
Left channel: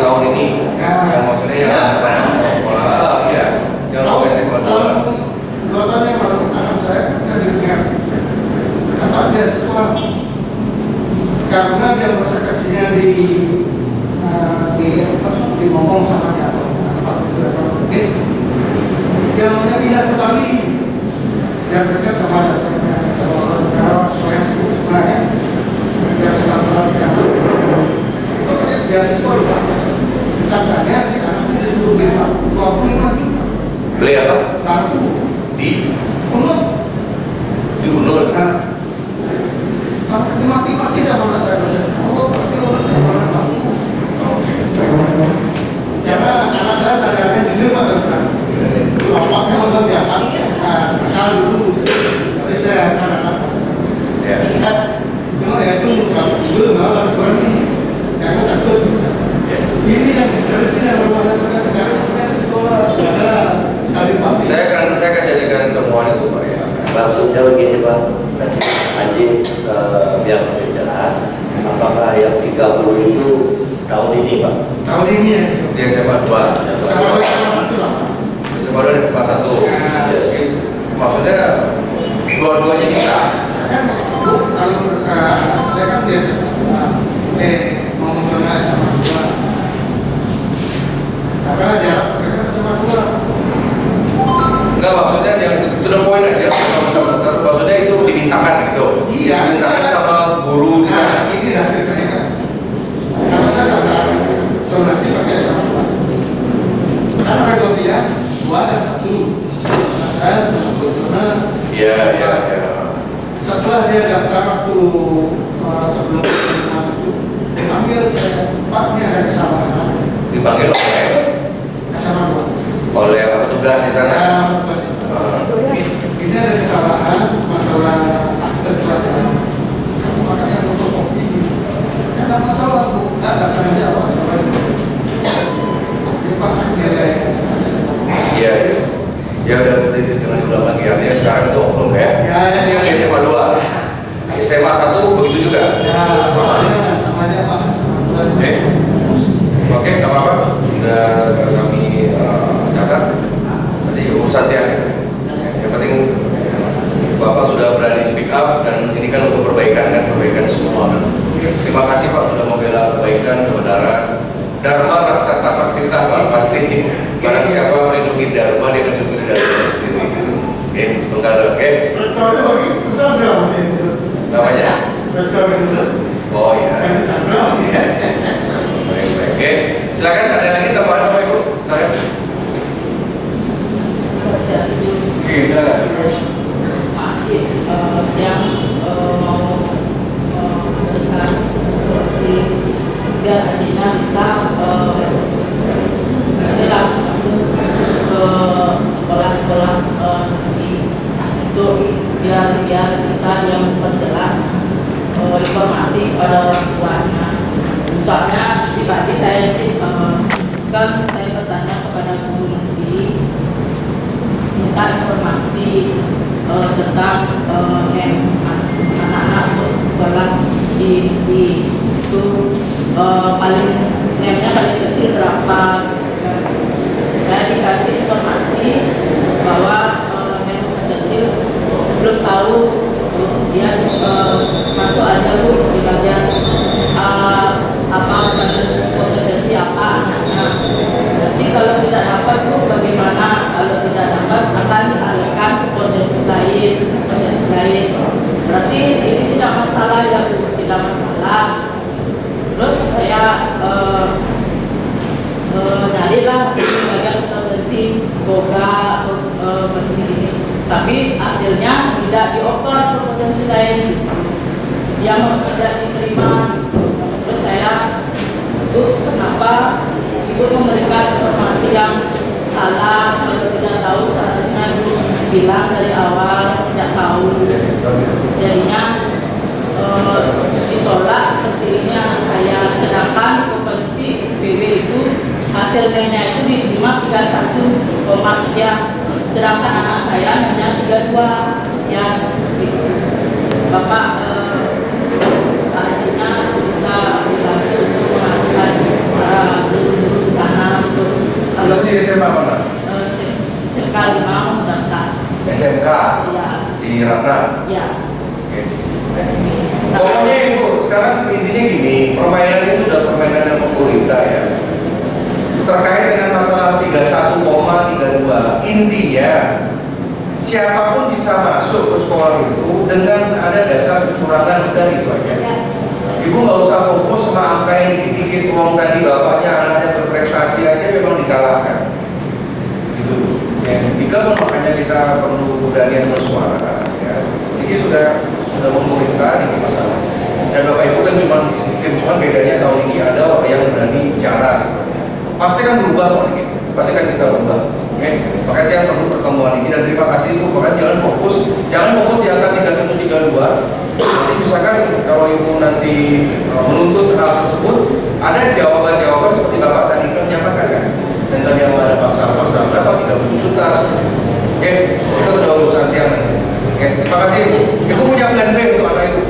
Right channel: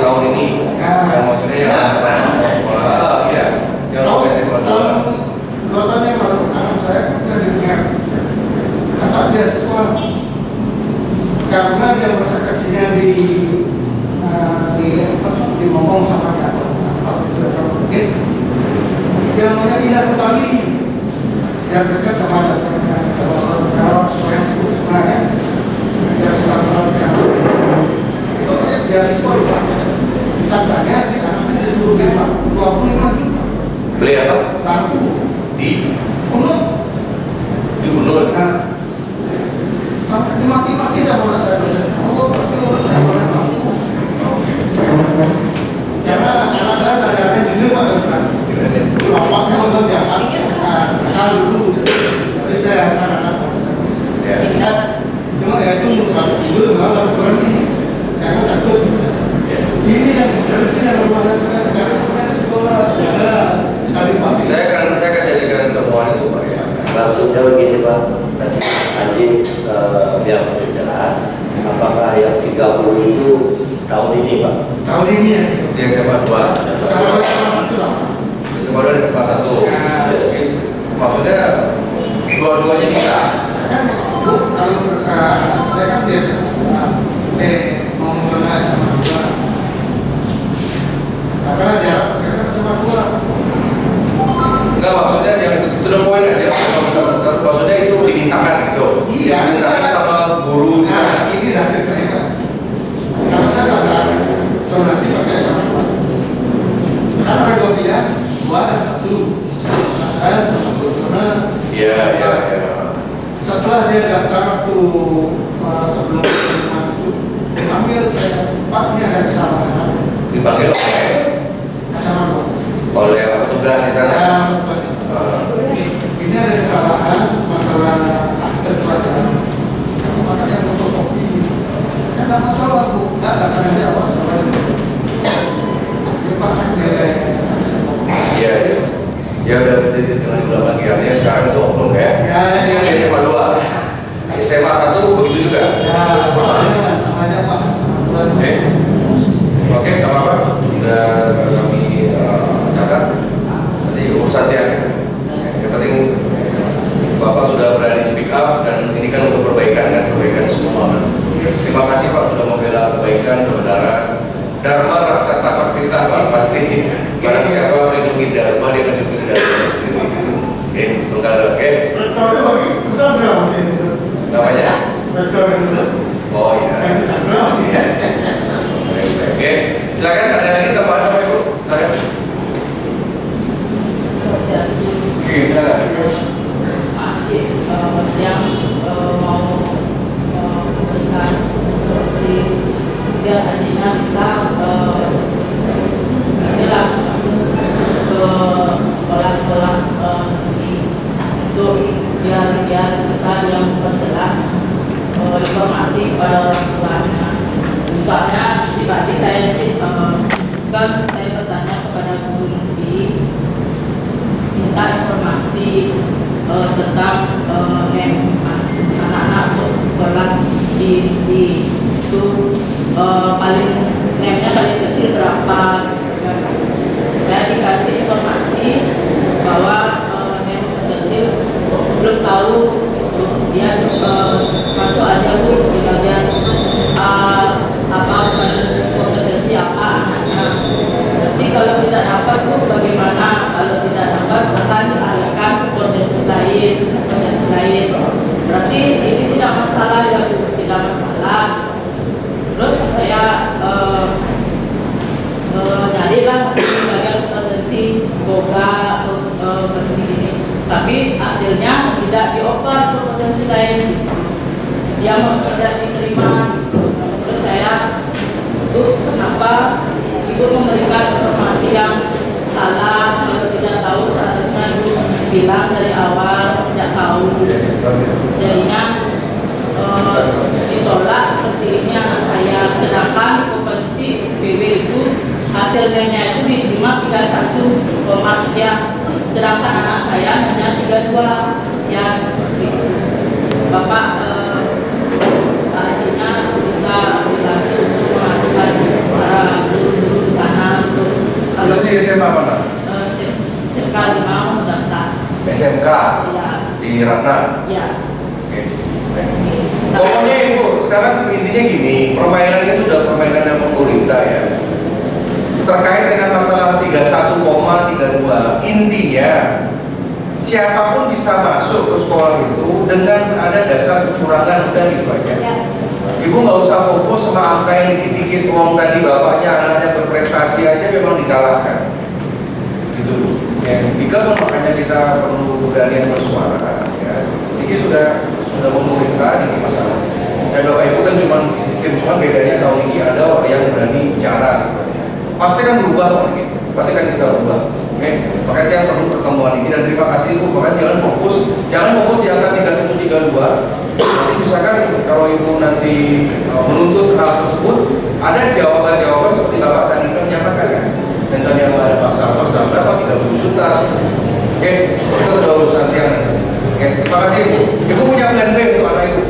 tahun ini. Yang maksudnya yang sekolah, ya. Yang mau SMA 2. 2 tahun yang lalu anak saya udah dengar kata beasiswa karena dia masa kecilnya ngomong sama dia dia maunya pindah ke Bali dia dekat sama saya sebut sebenarnya dia bisa melakukan itu beasiswa katanya si anaknya disuruh beli 25 juta Beli apa? lampu Di Unut. Di Unut. Nah, sampai dimaki-maki sama saya. Oh, berarti Unut yang mana kamu? Karena anak saya tanya jujur Pak Ustaz. Bapaknya udah diangkat nakal dulu. Jadi saya anak-anak. Ya. Cuma ya itu jujur nggak harus berani. Karena takut. Ini yang seharusnya yang berbuat karena sekolah ada. Saya akan jadikan temuan itu Pak ya. Maksudnya begini Pak, tadi Anjing biar lebih jelas, apakah yang 30 itu tahun ini Pak? Tahun ini ya. Di SMA 2. Sama satu lah. SMA 2 dan SMA 1. Maksudnya dua-duanya bisa. Kan Bu, kalau anak saya kan biasa mau mengenai sama dua. Karena jarak mereka sama dua. Enggak, maksudnya yang to the point aja, bentar-bentar. Maksudnya itu dimintakan gitu. Iya. Dimintakan sama guru di sana. Nah, ini dari mereka. Karena saya nggak berani zonasi pakai sama dua. Karena ada dua pilihan, 2 dan 1. Nah, saya karena Iya. setelah dia daftar waktu sebelum itu dipanggil saya, Pak ini ada kesalahan. Dipanggil Sama dua. oleh petugas di sana. Ini ada kesalahan masalah akte pelajaran. Kamu makanya fotokopi. Ya nggak masalah Bu, nggak tanya apa sama itu. Dia pakai nilai. Iya. Ya udah jangan diulang lagi ya. Sekarang itu oknum ya. Ya. Yang di SMA 2. SMA 1 begitu juga. Ya, sama aja Pak. Oke, nggak apa-apa. Sudah kami catat. Nanti urusan dia. Yang penting Bapak sudah berani speak up dan ini kan untuk perbaikan kan, perbaikan semua kan. Terima kasih Pak sudah membela kebaikan, kebenaran. Dharma raksata maksita Pak, pasti barang siapa melindungi Dharma dia akan melindungi Dharma sendiri. Oke, setengah oke. Kalau lagi besar berapa sih? Namanya? Betul. Oh iya. Baik. Oke, silakan ada lagi tambahan Bapak Ibu? Silakan. Oke, silakan. Yang mau memberikan solusi biar Adina bisa inilah ke sekolah-sekolah itu biar bisa yang memperjelas informasi pada orang tuanya. Soalnya pribadi saya sih kan saya bertanya kepada guru inti minta informasi tentang anak-anak untuk sekolah di itu paling nemnya paling kecil berapa. Saya dikasih informasi bahwa nem kecil belum tahu dia masuk aja Bu di bagian apa kompetensi apa anaknya. Nanti kalau tidak dapat Bu bagaimana? Kalau tidak dapat akan dialihkan ke potensi lain. Berarti ini tidak masalah ya Bu, tidak masalah. Terus saya nyarilah di bagian potensi boga potensi ini, tapi hasilnya tidak dioper ke potensi lain, yang tidak diterima. Terus saya, Bu, kenapa Ibu memberikan informasi yang salah? Kalau tidak tahu seharusnya Ibu bilang dari awal tidak tahu. Jadinya ditolak seperti ini anak saya. Sedangkan kompetensi PW itu hasilnya itu diterima 31 sekian. Sedangkan anak saya hanya 32 yang seperti itu. Bapak Pak Hajinya bisa dibantu untuk mengajukan para guru di sana untuk Kalau di SMA mana? SMK 5 mendaftar. SMK Ya. di Ratna. Ya. Oke. Pokoknya Ibu, sekarang intinya gini, permainan itu udah permainan yang pemerintah ya. Terkait dengan masalah 31,32, intinya siapapun bisa masuk ke sekolah itu dengan ada dasar kecurangan, udah gitu aja. Ibu nggak usah fokus sama angka yang dikit-dikit, uang tadi bapaknya anaknya berprestasi aja memang dikalahkan. Gitu. Ya, makanya kita perlu keberanian bersuara. Ya. Ini sudah memerintah ini masalahnya. Dan Bapak Ibu kan cuma sistem, cuma bedanya tahun ini ada yang berani bicara gitu. Pasti kan berubah Pak ini. Pasti kan kita berubah. Oke. Makanya yang perlu pertemuan ini dan terima kasih Ibu. Makanya jangan fokus di angka 3132. Nanti misalkan kalau Ibu nanti menuntut hal tersebut, ada jawaban-jawaban seperti Bapak tadi menyampaikan kan. Dan tadi yang ada pasal-pasal berapa 30 juta. Oke, itu sudah urusan yang nanti. Oke, terima kasih Ibu. Ibu punya plan B untuk anak Ibu.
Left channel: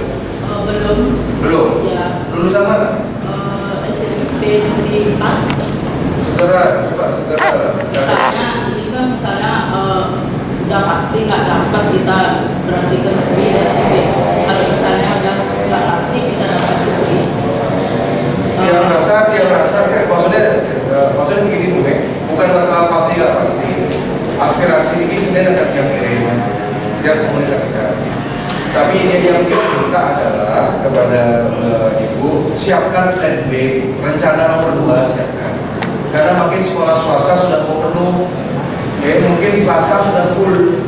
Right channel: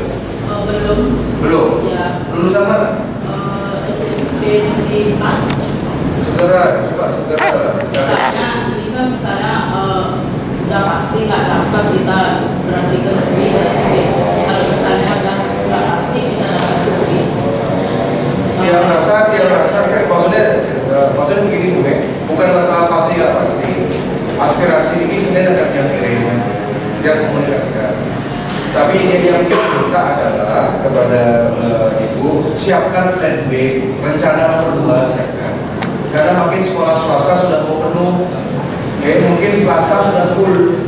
kepada Ibu, siapkan plan B, rencana nomor 2 siapkan. Karena makin sekolah swasta sudah mau penuh, mungkin Selasa sudah full.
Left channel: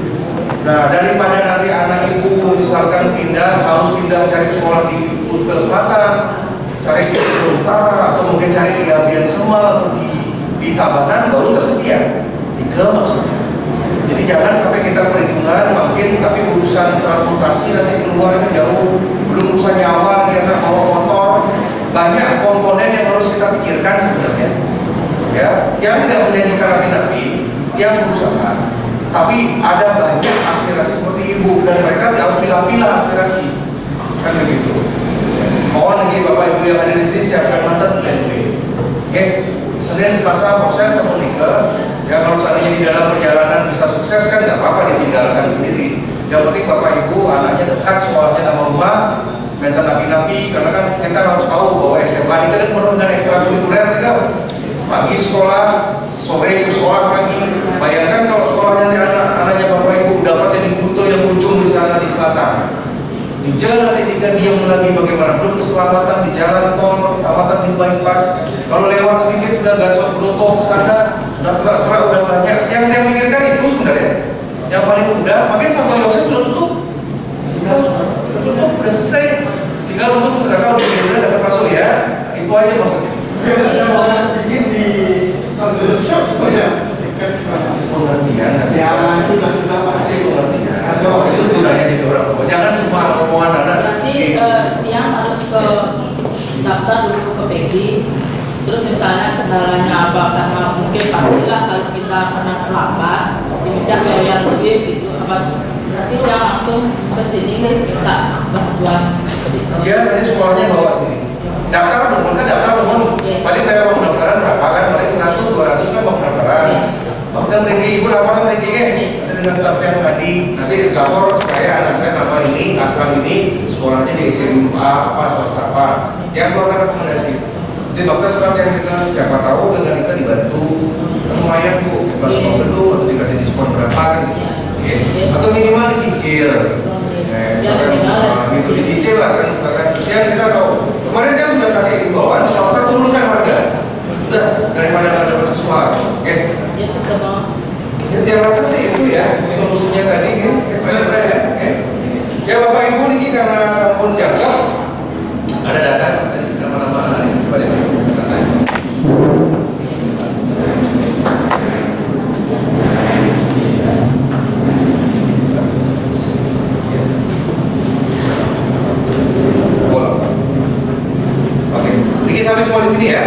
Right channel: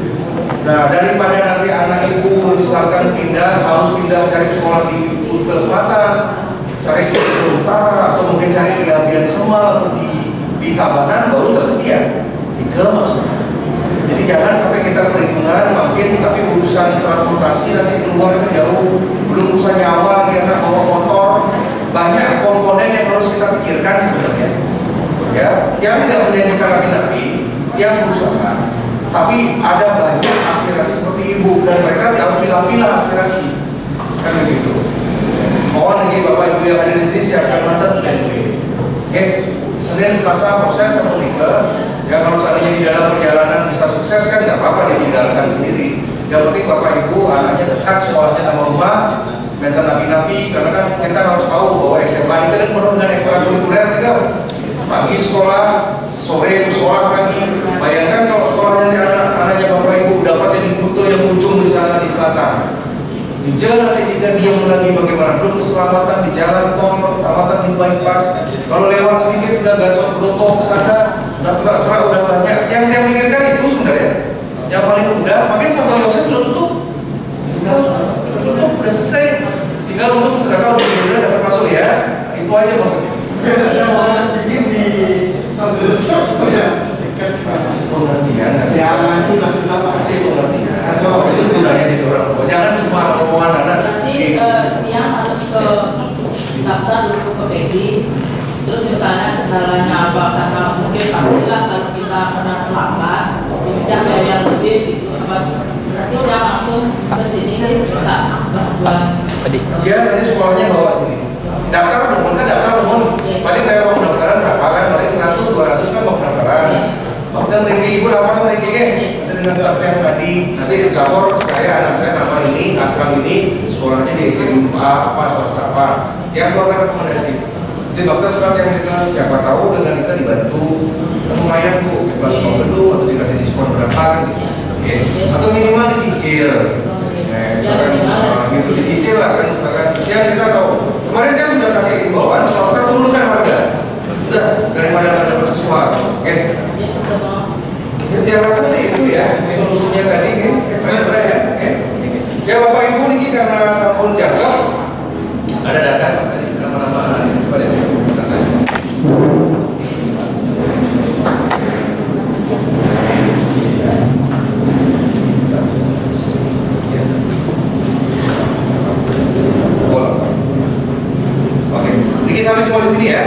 Nah, daripada nanti anak Ibu misalkan harus pindah cari sekolah di Kutel Selatan, cari di Kutel Utara, atau mungkin cari di Abian Semal atau di Tabanan baru tersedia. 3 maksudnya. Jadi jangan sampai kita perhitungan makin, tapi urusan transportasi nanti keluarnya jauh, belum urusan nyawa lagi anak bawa motor, banyak komponen yang harus kita pikirkan sebenarnya. Ya, yang tidak menjanjikan rapi-rapi, yang berusaha. Tapi ada banyak aspirasi seperti Ibu dan mereka harus pilah-pilah aspirasi, kan begitu. Mohon lagi Bapak Ibu yang ada di sini siapkan materi plan B. Oke, Senin Selasa proses sama nikah. Ya kalau seandainya di dalam perjalanan bisa sukses kan nggak apa-apa ditinggalkan sendiri. Yang penting Bapak Ibu anaknya dekat sekolahnya sama rumah, mental napi-napi, karena kan kita harus tahu bahwa SMA ini kan penuh dengan ekstrakurikuler juga. Pagi sekolah, sore sekolah pagi. Bayangkan kalau sekolahnya anaknya Bapak Ibu dapatnya di Kuto yang ujung di sana di selatan. Di jalan nanti jika diam lagi bagaimana? Belum keselamatan di jalan tol, keselamatan di bypass. Kalau lewat sedikit sudah gacor broto ke sana, sudah terak-terak udah banyak. Yang mikirkan itu sebenarnya. Yang paling mudah, makanya Santo Yosef sudah tutup. Sudah tutup, sudah selesai. Tinggal untuk mereka udah dapat masuk ya. Itu aja maksudnya. Ada orang bikin di Santo Yosef ya. Pengertian nggak sih? Ya, itu sudah masih pengertian. Kalau itu gunanya di orang tua. Jangan semua omongan anak. Nanti dia harus ke daftar dulu ke PEGI. Terus misalnya kendalanya apa, karena mungkin pastilah kalau kita pernah terlambat, tidak bayar lebih gitu apa. Berarti dia langsung ke sini minta bantuan. Dia berarti sekolahnya bawa sini. Daftar dong, kan daftar dong. Paling bayar uang pendaftaran berapa kan? Paling 100-200 kan uang pendaftaran. Waktu Riki, Ibu lapor sama Riki kan? Nanti dengan staf yang tadi, nanti lapor supaya anak saya nama ini, asal ini, sekolahnya di SMA apa, swasta apa. Dia keluarkan rekomendasi. Nanti dokter surat yang kita siapa tahu dengan kita dibantu, lumayan Bu, kita semua gedung atau dikasih diskon berapa kan? Oke. Atau minimal dicicil. Misalkan gitu dicicil lah kan, misalkan. Ya kita tahu. Kemarin kan sudah kasih imbauan swasta turunkan harga. Sudah daripada nggak dapat sesuatu. Oke. Ya, dia rasa sih itu ya solusinya tadi ya. Ya Bapak Ibu niki karena sampun jangkep ada data tadi nama-nama pada data. Oke, niki sampai semua di sini ya.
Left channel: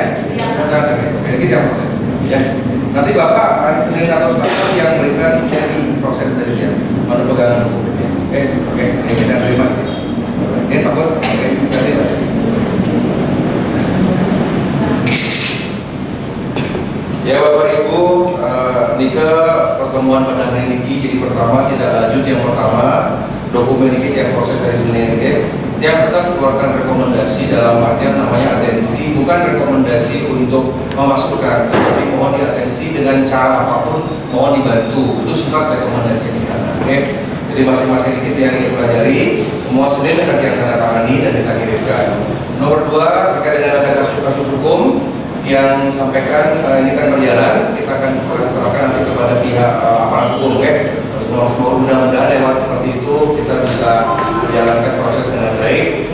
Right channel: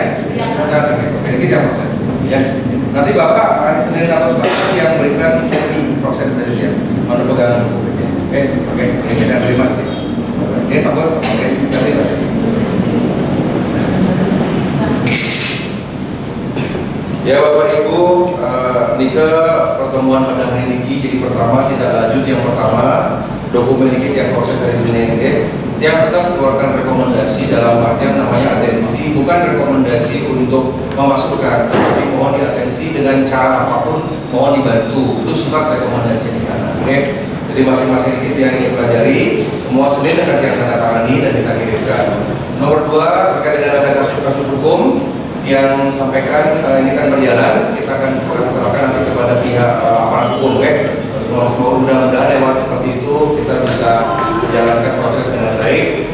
Oke, kita proses. Ya. Nanti Bapak hari Senin atau Selasa yang memberikan proses dari dia. Mana pegangan buku. Oke, ini kita terima. Sabar. Oke, kasih Pak. Ya Bapak Ibu, Nika pertemuan pada hari ini jadi pertama tidak lanjut yang pertama dokumen ini yang proses hari Senin ini yang tetap keluarkan rekomendasi dalam artian namanya atensi, bukan rekomendasi untuk memasukkan, tapi mohon diatensi dengan cara apapun, mohon dibantu. Itu sifat rekomendasi di sana. Oke. Jadi masing-masing kita yang ini pelajari, semua Senin akan kita tanda tangani dan kita kirimkan. Nomor 2 terkait dengan ada kasus-kasus hukum yang sampaikan ini kan berjalan, kita akan serahkan nanti kepada pihak aparat hukum. Oke. Mudah-mudahan lewat seperti itu kita bisa menjalankan proses dengan baik.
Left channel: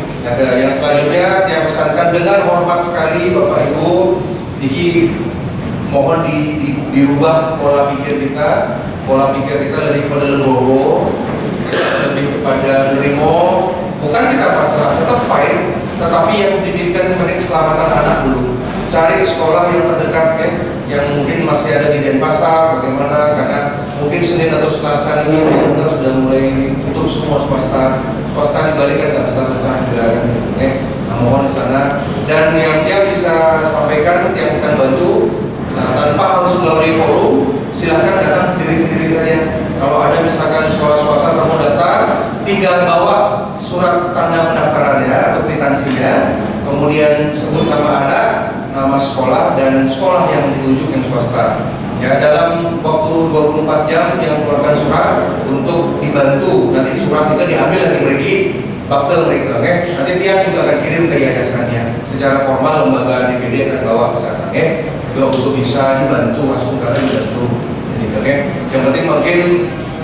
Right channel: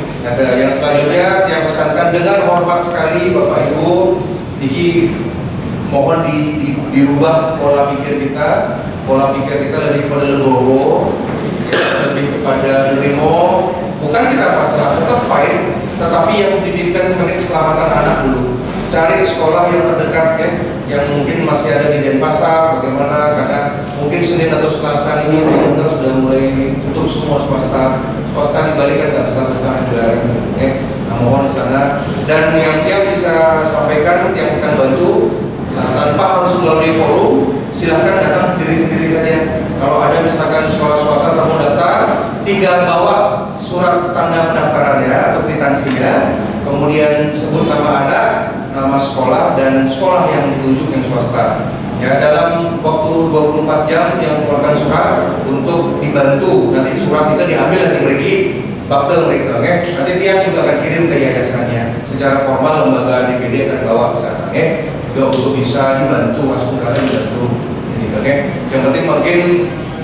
Yang selanjutnya yang pesankan dengan hormat sekali Bapak Ibu, jadi mohon dirubah pola pikir kita lebih kepada legowo, lebih kepada nerimo. Bukan kita pasrah, tetap fight, tetapi yang didirikan mengenai keselamatan anak dulu. Cari sekolah yang terdekat ya, yang mungkin masih ada di Denpasar, bagaimana karena mungkin Senin atau Selasa ini yang sudah mulai ditutup semua swasta di Bali kan nggak besar-besar juga ya. Mohon di sana dan yang tiap bisa sampaikan tiap akan bantu tanpa harus melalui forum, silahkan datang sendiri-sendiri saja. Kalau ada misalkan sekolah swasta mau daftar, tinggal bawa surat tanda pendaftarannya atau kwitansinya, kemudian sebut nama anak, nama sekolah dan sekolah yang ditunjuk yang swasta. Ya, dalam waktu 24 jam yang keluarkan surat untuk dibantu. Nanti surat itu diambil lagi lagi bakte mereka, nanti tiang juga akan kirim ke yayasannya. Secara formal lembaga DPD akan bawa ke sana, juga untuk bisa dibantu, masuk ke dibantu. Yang penting mungkin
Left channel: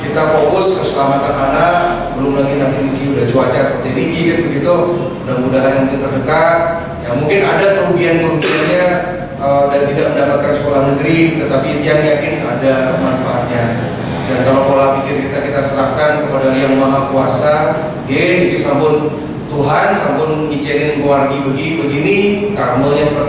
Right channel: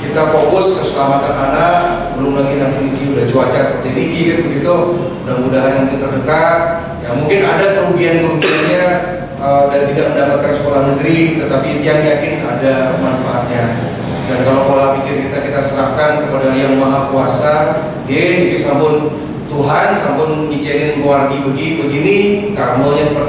kita fokus keselamatan anak, belum lagi nanti udah cuaca seperti Niki kan begitu. Mudah-mudahan nanti terdekat, ya mungkin ada kerugian-kerugiannya dan tidak mendapatkan sekolah negeri, tetapi tiang yakin ada manfaatnya. Dan kalau pola pikir kita serahkan kepada Yang Maha Kuasa, ini sampun Tuhan, sampun ngicenin keluarga begini, karmanya seperti